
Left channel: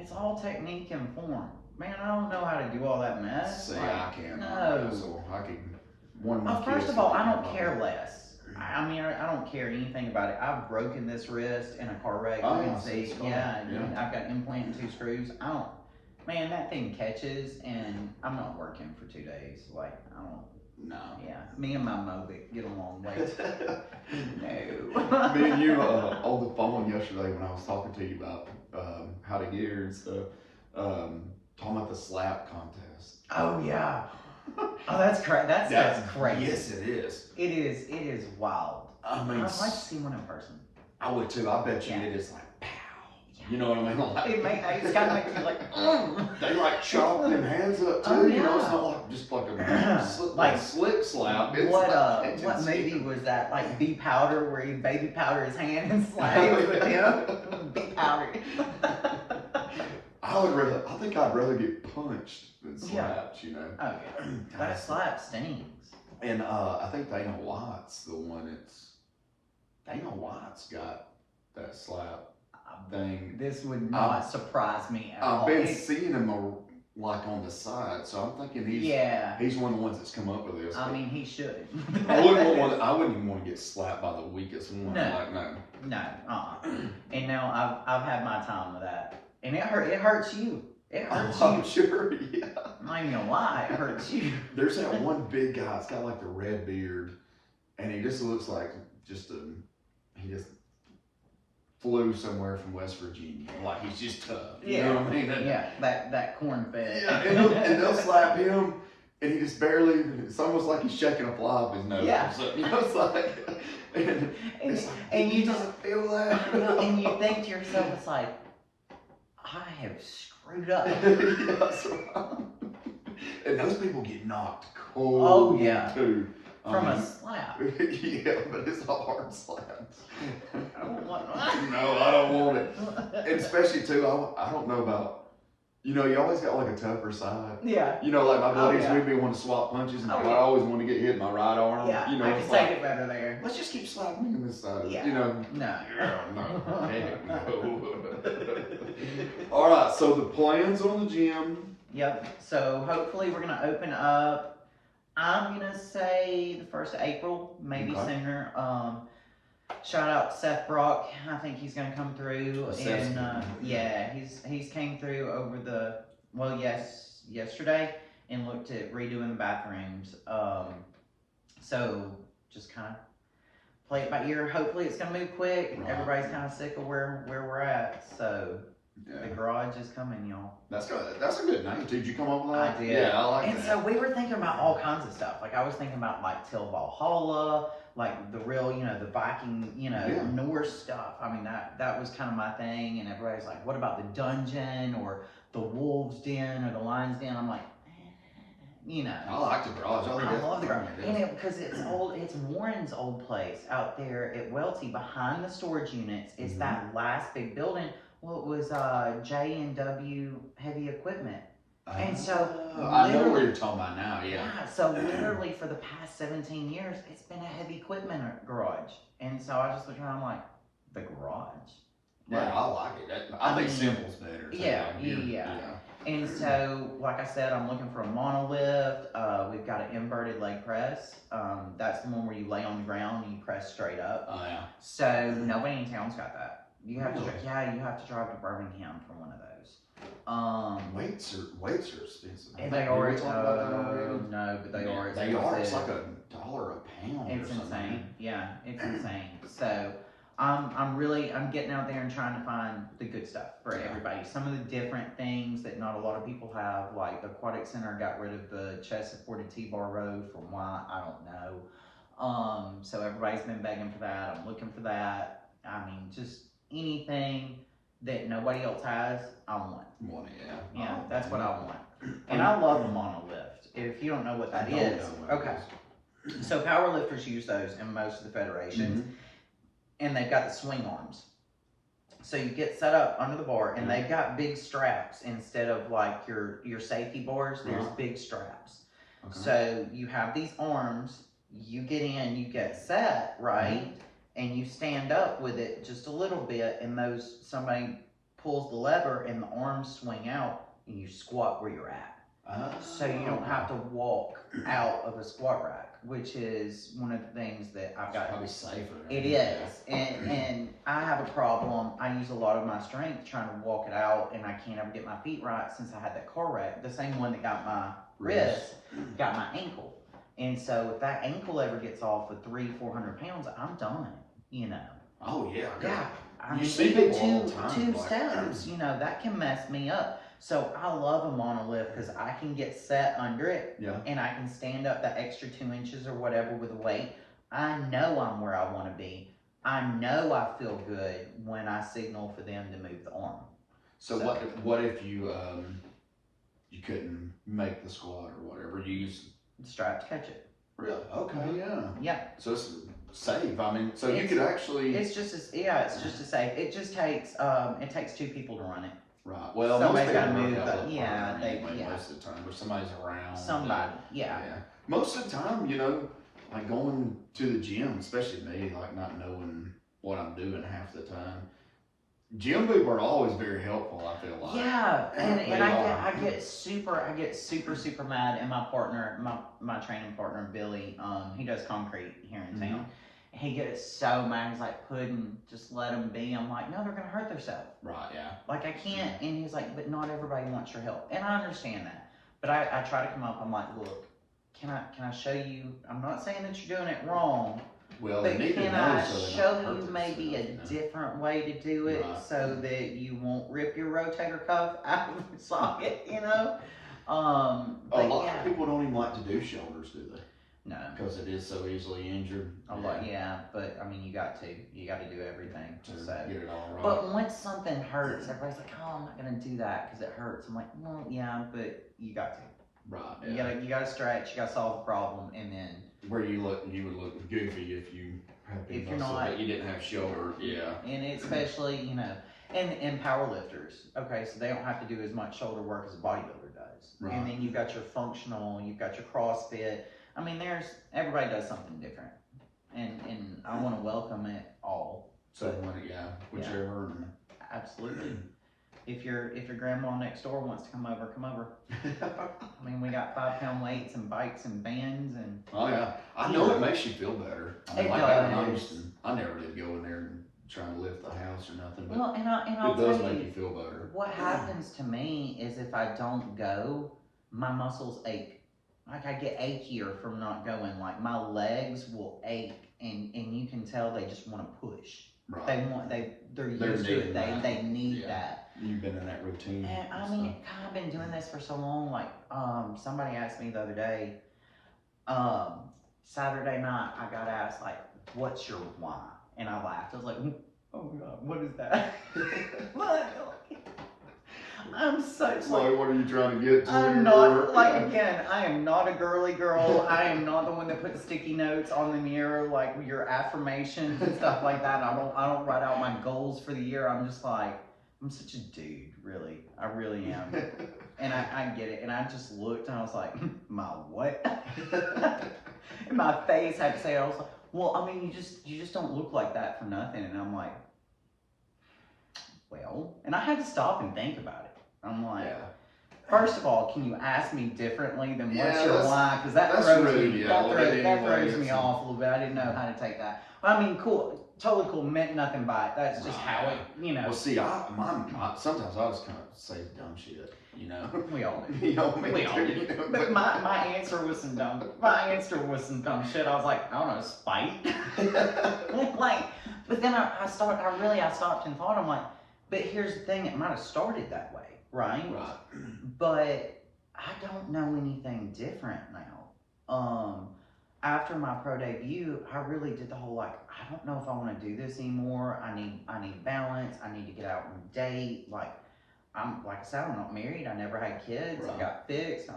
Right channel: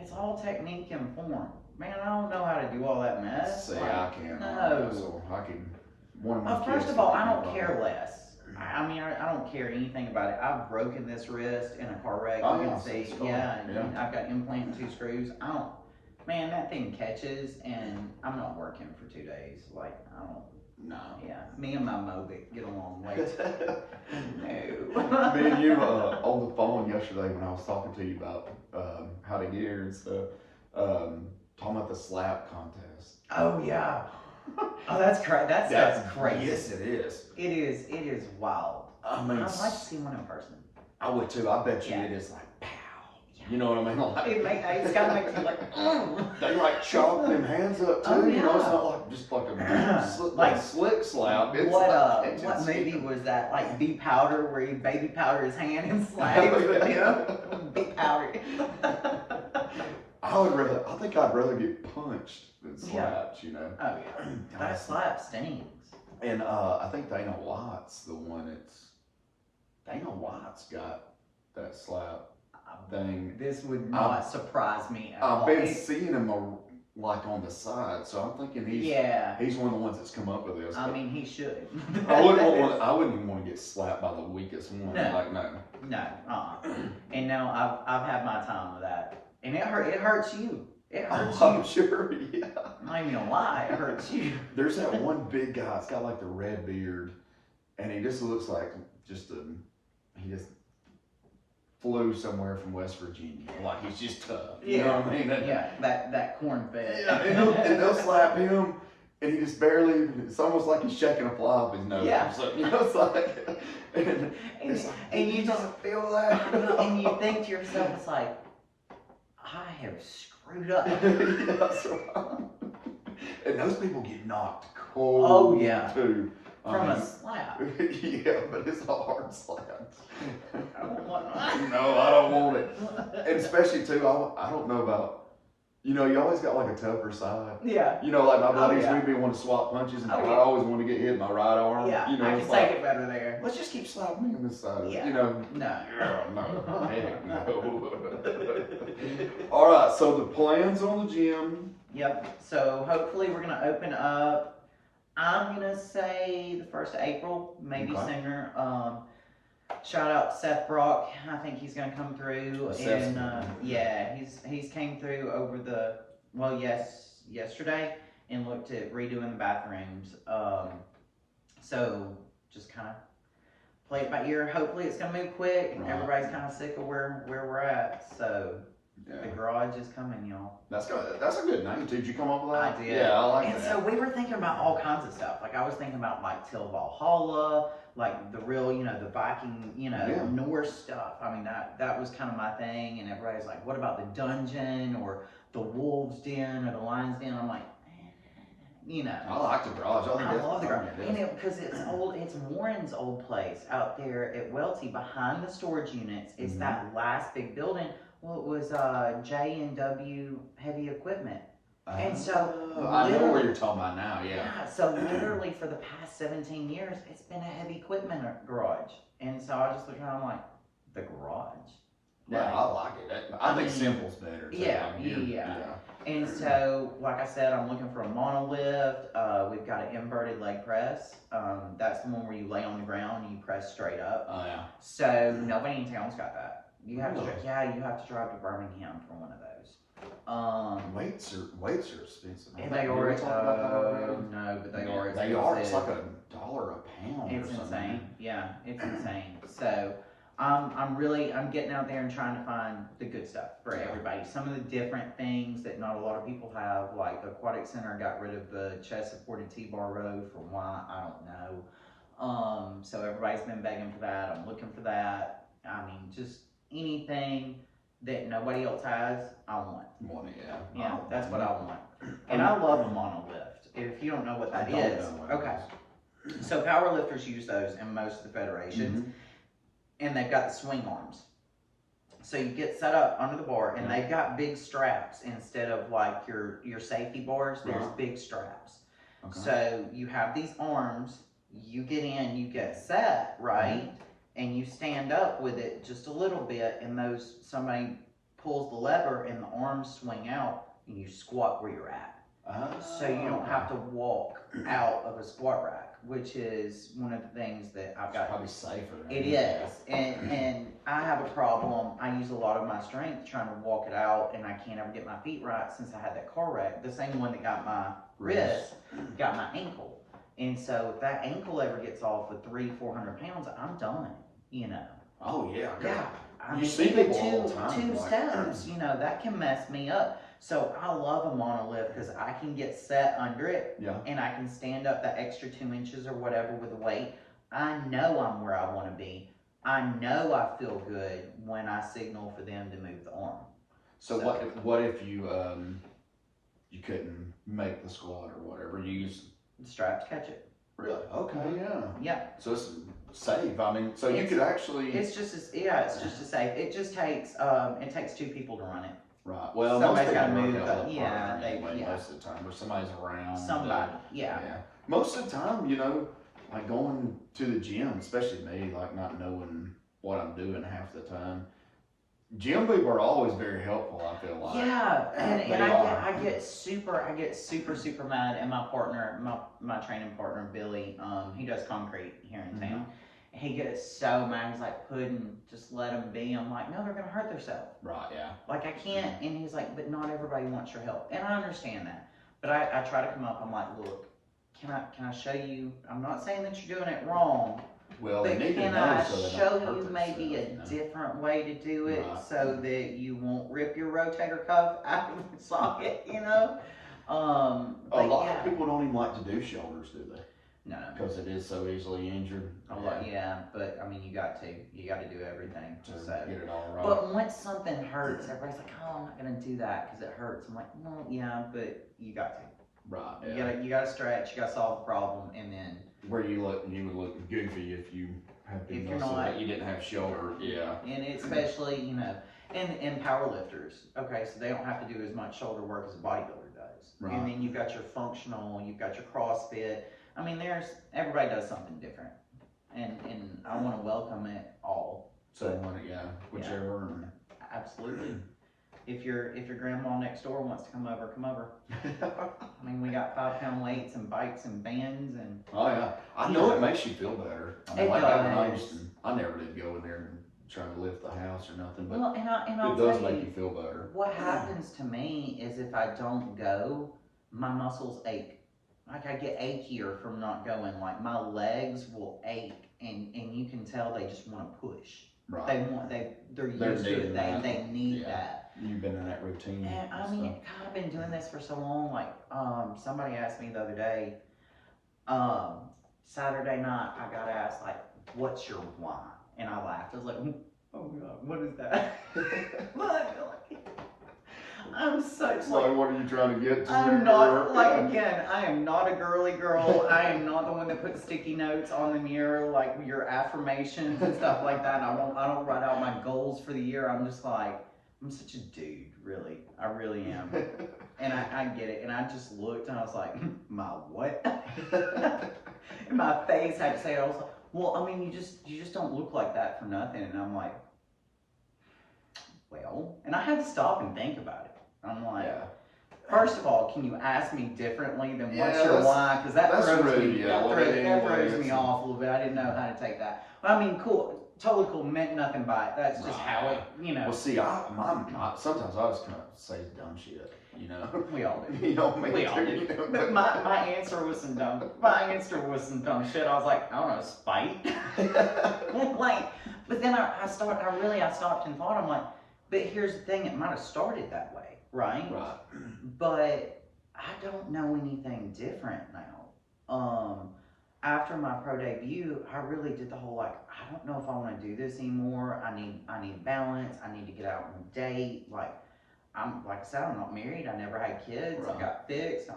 It's all technique and form. Man, I don't know how to do all that mess. See, like, I can't. No. So I can. One of my first kids of all, can I make don't my care body. less. I mean, I don't care anything about it. I've broken this wrist in a car wreck. Oh, You yeah, can see, scar. yeah, Yeah. and I've got implant and 2 screws. I don't, man, that thing catches, and I'm not working for 2 days. Like, I don't. No. Yeah, me and my Mobic get along way. No. Me and you on the phone yesterday when I was talking to you about how to get here and stuff, talking about the slap contest. Oh yeah. Oh, that's crazy. That's crazy. Yes, it is. It is. It is wild. I mean, I'd like to see one in person. I would too. I bet you Yeah. it is like pow. You know what I mean? Like, It's kind of make you like. They like chop them hands up too. Oh, You know, yeah. it's not like just like a like slick slap. It's What like, what movie was that? Like B Powder, where he baby powder his hand and slaps with him. B Powder. I think I'd rather get punched than slapped. You know. Oh yeah. That slap stings. And I think Dana White's the one Dana White's got that slap thing. This would not surprise me at all. I've been seeing him like on the side, so I'm thinking he's one of the ones that's come up with this. I mean, he should. I wouldn't even want to get slapped by the weakest one. No. Like no. No. And now I've had my time with that, and it hurts you. It hurts I'm you. sure. Yeah. I'm not even gonna lie, it hurts you. There's that one big guy. It's got like the red beard, and he just looks like he just flew somewhere from West Virginia. Like he's just tough. You know what I mean? Yeah, that corn fed. Yeah, and they'll slap him, and he just barely. It's almost like he's shaking a fly off his nose Yeah. or something. You know, it's like, and you doesn't feel that. And you think to yourself, it's like, I have screwed up. Yeah, that's right. And those people get knocked cold. Oh, yeah. Too. From a slap. Yeah, but it's a hard slap. I don't want No, I don't want it. And especially too, I don't know about. You know, you always got like a tougher side. Yeah. You know, like my buddies, yeah. we'd be wanting to swap punches, and Oh, I yeah. always want to get hit in my right arm. Yeah, You know, I it's can like, take it better there. let's just keep slapping me on this side. Yeah. You know. No. No. Heck no. All right. So the plans on the gym. Yep. So hopefully we're gonna open up. I'm gonna say the 1st of April, maybe sooner. Shout out to Seth Brock. I think he's gonna come through, and yeah, he's came through over yesterday and looked at redoing the bathrooms. So just kind of play it by ear. Hopefully it's gonna move quick. Right. Everybody's kind of sick of where we're at. So Yeah. the garage is coming, y'all. That's good. That's a good name. Did you come up with that? I did. Yeah, I like and that. so we were thinking about all kinds of stuff. Like I was thinking about like Till Valhalla, like the real, the Viking, Norse stuff. I mean, that was kind of my thing. And everybody's like, what about the dungeon or the wolves den or the lion's den? I'm like, I like the garage. I love the garage. And because it's old, it's Warren's old place out there at Welty behind the storage units. It's that last big building. Well, it was J&W Heavy Equipment. And so I know what you're talking about now, yeah. So literally for the past 17 years, it's been a heavy equipment garage. And so I just look around, I'm like, the garage? Yeah, I like it. I think simple's better. Too. Yeah. And so, like I said, I'm looking for a monolift. We've got an inverted leg press. That's the one where you lay on the ground and you press straight up. Oh, yeah. So nobody in town's got that. You have to drive to Birmingham for one of those. Weights are expensive. And they are. No, but they are. They are. It's like $1 a pound. It's or something. insane. Yeah, it's insane. So I'm getting out there and trying to find the good stuff for everybody. Some of the different things that not a lot of people have, like the Aquatic Center got rid of the chest supported T-bar row for why, I don't know. So everybody's been begging for that. I'm looking for that. I mean, just anything that nobody else has, I want. Yeah, that's what I want. And I love a monolift. If you don't know what that is, okay. So powerlifters use those in most of the federations, and they've got the swing arms. So you get set up under the bar, and they've got big straps instead of like your safety bars. There's big straps. Okay. So you have these arms. You get in, you get set right. And you stand up with it just a little bit, and somebody pulls the lever and the arms swing out, and you squat where you're at. So you don't have to walk out of a squat rack. which is one of the things that I've It's got. probably safer. It is, and I have a problem. I use a lot of my strength trying to walk it out, and I can't ever get my feet right since I had that car wreck. The same one that got my wrist got my ankle, and so if that ankle ever gets off with 300-400 pounds, I'm done. You know. Oh yeah. Yeah. I You mean, see even people all the time, two like- steps, you know, that can mess me up. So I love a monolift because I can get set under it, Yeah. and I can stand up that extra 2 inches or whatever with the weight. I know I'm where I want to be. I know I feel good when I signal for them to move the arm. So what if you you couldn't make the squat or whatever? You use Strap to catch it. really? Okay, yeah. Yeah. So it's safe. I mean, so you could actually It's just as safe. It just takes it takes 2 people to run it. right. Well, Somebody's most people gotta run move, that with a yeah, partner they- anyway, yeah. most of the time, or somebody's around. Somebody, yeah. Most of the time, you know, like going to the gym, especially me, like not knowing what I'm doing half the time. Gym people are always very helpful, I feel like. Yeah, and They I are. get super mad, and my partner, my training partner Billy, he does concrete here in town. He gets so mad. He's like, Puddin', just let them be. I'm like, no, they're gonna hurt themselves. Right, yeah. Like I can't. And he's like, but not everybody wants your help, and I understand that. But I try to come up. I'm like, look, can I show you? I'm not saying that you're doing it wrong. Well, But they need to can know I so they don't show hurt you maybe a themselves, you know? different way to do it Right. so that you won't rip your rotator cuff out of the socket, you know? A But lot yeah. of people don't even like to do shoulders, do they? No. Because it is so easily injured. A lot, yeah, but I mean, you got to do everything. To So, get it all right. but once something hurts, everybody's like, "Oh, I'm not gonna do that because it hurts." I'm like, "Well, yeah, but you got to. right, You gotta stretch. You gotta solve the problem, and then where you would look goofy if you had big If you're muscle, not- but you didn't have shoulder. Yeah. and especially and power lifters. Okay, so they don't have to do as much shoulder work as a bodybuilder does. Right. And then you've got your functional, you've got your CrossFit. I mean, everybody does something different, and I want to welcome it all. So whichever. And Absolutely. If your grandma next door wants to come over, come over. I mean, we got 5-pound weights and bikes and bands and. Oh yeah, I know it makes you feel better. I mean, It like back when I does. used to, I never did go in there and try to lift the house or nothing, but Well, and I'll it does tell make you, you feel better. what happens to me is if I don't go, my muscles ache. Like I get achier from not going. Like my legs will ache, and you can tell they just want to push. Right. They're used They're to needing it. that. They need Yeah. that. You've been in that routine. And I mean, God, I've been doing this for so long. Like, somebody asked me the other day, Saturday night, I got asked, like, what's your why? And I laughed. I was like, oh God, what is that? What? I'm such So what are you trying to get to? I'm not, like, again, I am not a girly girl. I am not the one that puts sticky notes on the mirror, like your affirmations and stuff like that. I don't write out my goals for the year. I'm just like, I'm such a dude, really. I really am. And I get it. And I just looked and I was like, my what? And my face had to say it. I was like, well, I mean, you just don't look like that for nothing. And I'm like, well, and I had to stop and think about it. I'm like, Yeah. first of all, can you ask me differently than what's Yeah, your that's- why? Because that that's throws rude, me, yeah, that well, throws, anyway, that throws me it's- off a little bit. I didn't know how to take that. I mean, cool, totally cool. Meant nothing by it. That's just how it, Well, see, sometimes I just kind of say dumb shit, you know. We all do. You know, me We all too, do. you know, But my answer was some dumb. My answer was some dumb shit. I was like, I don't know, spite. Like, but then I stopped and thought. I'm like, but here's the thing. It might have started that way, right? Right. But I don't know anything different now. After my pro debut, I really did the whole like, I don't know if I want to do this anymore. I need balance. I need to get out and date. Like I said, I'm not married. I never had kids. Right. I got fixed.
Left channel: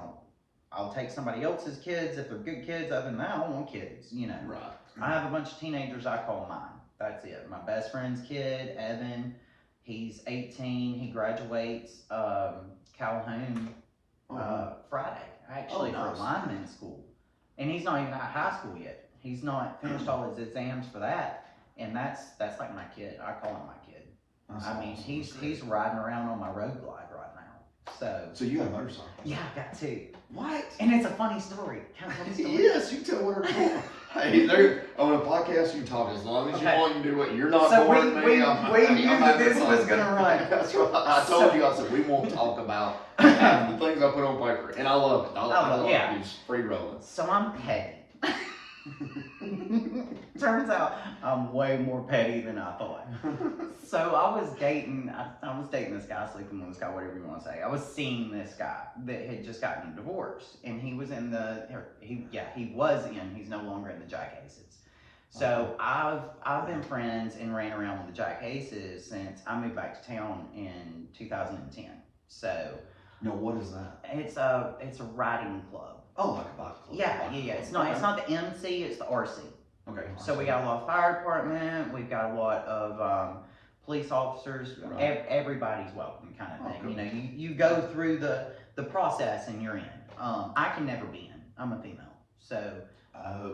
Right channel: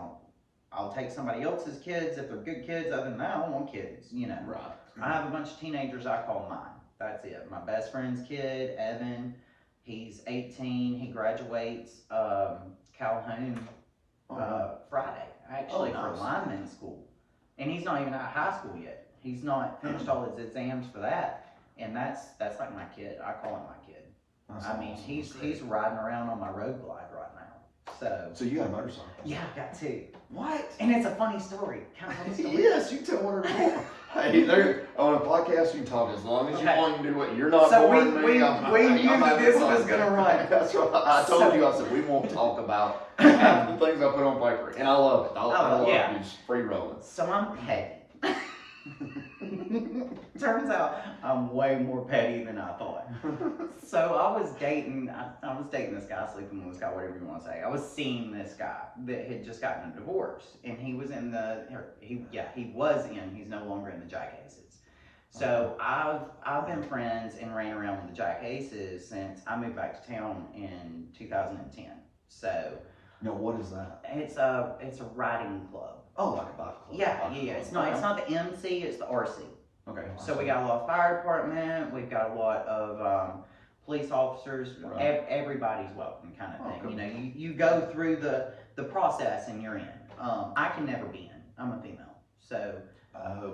I'll take somebody else's kids if they're good kids. Other than that, I don't want kids. You know. Right. I have a bunch of teenagers I call mine. That's it. My best friend's kid, Evan. He's 18. He graduates Calhoun Friday, actually, nice. for lineman school. And he's not even out of high school yet. He's not finished all his exams for that. And that's like my kid. I call him my kid. That's I mean, awesome. he's riding around on my road glide right now. So you got a motorcycle? Yeah, I got two. What? And it's a funny story. Can I tell the story? Yes, you can tell whatever you want. Hey, there, on a podcast, you can talk as long as you want. You can do what you're not boring me. We knew that this was going to run. That's right. I told you, I said, we won't talk about half the things I put on paper. And I love it. I love it. It's free rolling. So I'm petty. Turns out I'm way more petty than I thought. So I was dating this guy, sleeping with this guy, whatever you want to say. I was seeing this guy that had just gotten a divorce, and he was he's no longer in the Jack Aces. So I've been friends and ran around with the Jack Aces since I moved back to town in 2010. So now what is that? It's a riding club. Oh, like a bike club. Yeah. It's not the MC, it's the RC. Okay. So we got a lot of fire department, we've got a lot of police officers, right. Everybody's welcome kind of thing. Okay. You go through the process and you're in. I can never be in. I'm a female. So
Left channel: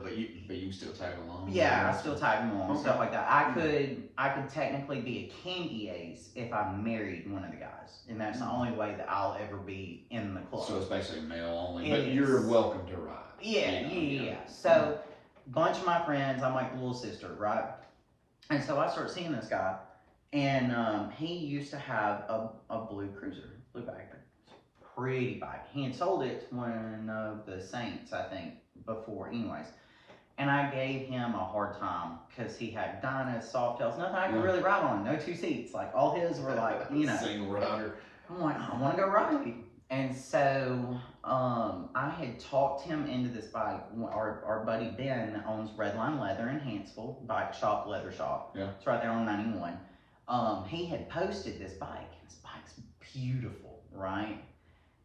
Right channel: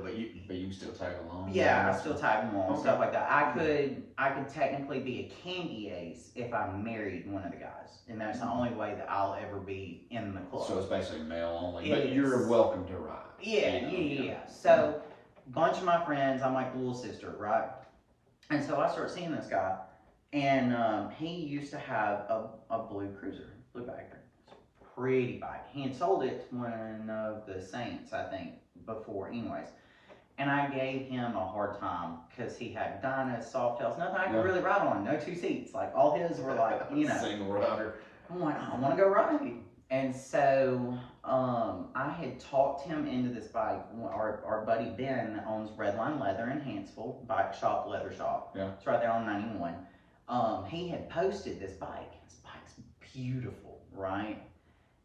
but you still tag along. Yeah, I still tag along, stuff like that. I could technically be a candy ace if I married one of the guys, and that's the only way that I'll ever be in the club. So it's basically male only, but you're welcome to ride. Yeah. So bunch of my friends, I'm like the little sister, right? And so I start seeing this guy, and he used to have a blue cruiser, blue bike, pretty bike. He had sold it to one of the Saints, I think, before, anyways. And I gave him a hard time because he had Dynas, Softails, nothing I could really ride on, no two seats. Like all his were like, single rider. I'm like, I want to go riding. And so I had talked him into this bike. Our buddy Ben that owns Redline Leather in Hansville, bike shop, leather shop. Yeah. It's right there on 91. He had posted this bike. This bike's beautiful, right?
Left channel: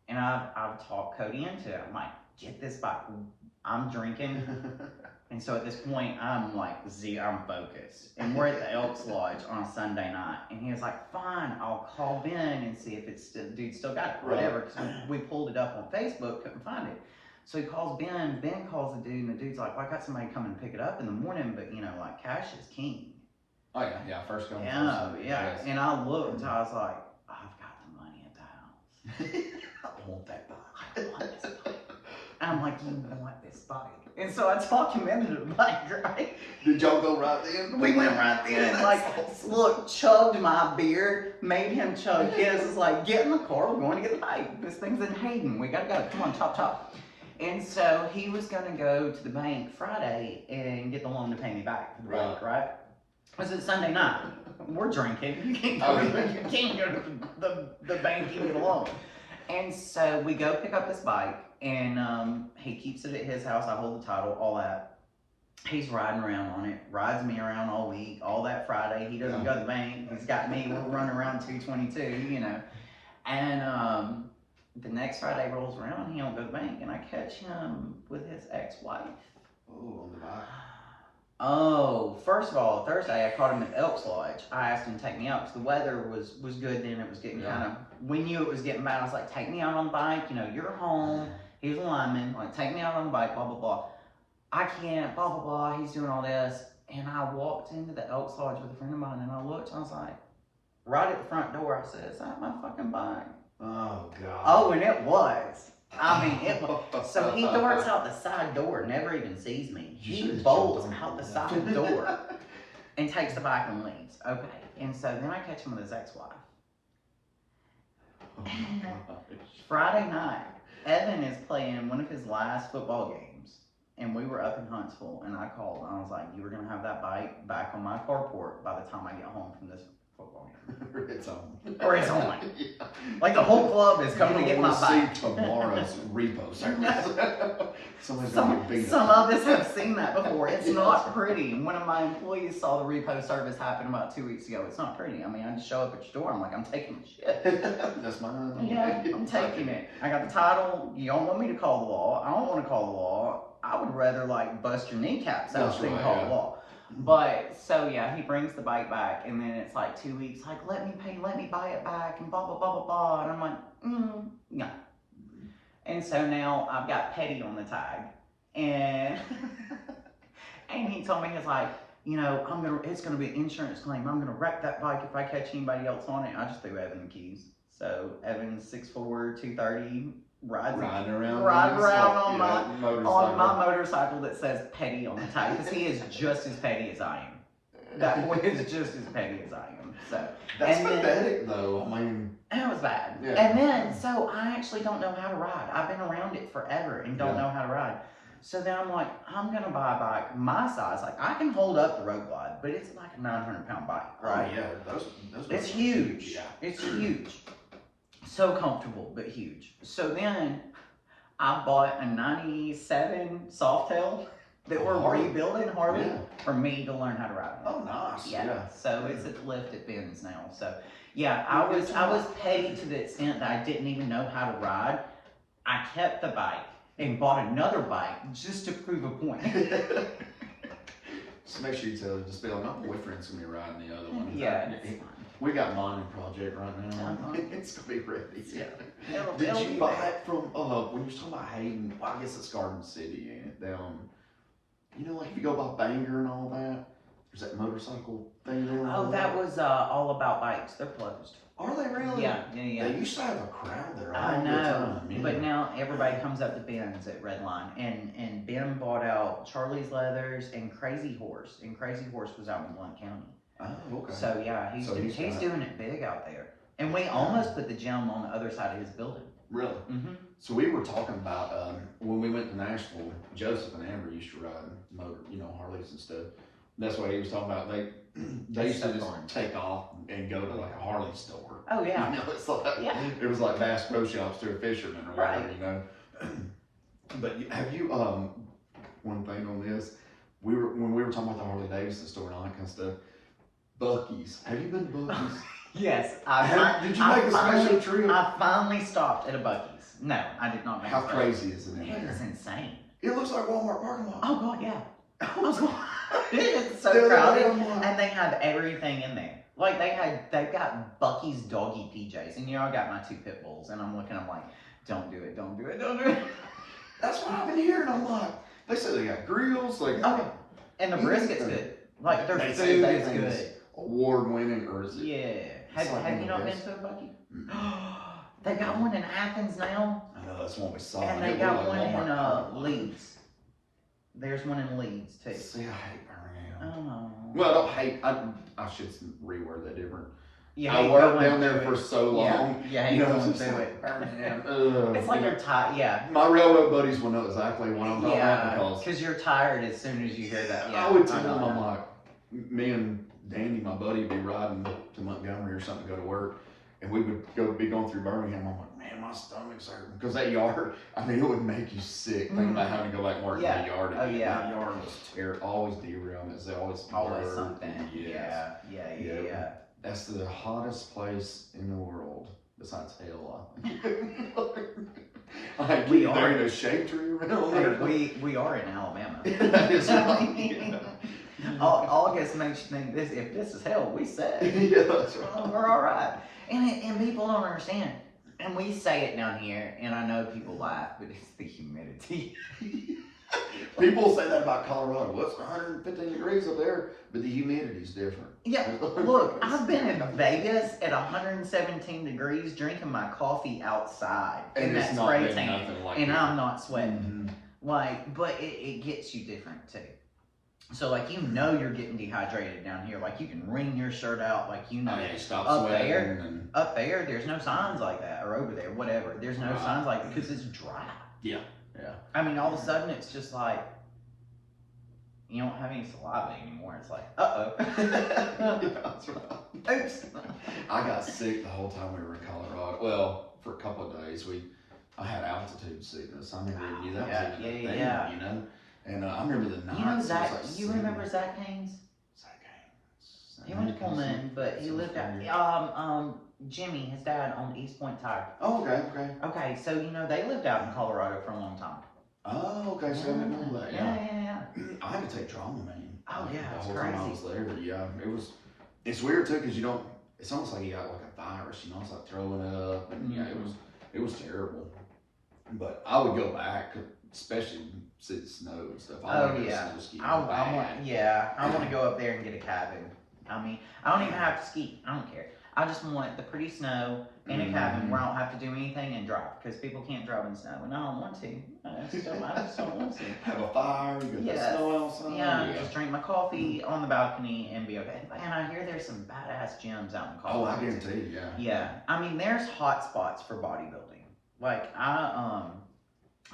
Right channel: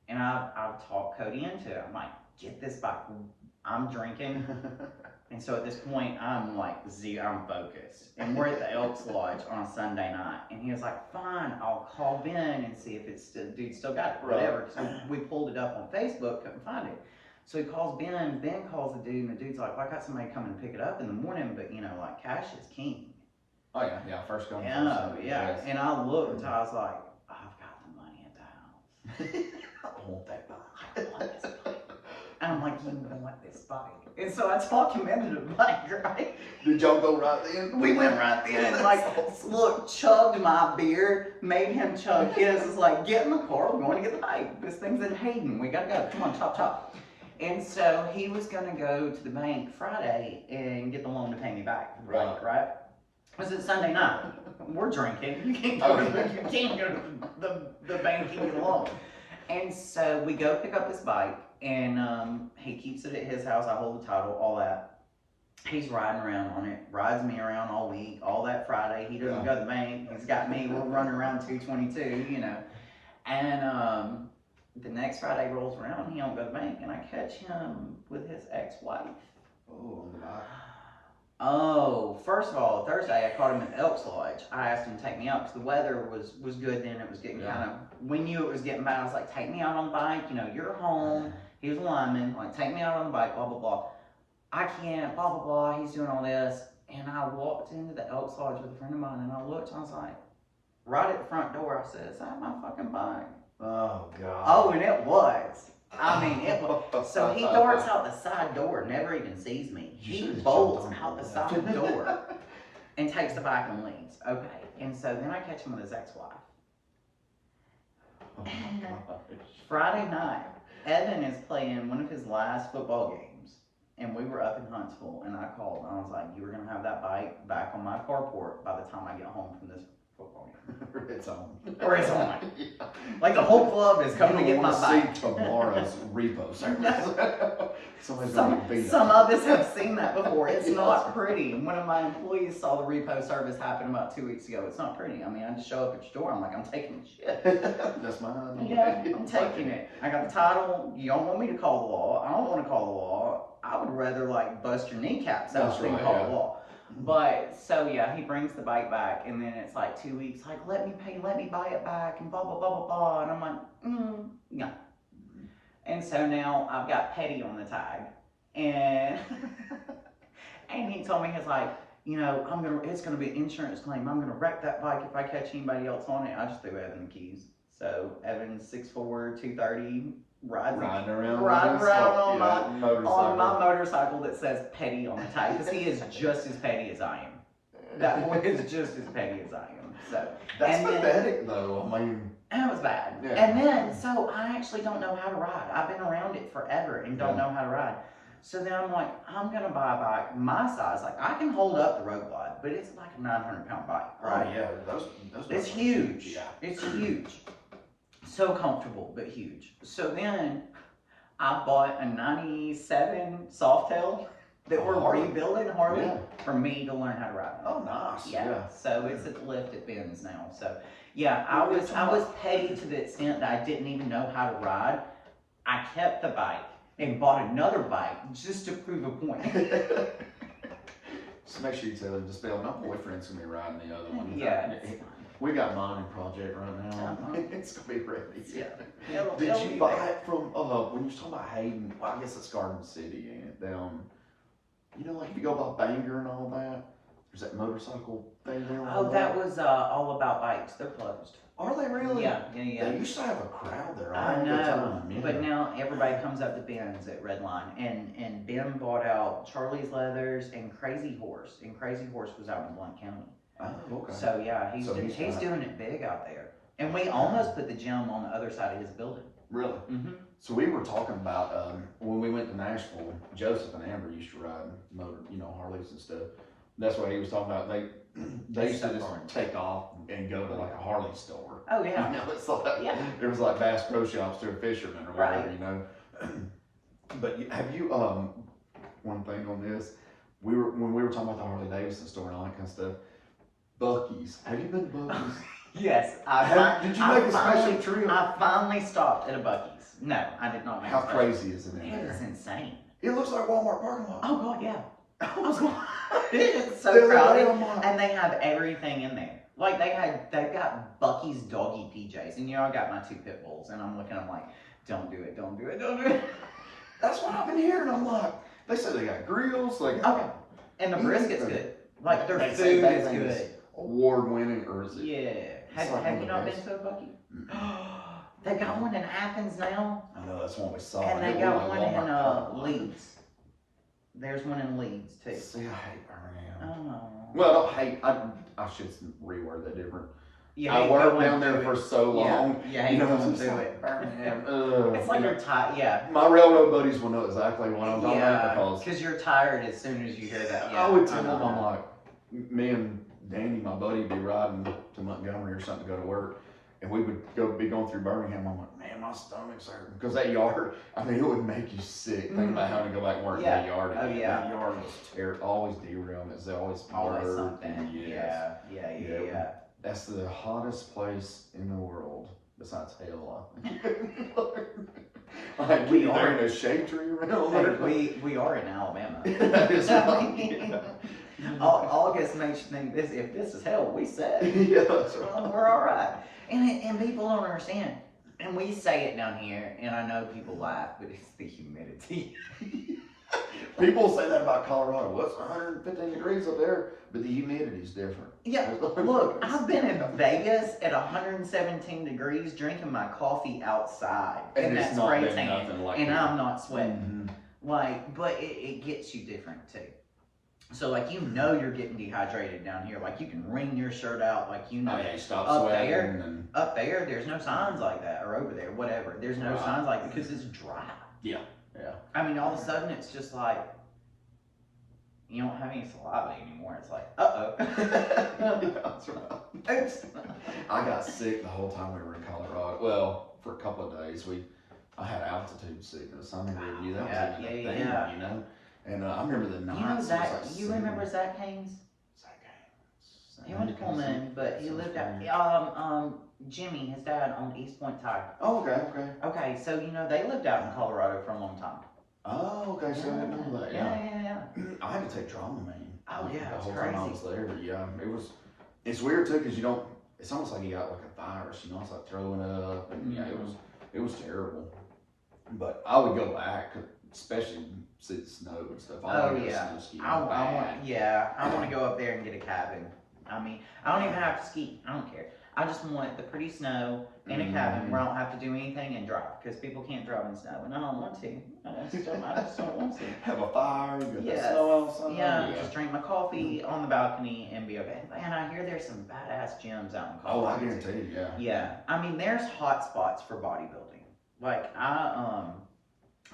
And I've talked Cody into it. I'm like, get this bike. I'm drinking. And so at this point, I'm like, I'm focused. And we're at the Elks Lodge on a Sunday night. And he was like, fine, I'll call Ben and see if dude still got it, whatever. Because we pulled it up on Facebook, couldn't find it. So he calls Ben, Ben calls the dude, and the dude's like, well, I got somebody coming to pick it up in the morning, but like cash is king. Oh yeah, first come. Yeah. Yes. And I looked and I was like, I've got the money at the house. I want that bike. I want this bike. And I'm like, you want this bike? And so I talked him into the bike, right? Did y'all go right then? We went right then, look, chugged my beer, made him chug his. It's like, get in the car, we're going to get the bike. This thing's in Hayden, we gotta go, come on, chop. And so he was gonna go to the bank Friday and get the loan to pay me back for the bike, right? It was Sunday night. We're drinking. You can't go to the bank and get a loan. And so we go pick up this bike, and he keeps it at his house. I hold the title, all that. He's riding around on it, rides me around all week, all that Friday. He doesn't go to the bank. He's got me. We're running around 222, And the next Friday rolls around, he don't go to the bank, and I catch him with his ex-wife. Oh, on the bike. Oh, first of all, Thursday I caught him at Elks Lodge. I asked him to take me out because the weather was good then. It was getting we knew it was getting bad. I was like, take me out on the bike. You're home. He was a lineman. Like, take me out on the bike, blah, blah, blah. I can't, blah, blah, blah. He's doing all this. And I walked into the Elks Lodge with a friend of mine, and I looked, and I was like, right at the front door, I said, is that my fucking bike? Oh, God. Oh, and it was. I mean, it was. So he darts out the side door, never even sees me. He bolts out the side door and takes the bike and leaves. Okay. And so then I catch him with his ex-wife. Friday night, Evan is playing one of his last football games, and we were up in Huntsville, and I called, and I was like, you were going to have that bike back on my carport by the time I get home from this football game. It's on. Or it's on. Yeah. Like the whole club is coming to get my bike. See tomorrow's repo service. Somebody's going to get beat up. Some of us have seen that before. It's not pretty. One of my employees saw the repo service happen about 2 weeks ago. It's not pretty. I mean, I just show up at your door. I'm like, I'm taking the shit. That's mine. Yeah, I'm taking it. I got the title. You don't want me to call the law. I don't want to call the law. I would rather like bust your kneecaps out than call the law. But so yeah, he brings the bike back, and then it's like 2 weeks, like, let me buy it back, and blah blah blah blah blah. And I'm like, no. And so now I've got petty on the tag, and and he told me, he's like, it's gonna be an insurance claim. I'm gonna wreck that bike if I catch anybody else on it. I just threw Evan the keys. So Evan's 6'4", 230, riding around on my motorcycle. motorcycle that says petty on the tire, because he is just as petty as I am. That boy is just as petty as I am. So That's pathetic, though. I mean, and it was bad. Yeah. And then, so I actually don't know how to ride. I've been around it forever and don't know how to ride. So then I'm like, I'm gonna buy a bike my size. Like, I can hold up the road glide, but it's like a 900-pound bike, right? Oh yeah, those It's are huge. Yeah. It's huge. So comfortable, but huge. So then I bought a 97 Softail that we're Harley. rebuilding, Harley, Yeah. for me to learn how to ride on. Oh, nice. Yeah. So it's at the lift at Ben's now. So yeah, I was petty to the extent that I didn't even know how to ride. I kept the bike and bought another bike just to prove a point. Just make sure you tell her, just be like, my boyfriend's gonna be riding the other one. Yeah. We got mine in project right now. Uh-huh. It's gonna be ready. Yeah. Did It'll you be buy there. it from when you was talking about Hayden? Well, I guess it's Garden City, ain't it? Down, you know, like if you go by Bangor and all that, there's that motorcycle thing there. Oh, that was All About Bikes. They're closed. Are they really? Yeah. They used to have a crowd there all I the know, time. Yeah. but now everybody comes up to Ben's at Redline, and Ben bought out Charlie's Leathers and Crazy Horse, and Crazy Horse was out in Blount County. Oh, okay. So yeah, he's So he's doing it big out there, and we almost put the gym on the other side of his building. Really? Mm-hmm. So we were talking about when we went to Nashville. Joseph and Amber used to ride Harleys and stuff. That's what he was talking about. They used to just take off and go to like a Harley store. Oh yeah. You know, it's like Yeah. it was like Bass Pro Shops to a fisherman or whatever. Right. You know. But have you one thing on this? When we were talking about the Harley Davidson store and all that kind of stuff. Buc-ee's. Have you been to Buc-ee's? Yes, Did you make a special trip? I finally stopped at a Buc-ee's. No, I did not make How a special. crazy is it in It there? is insane. It looks like Walmart parking lot. Oh god, yeah. Oh, God. It's The so other crowded, day I'm like- and they have everything in there. Like they've got Buc-ee's doggy PJs, and I got my 2 pit bulls, and I'm looking, I'm like, don't do it, don't do it, don't do it. That's what I've been hearing. I'm like, they say they got grills, they got Okay. And the brisket's good. Like their They say food that is thing good. award winning, or is it? Yeah. It's like Have one you of not the been best. to a Buc-ee? They got one in Athens now, I know that's one we saw. and they It got looked one like in Walmart parking lot. Leeds. There's one in Leeds too. See, I hate Birmingham. Oh. Well, I don't hate. I should reword that different. You I hate worked going down there through for it. so long. Yeah, you hate going it's through like, it. Birmingham. It's like you're tired. Yeah. My railroad buddies will know exactly what I'm talking about Yeah, because because you're tired as soon as you hear that. Yeah, I would tell know them, I'm that. like, me and Danny, my buddy, would be riding to Montgomery or something to go to work, and we would be going through Birmingham. I'm like, man, my stomach's hurting because that yard. I mean, it would make you sick thinking about having to go back and work in Yeah. that yard. Oh, Again. yeah. That yard was always derailments. They always Always blurred. something. Yes. Yeah. That's the hottest place in the world besides hell. I think. Like, We there are. ain't a shade tree around Hey, there. we are in Alabama. That is I right. mean, August makes you think this. If this is hell, we said Yeah, that's right. we're all right. And people don't understand. And we say it down here, and I know people laugh, but it's the humidity. People say that about Colorado. Well, it's 115 degrees up there, but the humidity's different. Yeah, look, I've been in Vegas at 117 degrees drinking my coffee outside. And it's that's not been spray tan, nothing like and that. I'm not sweating. Mhm. Like, but it gets you different too. So like, you know, you're getting dehydrated down here. Like, you can wring your shirt out. Like, you know, Oh, yeah, you stop up sweating. there, And, up there, there's no signs like that, or over there, whatever. There's no Right. signs like that because it's dry. yeah. I mean, all of a sudden, it's just like you don't have any saliva anymore. It's like, That's right. oops. I got sick the whole time we were in Colorado. Well, for a couple of days, I had altitude sickness. I remember you that Yeah, was even a yeah, thing, yeah. you know. And I remember the nights. You know it was Zach? like You 70. remember Zach Haynes? Zach Haynes. He went to Pullman, but he lived out. Jimmy, his dad, owned East Point Tire. Oh, okay. Okay, so you know they lived out in Colorado for a long time. Oh, okay. So I didn't know that. Yeah. I had to take Dramamine. Oh, yeah, the it's whole time I crazy. was there. But yeah, it's weird too because you don't. It's almost like you got like a virus. You know, it's like throwing up, and yeah, it was terrible. But I would go back, especially since it snowed and stuff. I Oh wanna go yeah. snow skiing I bad. want. I want to go up there and get a cabin. I mean, I don't even have to ski. I don't care. I just want the pretty snow in a cabin where I don't have to do anything and drive, because people can't drive in snow, and I don't want to. I just don't want to. Have a fire, you got the snow outside. Yeah, just drink my coffee on the balcony and be okay. And I hear there's some badass gyms out in Colorado. Oh, I guarantee you, yeah. Yeah, I mean, there's hot spots for bodybuilding. Like, I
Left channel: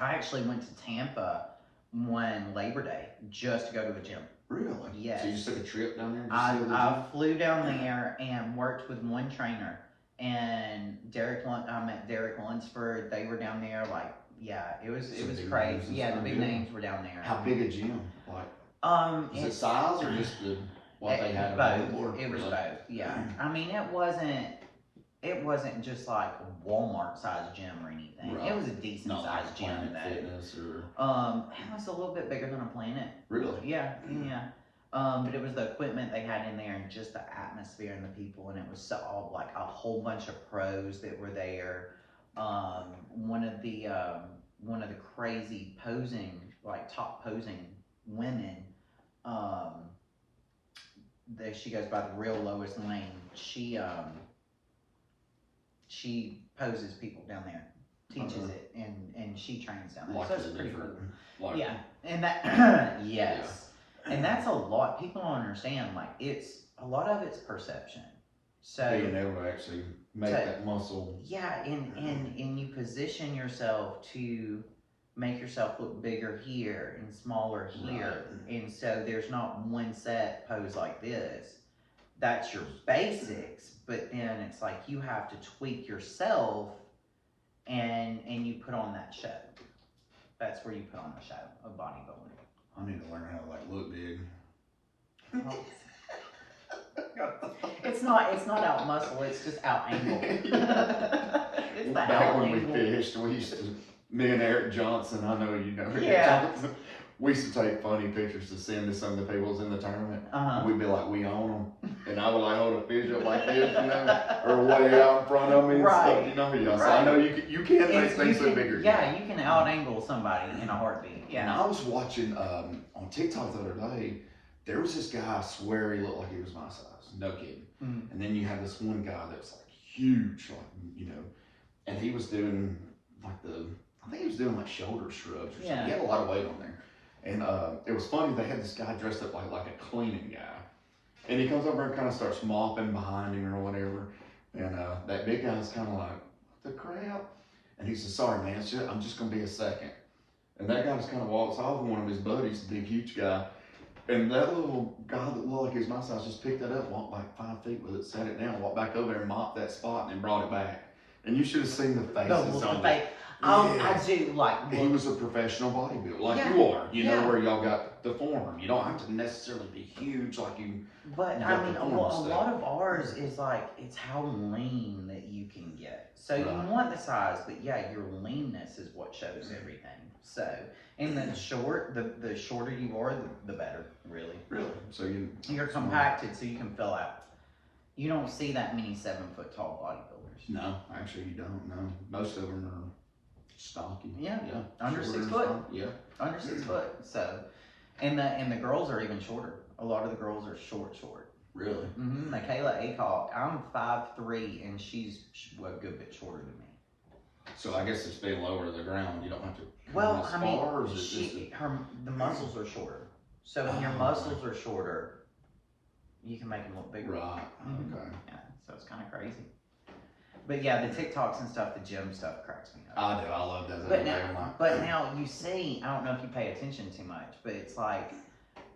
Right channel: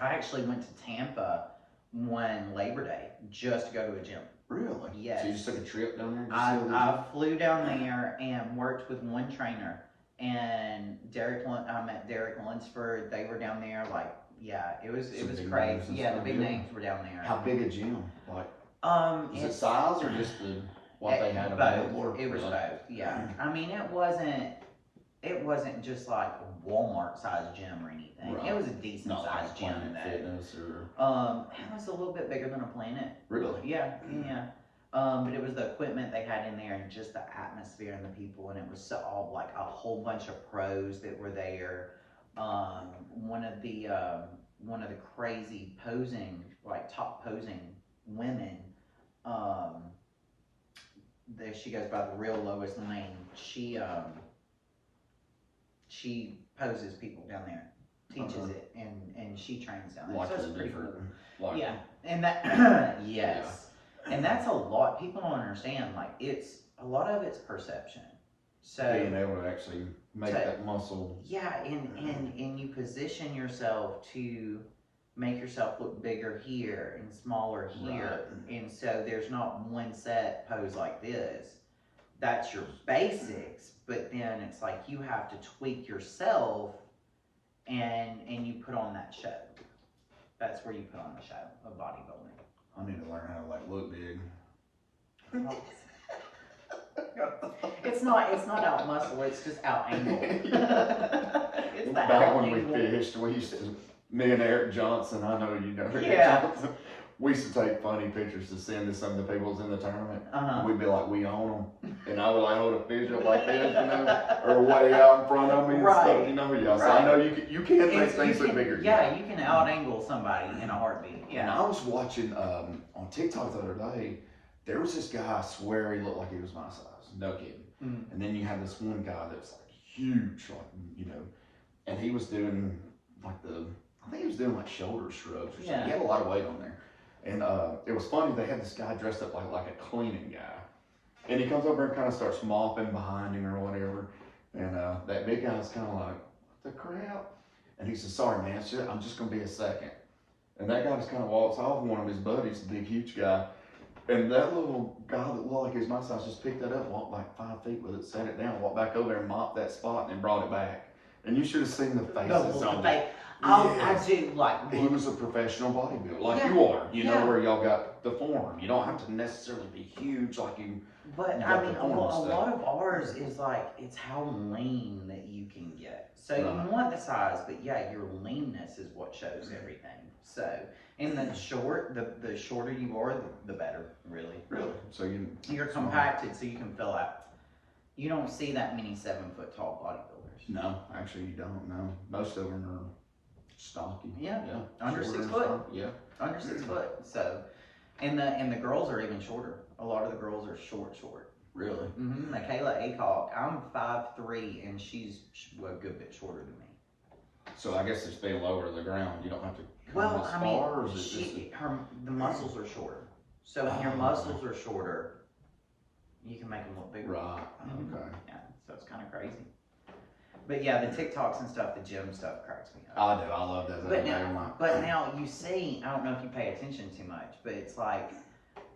actually went to Tampa one Labor Day just to go to a gym. Really? Yes. So you just took a trip down there? I flew down there and worked with one trainer, and I met Derek Lunsford. They were down there, like, yeah, it was crazy. Yeah, the big names were down there. How big a gym? Like, is it size or just what they had available? It was both. Yeah, I mean, it wasn't just like a Walmart sized gym or anything. Right. It was a decent sized gym. Fitness or it was a little bit bigger than a Planet. Really? Yeah, yeah. But it was the equipment they had in there and just the atmosphere and the people, and it was all like a whole bunch of pros that were there. One of the crazy posing, like top posing women, she goes by the real Lois Lane. She poses people down there, teaches it, and she trains down there. Like so it's pretty cool. Like, yeah, and that yes, yeah. And that's a lot. People don't understand. Like, it's a lot of it's perception. So being able to actually make that muscle. Yeah, and you position yourself to make yourself look bigger here and smaller here, and so there's not one set pose like this. That's your basics, but then it's like you have to tweak yourself, and you put on that show. That's where you put on the show of bodybuilding. I need to learn how to like look big. It's not out muscle, it's just out angle. It's back when we fished, we used to, me and Eric Johnson, I know you know Eric Johnson, we used to take funny pictures to send to some of the people in the tournament. And we'd be like, we own them. And I would like hold a fish up like this, you know, or way out in front of me and stuff, you know. Yeah. So I know you can make things look bigger. Yeah, you can out angle somebody in a heartbeat. Yeah. And I was watching on TikTok the other day, there was this guy, I swear he looked like he was my size. No kidding. And then you have this one guy that's like huge, like, you know, and he was doing like I think he was doing like shoulder shrugs or something. He had a lot of weight on there. And it was funny, they had this guy dressed up like a cleaning guy. And he comes over and kind of starts mopping behind him or whatever. And that big guy's kind of like, what the crap? And he says, sorry man, I'm just gonna be a second. And that guy just kind of walks off, and one of his buddies, the big huge guy, and that little guy that looked like he was my size just picked that up, walked like 5 feet with it, set it down, walked back over there and mopped that spot and then brought it back. And you should have seen the faces on it. I do like. He was a professional bodybuilder, like you are. You know, where y'all got the form. You don't have to necessarily be huge like you. But I mean, a lot of ours is like, it's how lean that you can get. So you want the size, but yeah, your leanness is what shows everything. So, and the shorter you are, the better, really. Really? So you're compacted, so you can fill out. You don't see that many 7 foot tall bodybuilders. No, actually you don't. No, most of them are stocky. Yeah. Under 6 foot. Yeah. Under 6 foot. So, and the girls are even shorter. A lot of the girls are short. Really? Michaela Acock, I'm 5'3", and she's a good bit shorter than me. So I guess it's being lower to the ground. You don't have to. Well, I mean, the muscles are shorter. So when your muscles are shorter, you can make them look bigger. Right. Okay. Yeah. So it's kind of crazy. But yeah, the TikToks and stuff, the gym stuff cracks me up. I do. I love that. But now you see, I don't know if you pay attention too much, but it's like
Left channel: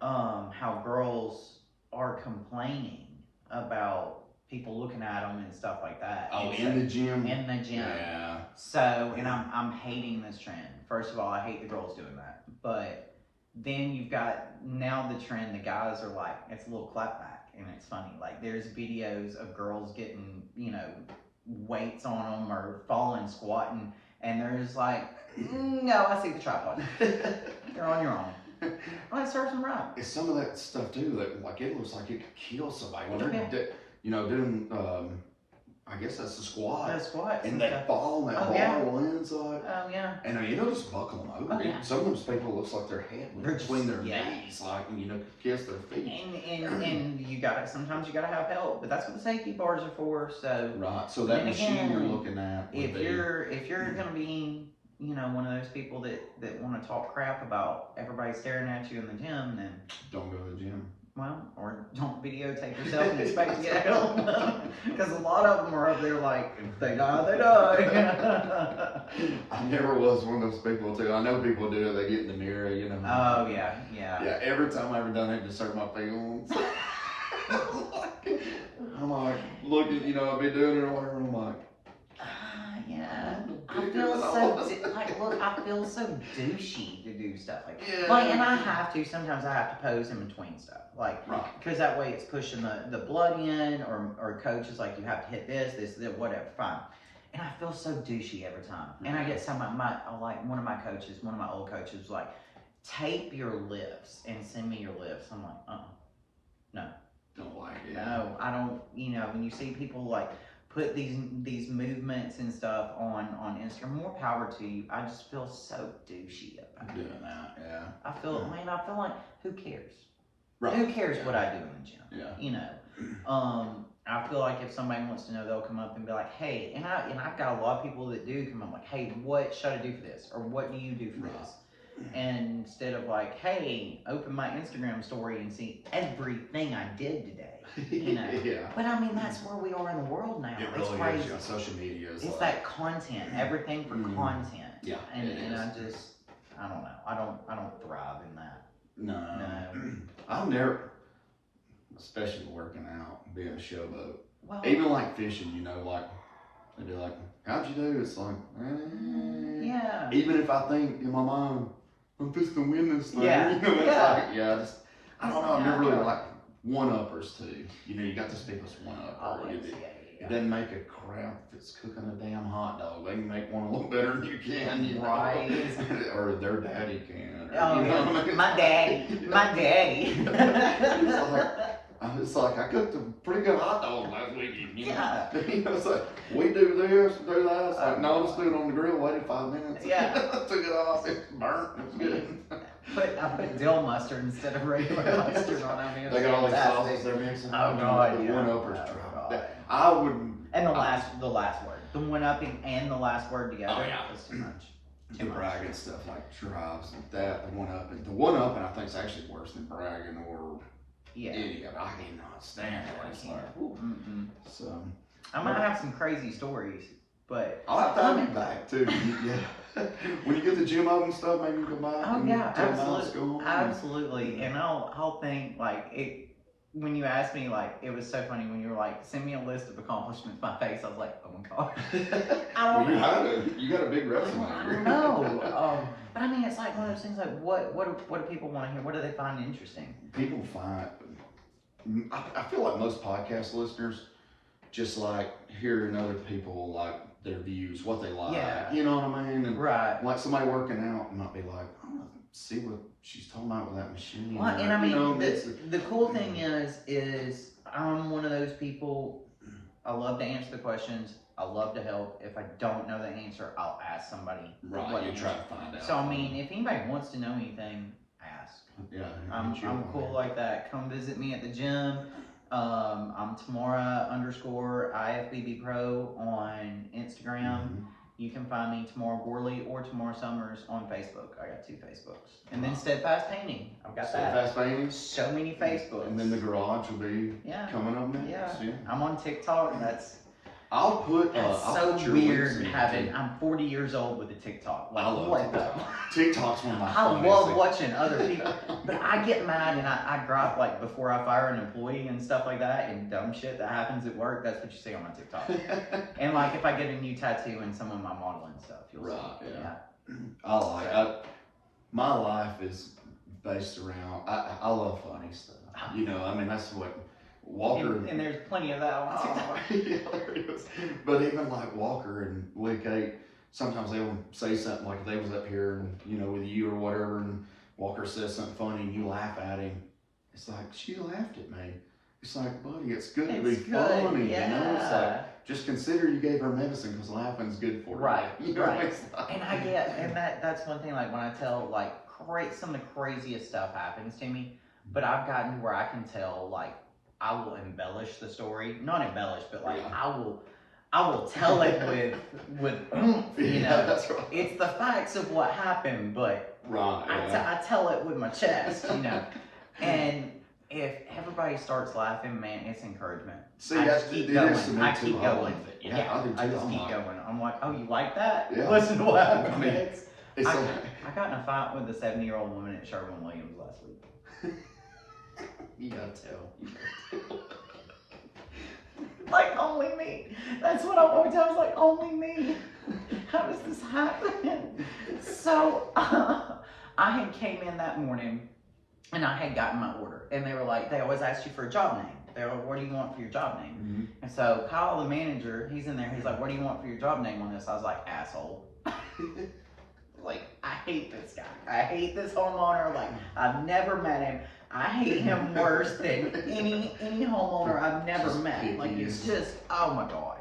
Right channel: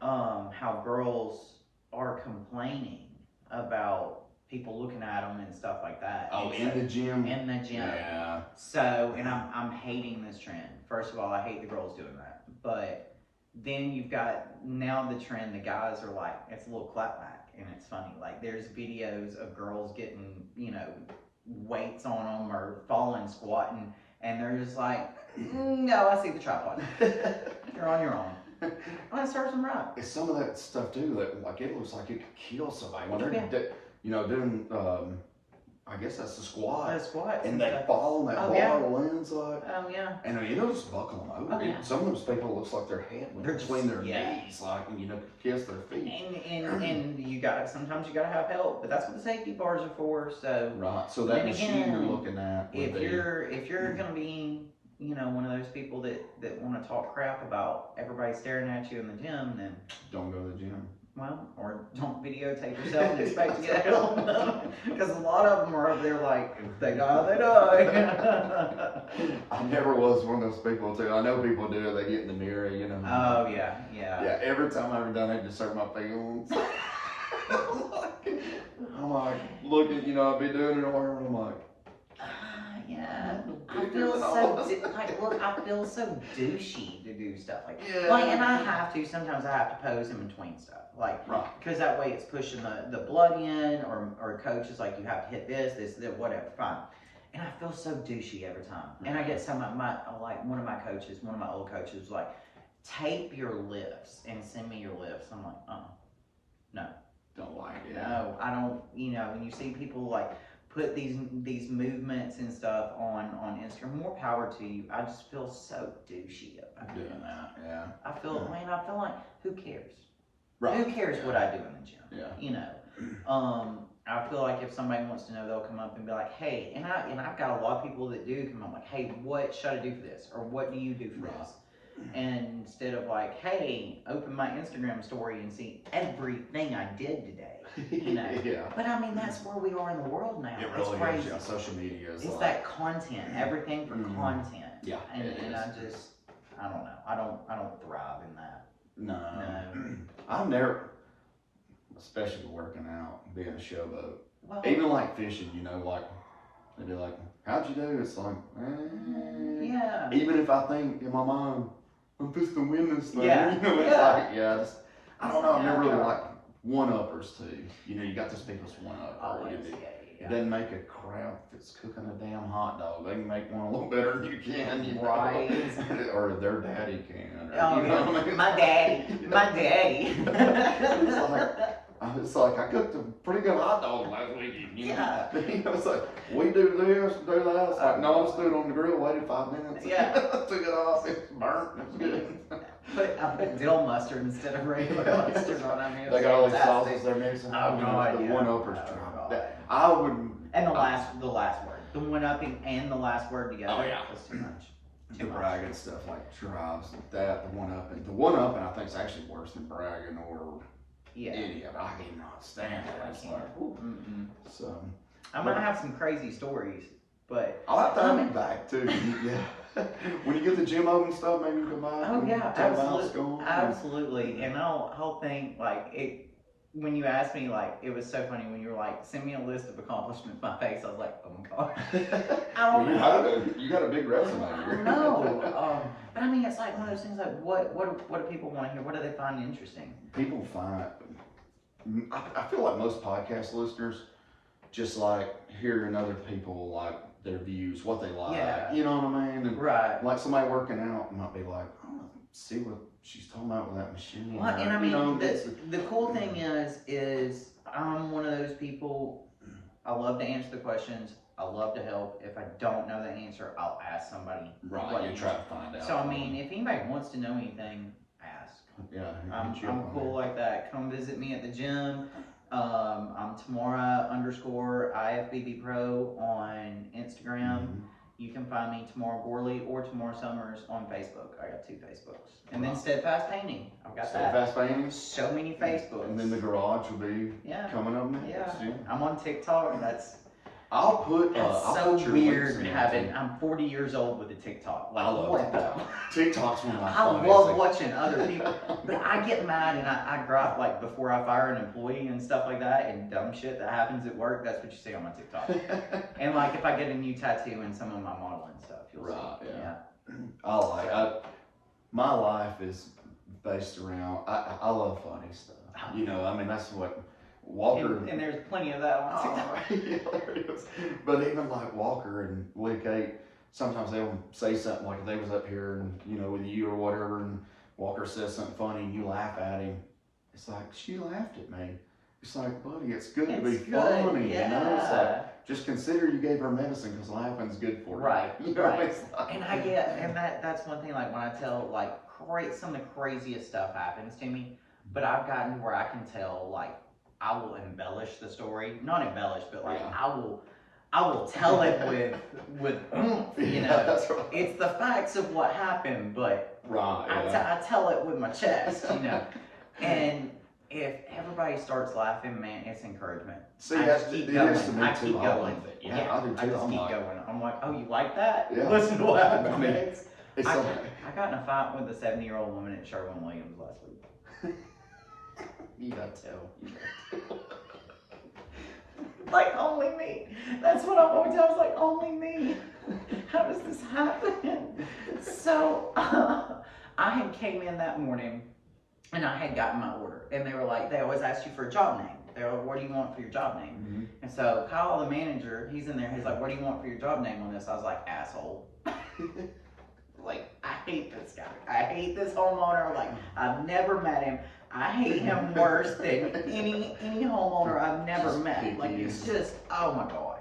how girls are complaining about people looking at them and stuff like that. Oh, in the gym? In the gym. Yeah. So, and I'm hating this trend. First of all, I hate the girls doing that. But then you've got now the trend, the guys are like, it's a little clapback, and it's funny. Like, there's videos of girls getting, you know, weights on them or falling, squatting, and they're just like, no, I see the tripod. You're on your own. Well, it serves them right. It's some of that stuff too that like it looks like it could kill somebody when they're you know, doing I guess that's the squat. The squats. And they fall and that bar lands like. Oh yeah. And I mean, it'll just buckle them over. Some of those people, it looks like their head went between their knees, like, and you know, kiss their feet. And you sometimes you gotta have help, but that's what the safety bars are for. So Right. So that then machine again, you're looking at. if you're gonna be, one of those people that want to talk crap about everybody staring at you in the gym, then don't go to the gym. well, or don't videotape yourself and expect to get help. Because a lot of them are up there like, if they die, they die. I never was one of those people too. I know people do it. They get in the mirror, Oh, yeah. Yeah, every time I've ever done it, just hurt my feelings. I'm like, looking, I'd be doing it or whatever, and I'm like, yeah. I feel so douchey to do stuff like that. Yeah. And I have to, sometimes I have to pose in between stuff. Because that way it's pushing the blood in, or coach is like, you have to hit this, whatever, fine. And I feel so douchey every time. And I get one of my old coaches was like, tape your lifts and send me your lifts. I'm like, no. Don't like it. No, I don't, when you see people like put these movements and stuff on Instagram, more power to you. I just feel so douchey about doing that. Yeah. I feel like, who cares? Right. Who cares what I do in the gym? Yeah. I feel like if somebody wants to know, they'll come up and be like, hey, and I've got a lot of people that do come up like, hey, what should I do for this? Or what do you do for this? And instead of like, hey, open my Instagram story and see everything I did today, Yeah. But I mean, that's where we are in the world now. It really it's crazy. is. Social media is It's that content, everything for content. Yeah. And I don't know. I don't thrive in that. No. I've never, especially working out, being a showboat. Well, Even like fishing, like they'd be like, how'd you do? It's like, yeah. Even if I think in my mind, I'm supposed to win this thing. Yeah. It's like, I don't know. I've never really liked one-uppers too. You got those people's one-upper. It doesn't make a crowd that's cooking a damn hot dog. They can make one a little better than you can, Right. Or their daddy can. Or, what I mean? My daddy. It's like I cooked a pretty good hot dog last weekend, Yeah. It's like, we do this, do that. It's like, no, let's do it on the grill, waited 5 minutes. Yeah. Took it off, it's burnt, it's good. I put dill mustard instead of regular mustard on. I mean, They got all these sauces they're mixing. Oh, God, The yeah. one-uppers Oh, drop. God. I wouldn't. And the last word. The one-upping and the last word together. Oh, yeah. That's too much. The bragging stuff like drives and that, the one-upping. The one-upping I think is actually worse than bragging or any of it. I cannot stand it. It's like, so. I might have some crazy stories, but I'll have to have you back too. Yeah. When you get the gym open stuff, maybe you come by. oh yeah, tell me how it's going. absolutely. And I'll think like it. When you asked me, like, it was so funny when you were like, send me a list of accomplishments. My face, I was like, oh my god. I don't know. You got a big resume. I don't know. But I mean, it's like one of those things. Like, what do people want to hear? What do they find interesting? People find. I feel like most podcast listeners just like hearing other people like their views, what they like. Yeah. You know what I mean? And Right. like somebody working out might be like, I want to see what she's talking about with that machine. Well, and I mean, the cool thing is I'm one of those people. I love to answer the questions. I love to help. If I don't know the answer, I'll ask somebody. Right. You try to find out. So I mean, if anybody wants to know anything, ask. Yeah. I'm cool like that. Come visit me at the gym. I'm Tamara _IFBB Pro on Instagram. You can find me Tamara Gourley or Tamara Summers on Facebook. I got 2 Facebooks. And then Steadfast Painting. I've got Steadfast Painting. so many Facebooks. And then the garage will be coming up next. Yeah. I'm on TikTok. I'll put That's so weird having. I'm 40 years old with a TikTok. Like, I love what TikTok. TikTok's one of my I funniest love things. watching other people, but I get mad and I drop like before I fire an employee and stuff like that, and dumb shit that happens at work. That's what you see on my TikTok. And like if I get a new tattoo and some of my modeling stuff, you'll see. Yeah. My life is based around. I love funny stuff. I mean that's what. Walker and there's plenty of that on TikTok. Hilarious. But even like Walker and Lee Kate, sometimes they'll say something like if they was up here and with you or whatever, and Walker says something funny and you laugh at him. It's like she laughed at me. It's like, buddy, it's good to be funny. Yeah. It's like just consider you gave her medicine because laughing's good for right. you. Right. And I get, and that's one thing. Like when I tell some of the craziest stuff happens to me, but I've gotten to where I can tell like. I will embellish the story. Not embellish, but like I will tell it with you know. That's right. It's the facts of what happened, but Right. I tell it with my chest, you know. And if everybody starts laughing, man, it's encouragement. See, I that's just keep it going. is to me I too. keep I going. love it. Yeah, I do too. I just I'm keep like, going. I'm like, oh, you like that? Yeah. Listen to what happened I mean, next. it's I like, got in a fight with a 70-year-old woman at Sherwin-Williams last week. you gotta tell. Like, only me. That's what I always tell. I was like, only me. How does this happen? So, I had came in that morning and I had gotten my order. And they were like, they always ask you for a job name. They're like, what do you want for your job name? Mm-hmm. And so Kyle, the manager, he's in there. He's like, what do you want for your job name on this? I was like, asshole. Like, I hate this guy. I hate this homeowner. Like, I've never met him. I hate him worse than any homeowner I've never met. Like, it's just, oh my God.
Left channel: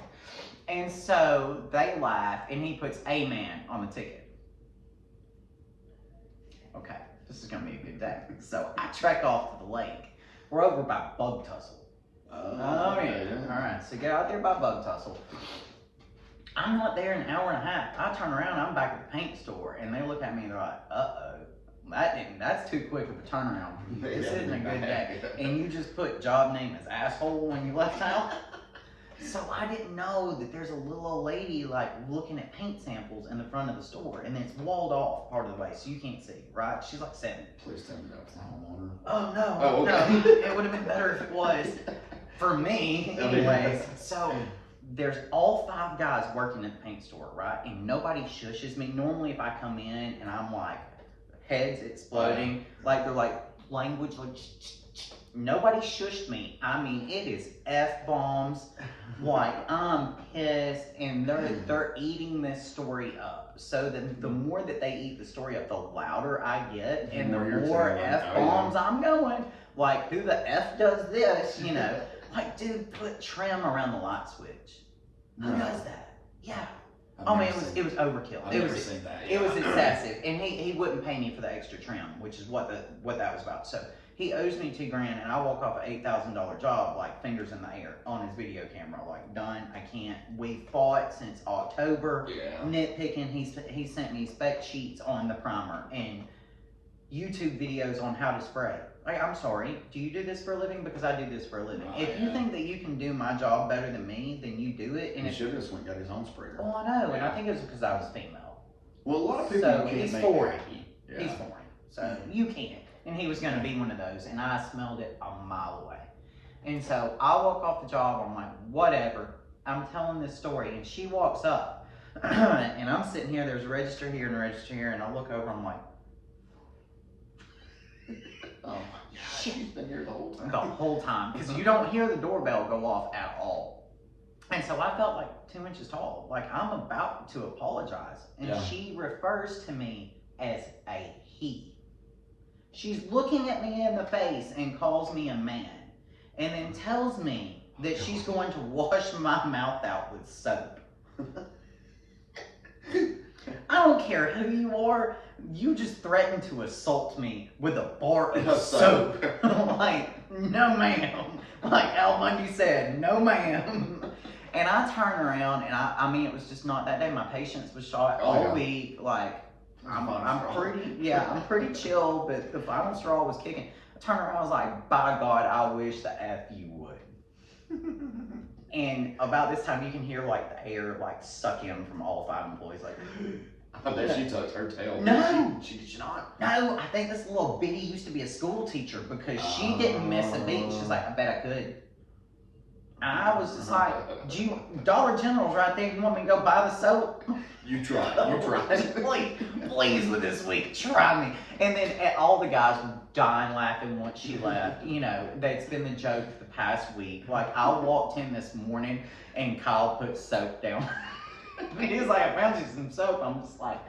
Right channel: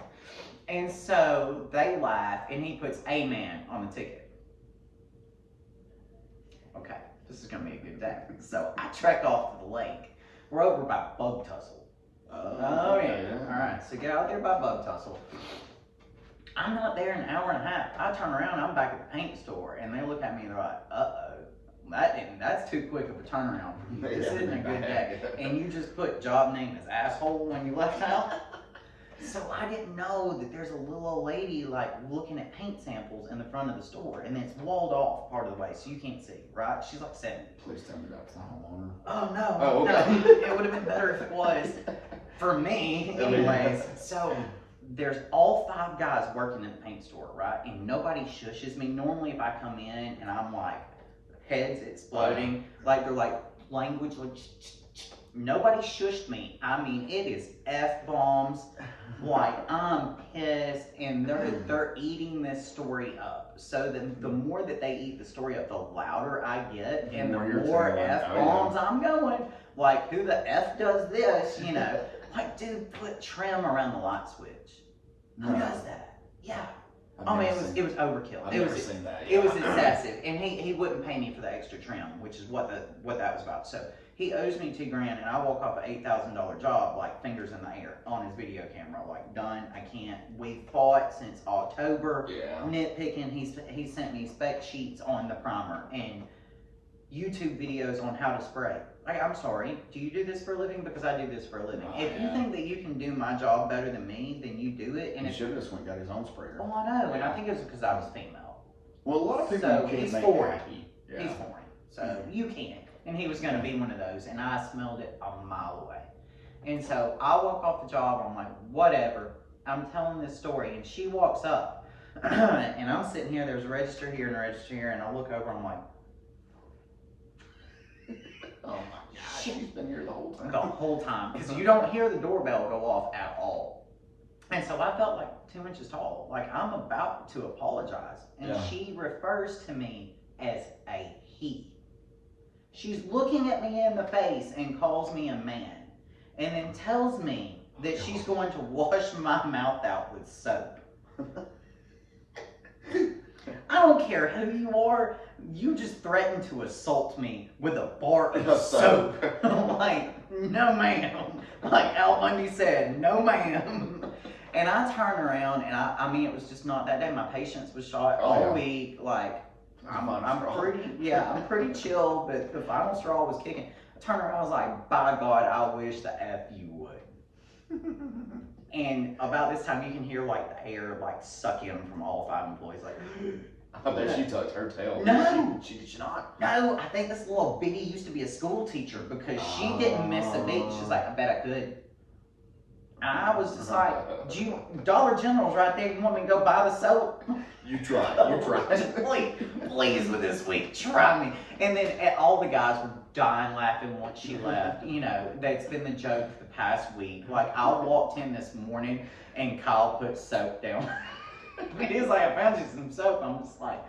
And so they laugh, and he puts amen on the ticket. Okay, this is gonna be a good day. So I trek off to the lake. We're over by Bug Tussle. Oh yeah. All right, so get out there by Bug Tussle. I'm not there in an hour and a half. I turn around, I'm back at the paint store, and they look at me and they're like, that's too quick of a turnaround. This isn't a good day. And you just put job name as asshole when you left out. So I didn't know that there's a little old lady like looking at paint samples in the front of the store, and it's walled off part of the way, so you can't see, right? She's like 70. Please tell me that's the homeowner. Oh no, Oh, okay. no, it would have been better if it was. For me, anyways. So there's all 5 guys working at the paint store, right? And nobody shushes me. Normally if I come in and I'm like, heads exploding, like they're like language, like nobody shushed me. I mean, it is F-bombs, like I'm pissed, and they're eating this story up. So the more that they eat the story up, the louder I get, and the more F-bombs I'm going. Like, who the F does this, you know? Like, dude, put trim around the light switch. Who does that? Yeah. Oh man, it was overkill. I've never seen that. It was excessive, and he wouldn't pay me for the extra trim, which is what that was about. So he owes me $2,000, and I walk off an $8,000 job like fingers in the air on his video camera, like done. I can't. We fought since October, nitpicking. He sent me spec sheets on the primer and YouTube videos on how to spray. Like, I'm sorry, do you do this for a living? Because I do this for a living. If you think that you can do my job better than me, then you do it. And he should have just went and got his own sprayer. Oh, I know, and I think it was because I was female. Well, a lot of people So can't he's make foreign. happy. Yeah. He's foreign, so you can't. And he was going to be one of those, and I smelled it a mile away. And so I walk off the job, I'm like, whatever. I'm telling this story, and she walks up, and I'm sitting here, there's a register here and a register here, and I look over, I'm like, Oh my God, she's been here the whole time. the whole time, because you don't hear the doorbell go off at all. And so I felt like 2 inches tall, like I'm about to apologize. And she refers to me as a he. She's looking at me in the face and calls me a man, and then tells me that she's going to wash my mouth out with soap. I don't care who you are, you just threatened to assault me with a bar of soap. Like, no ma'am. Like Al Bundy said, no ma'am. And I turn around, and I mean, it was just not that day. My patience was shot all week. Like, I'm pretty chill, but the final straw was kicking. I turned around, I was like, by God, I wish the F you would. And about this time, you can hear like the air like suck in from all 5 employees. Like, I bet she touched her tail. No, she did not. No, I think this little bitty used to be a school teacher because she didn't miss a beat. She's like, I bet I could. And I was just like, Dollar General's right there. You want me to go buy the soap? You try. You try. please, with this week, try me. And then all the guys were dying laughing once she left. You know, that's been the joke the past week. Like, I walked in this morning and Kyle put soap down. He was like, I found you some soap. I'm just like,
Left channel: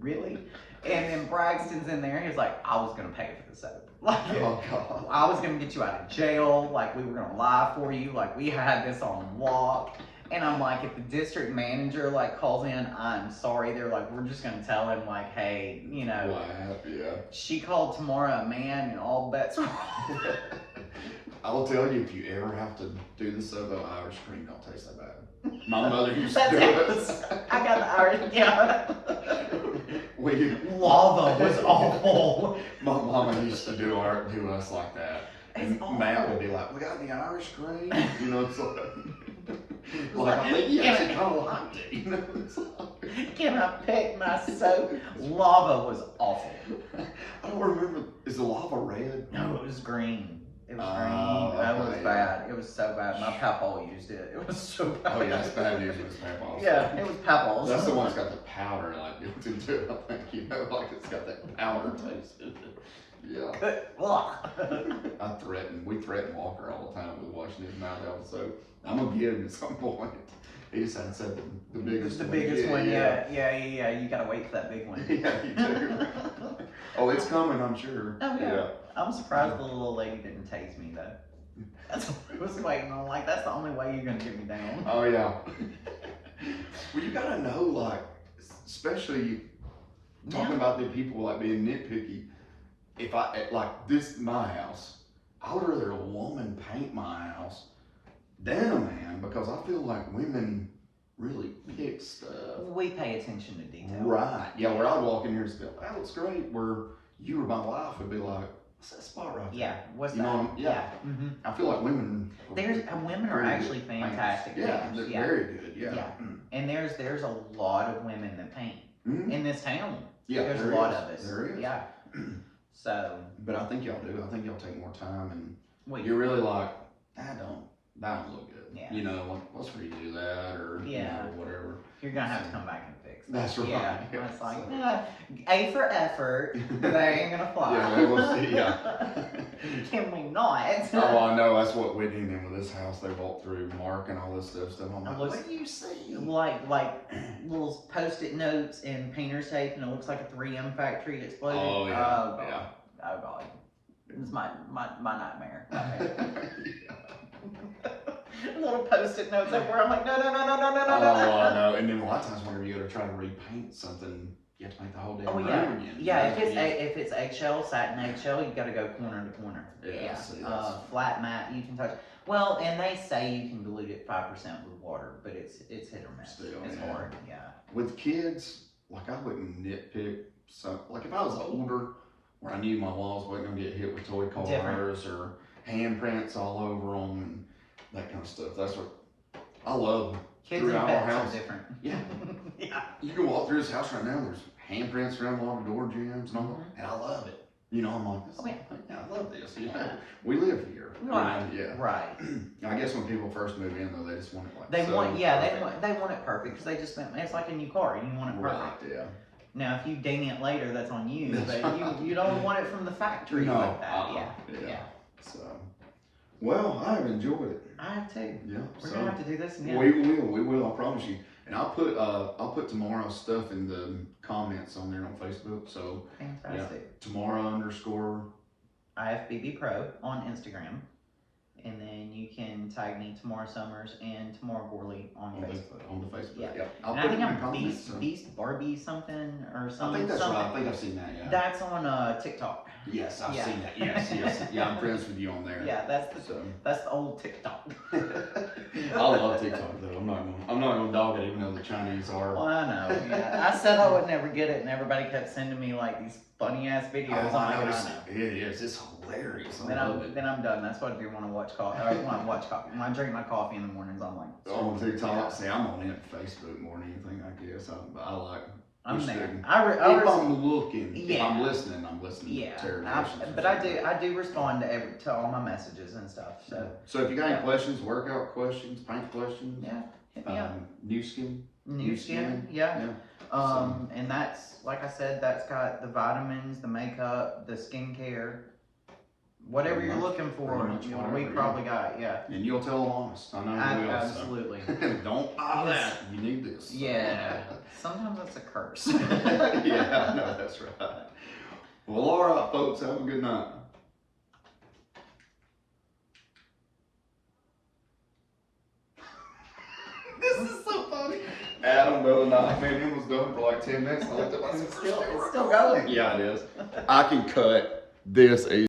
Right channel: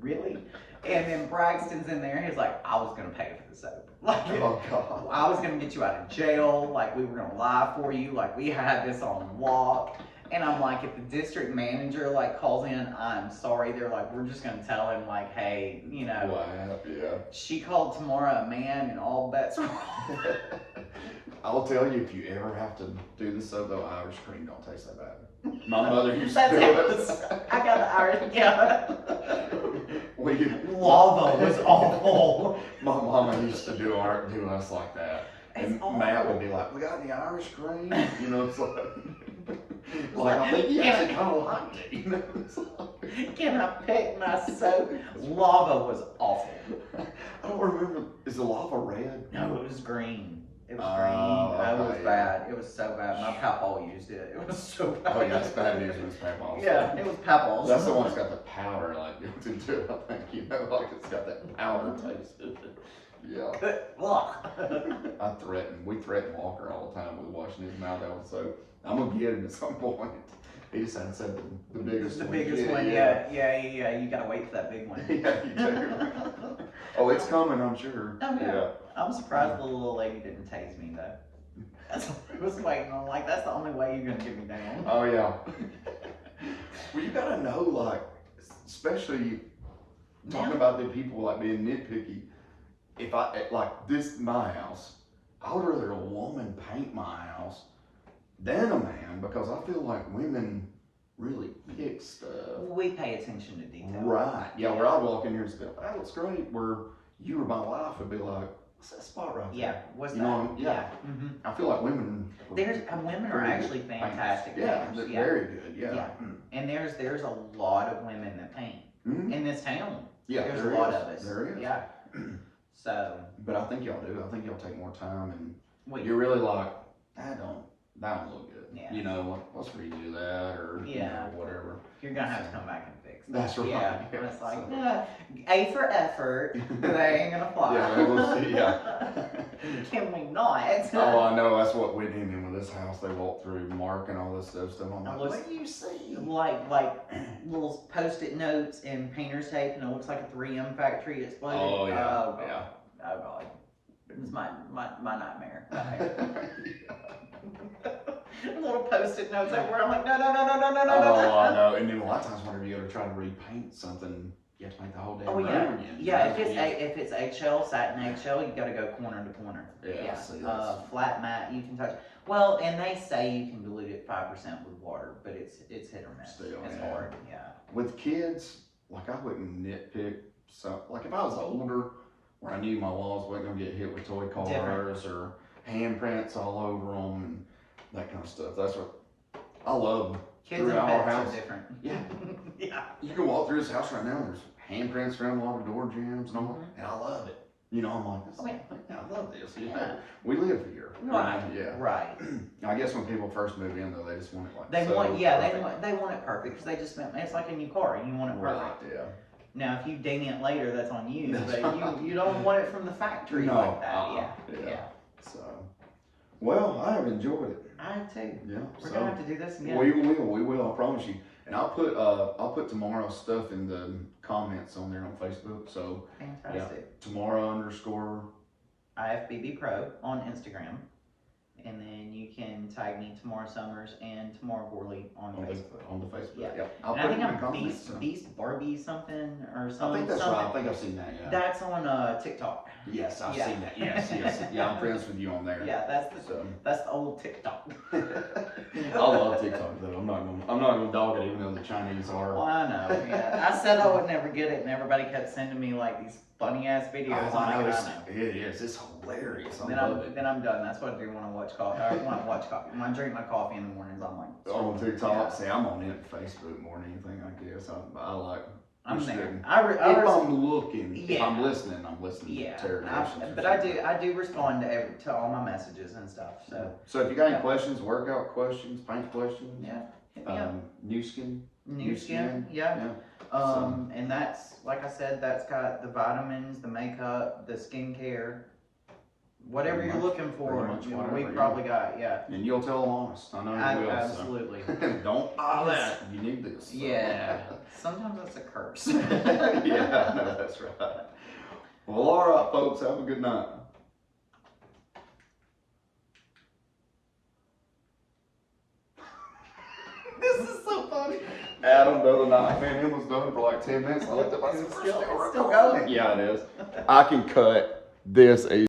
really? And then Braxton's in there. He's like, I was going to pay for the soap. Like, oh, God. I was going to get you out of jail. Like, we were going to lie for you. Like, we had this on lock. And I'm like, if the district manager, like, calls in, I'm sorry. They're like, we're just going to tell him, like, hey, you know. Wow, yeah. She called Tamara a man and all bets were I'll tell you, if you ever have to do this stuff, though, Irish cream don't taste that bad. My mother used to do it. I got the Irish, yeah. Lava was awful. My mama used to do us like that. And Matt would be like, "We got any Irish cream?" You know, it's like I think he actually kind of liked it. You know, can I pick my soap? Lava was awful. I don't remember. Is the lava red? No, it was green. It was green. It was bad. It was so bad. My papa used it. It was so bad. Oh yeah, it's bad news when it's papa's. Yeah, it was papa's. That's the one that's got the powder like built into it. I think like it's got that powder taste in it. Yeah. We threaten Walker all the time with washing his mouth out with soap. I'm gonna get him at some point. He just hadn't said the biggest one. The biggest one, yeah. You gotta wait for that big one. Yeah, you do. Oh, it's coming, I'm sure. Oh yeah. I'm surprised the little lady didn't tase me though. That's what I was waiting on. Like, that's the only way you're gonna get me down. Oh yeah. Well, you gotta know, like, especially talking about the people like being nitpicky. If my house, I would rather a woman paint my house than a man, because I feel like women really pick stuff. We pay attention to detail. Right. Yeah, where I'd walk in here and be like, "That looks great." Where you or my wife would be like, "What's that spot right there?" Yeah. What's you that? know what I mean? Yeah. Mm-hmm. I feel like women. Women are actually fantastic. Yeah, painters. they're very good. Yeah. And there's a lot of women that paint in this town. Yeah, there's a lot of us. There is. Yeah. So. But I think y'all do. I think y'all take more time, and you're really like, that don't look good. Yeah. You know, what's for you to do that, or you know, whatever. You're gonna have to come back and fix it. That's right. Yeah. It's like, A for effort, but that ain't gonna fly. Yeah, Can we not? Oh, I know. That's what Whitney and them with this house. They walked through Mark and all this stuff. I'm like, what do you see? Like little Post-it notes and painter's tape, and it looks like a 3M factory exploded. Oh yeah. Oh, God. Oh God. It's my nightmare. Little Post-it notes everywhere. I'm like, no. Oh, I know. And then a lot of times, whenever you go to try to repaint something, you have to paint the whole damn room again. Yeah, if it's eggshell, satin eggshell, you got to go corner to corner. Yeah. See, flat mat, you can touch. Well, and they say you can dilute it 5% with water, but it's hit or miss. It's hard. Yeah. With kids, like, I wouldn't nitpick. So, like, if I was older, where I knew my walls wasn't gonna get hit with toy cars or handprints all over them and that kind of stuff. That's what I love. Kids and pets are different. Yeah. Yeah. You can walk through this house right now, and there's handprints around a lot of door jambs and all that, and I love it. You know, I'm like, I love this. You know, we live here. Right. You know? Yeah. Right. I guess when people first move in, though, they just want it like they want it perfect, because they just spent. It's like a new car, and you want it perfect. Right. Yeah. Now, if you ding it later, that's on you. That's but you don't want it from the factory like that. Yeah. So, well, I have enjoyed it. I have too. Yeah. We're gonna have to do this again. We will. I promise you. And I'll put tomorrow's stuff in the comments on there on Facebook. So fantastic. Tamara _IFBB Pro on Instagram. And then you can tag me Tamara Summers and Tamara Gourley on Facebook. On the Facebook. Yeah. I'll and put I think it in I'm the comments. Beast Barbie something or something. I think that's right. I think I've seen that. Yeah. That's on TikTok. Yes, I've seen that. Yes. Yeah, I'm friends with you on there. Yeah, that's the old TikTok. I love TikTok though. I'm not gonna dog it, even though the Chinese are. Well, I know. Yeah. I said I would never get it, and everybody kept sending me like these funny ass videos. Oh, I know. It is. It's hilarious. Then I'm done. That's what I do when I watch coffee. When I drink my coffee in the mornings, I'm like on TikTok. Yeah. See, I'm on it Facebook more than anything. I guess I like. I'm there. I'm looking, if I'm listening, Yeah, to but I do respond to all my messages and stuff. So if you got any questions, workout questions, paint questions, hit me up. New skin, yeah. And that's, like I said, that's got the vitamins, the makeup, the skincare, whatever you're looking for. We probably got, And you'll tell them honest. I know you will. Absolutely. So. Don't buy that. You need this. So. Yeah. Sometimes that's a curse. Yeah, I know, that's right. Well, all right, folks. Have a good night. This is so funny. Adam the other night, man, it was done for like 10 minutes. I looked up, it's still going. Yeah, it is. I can cut this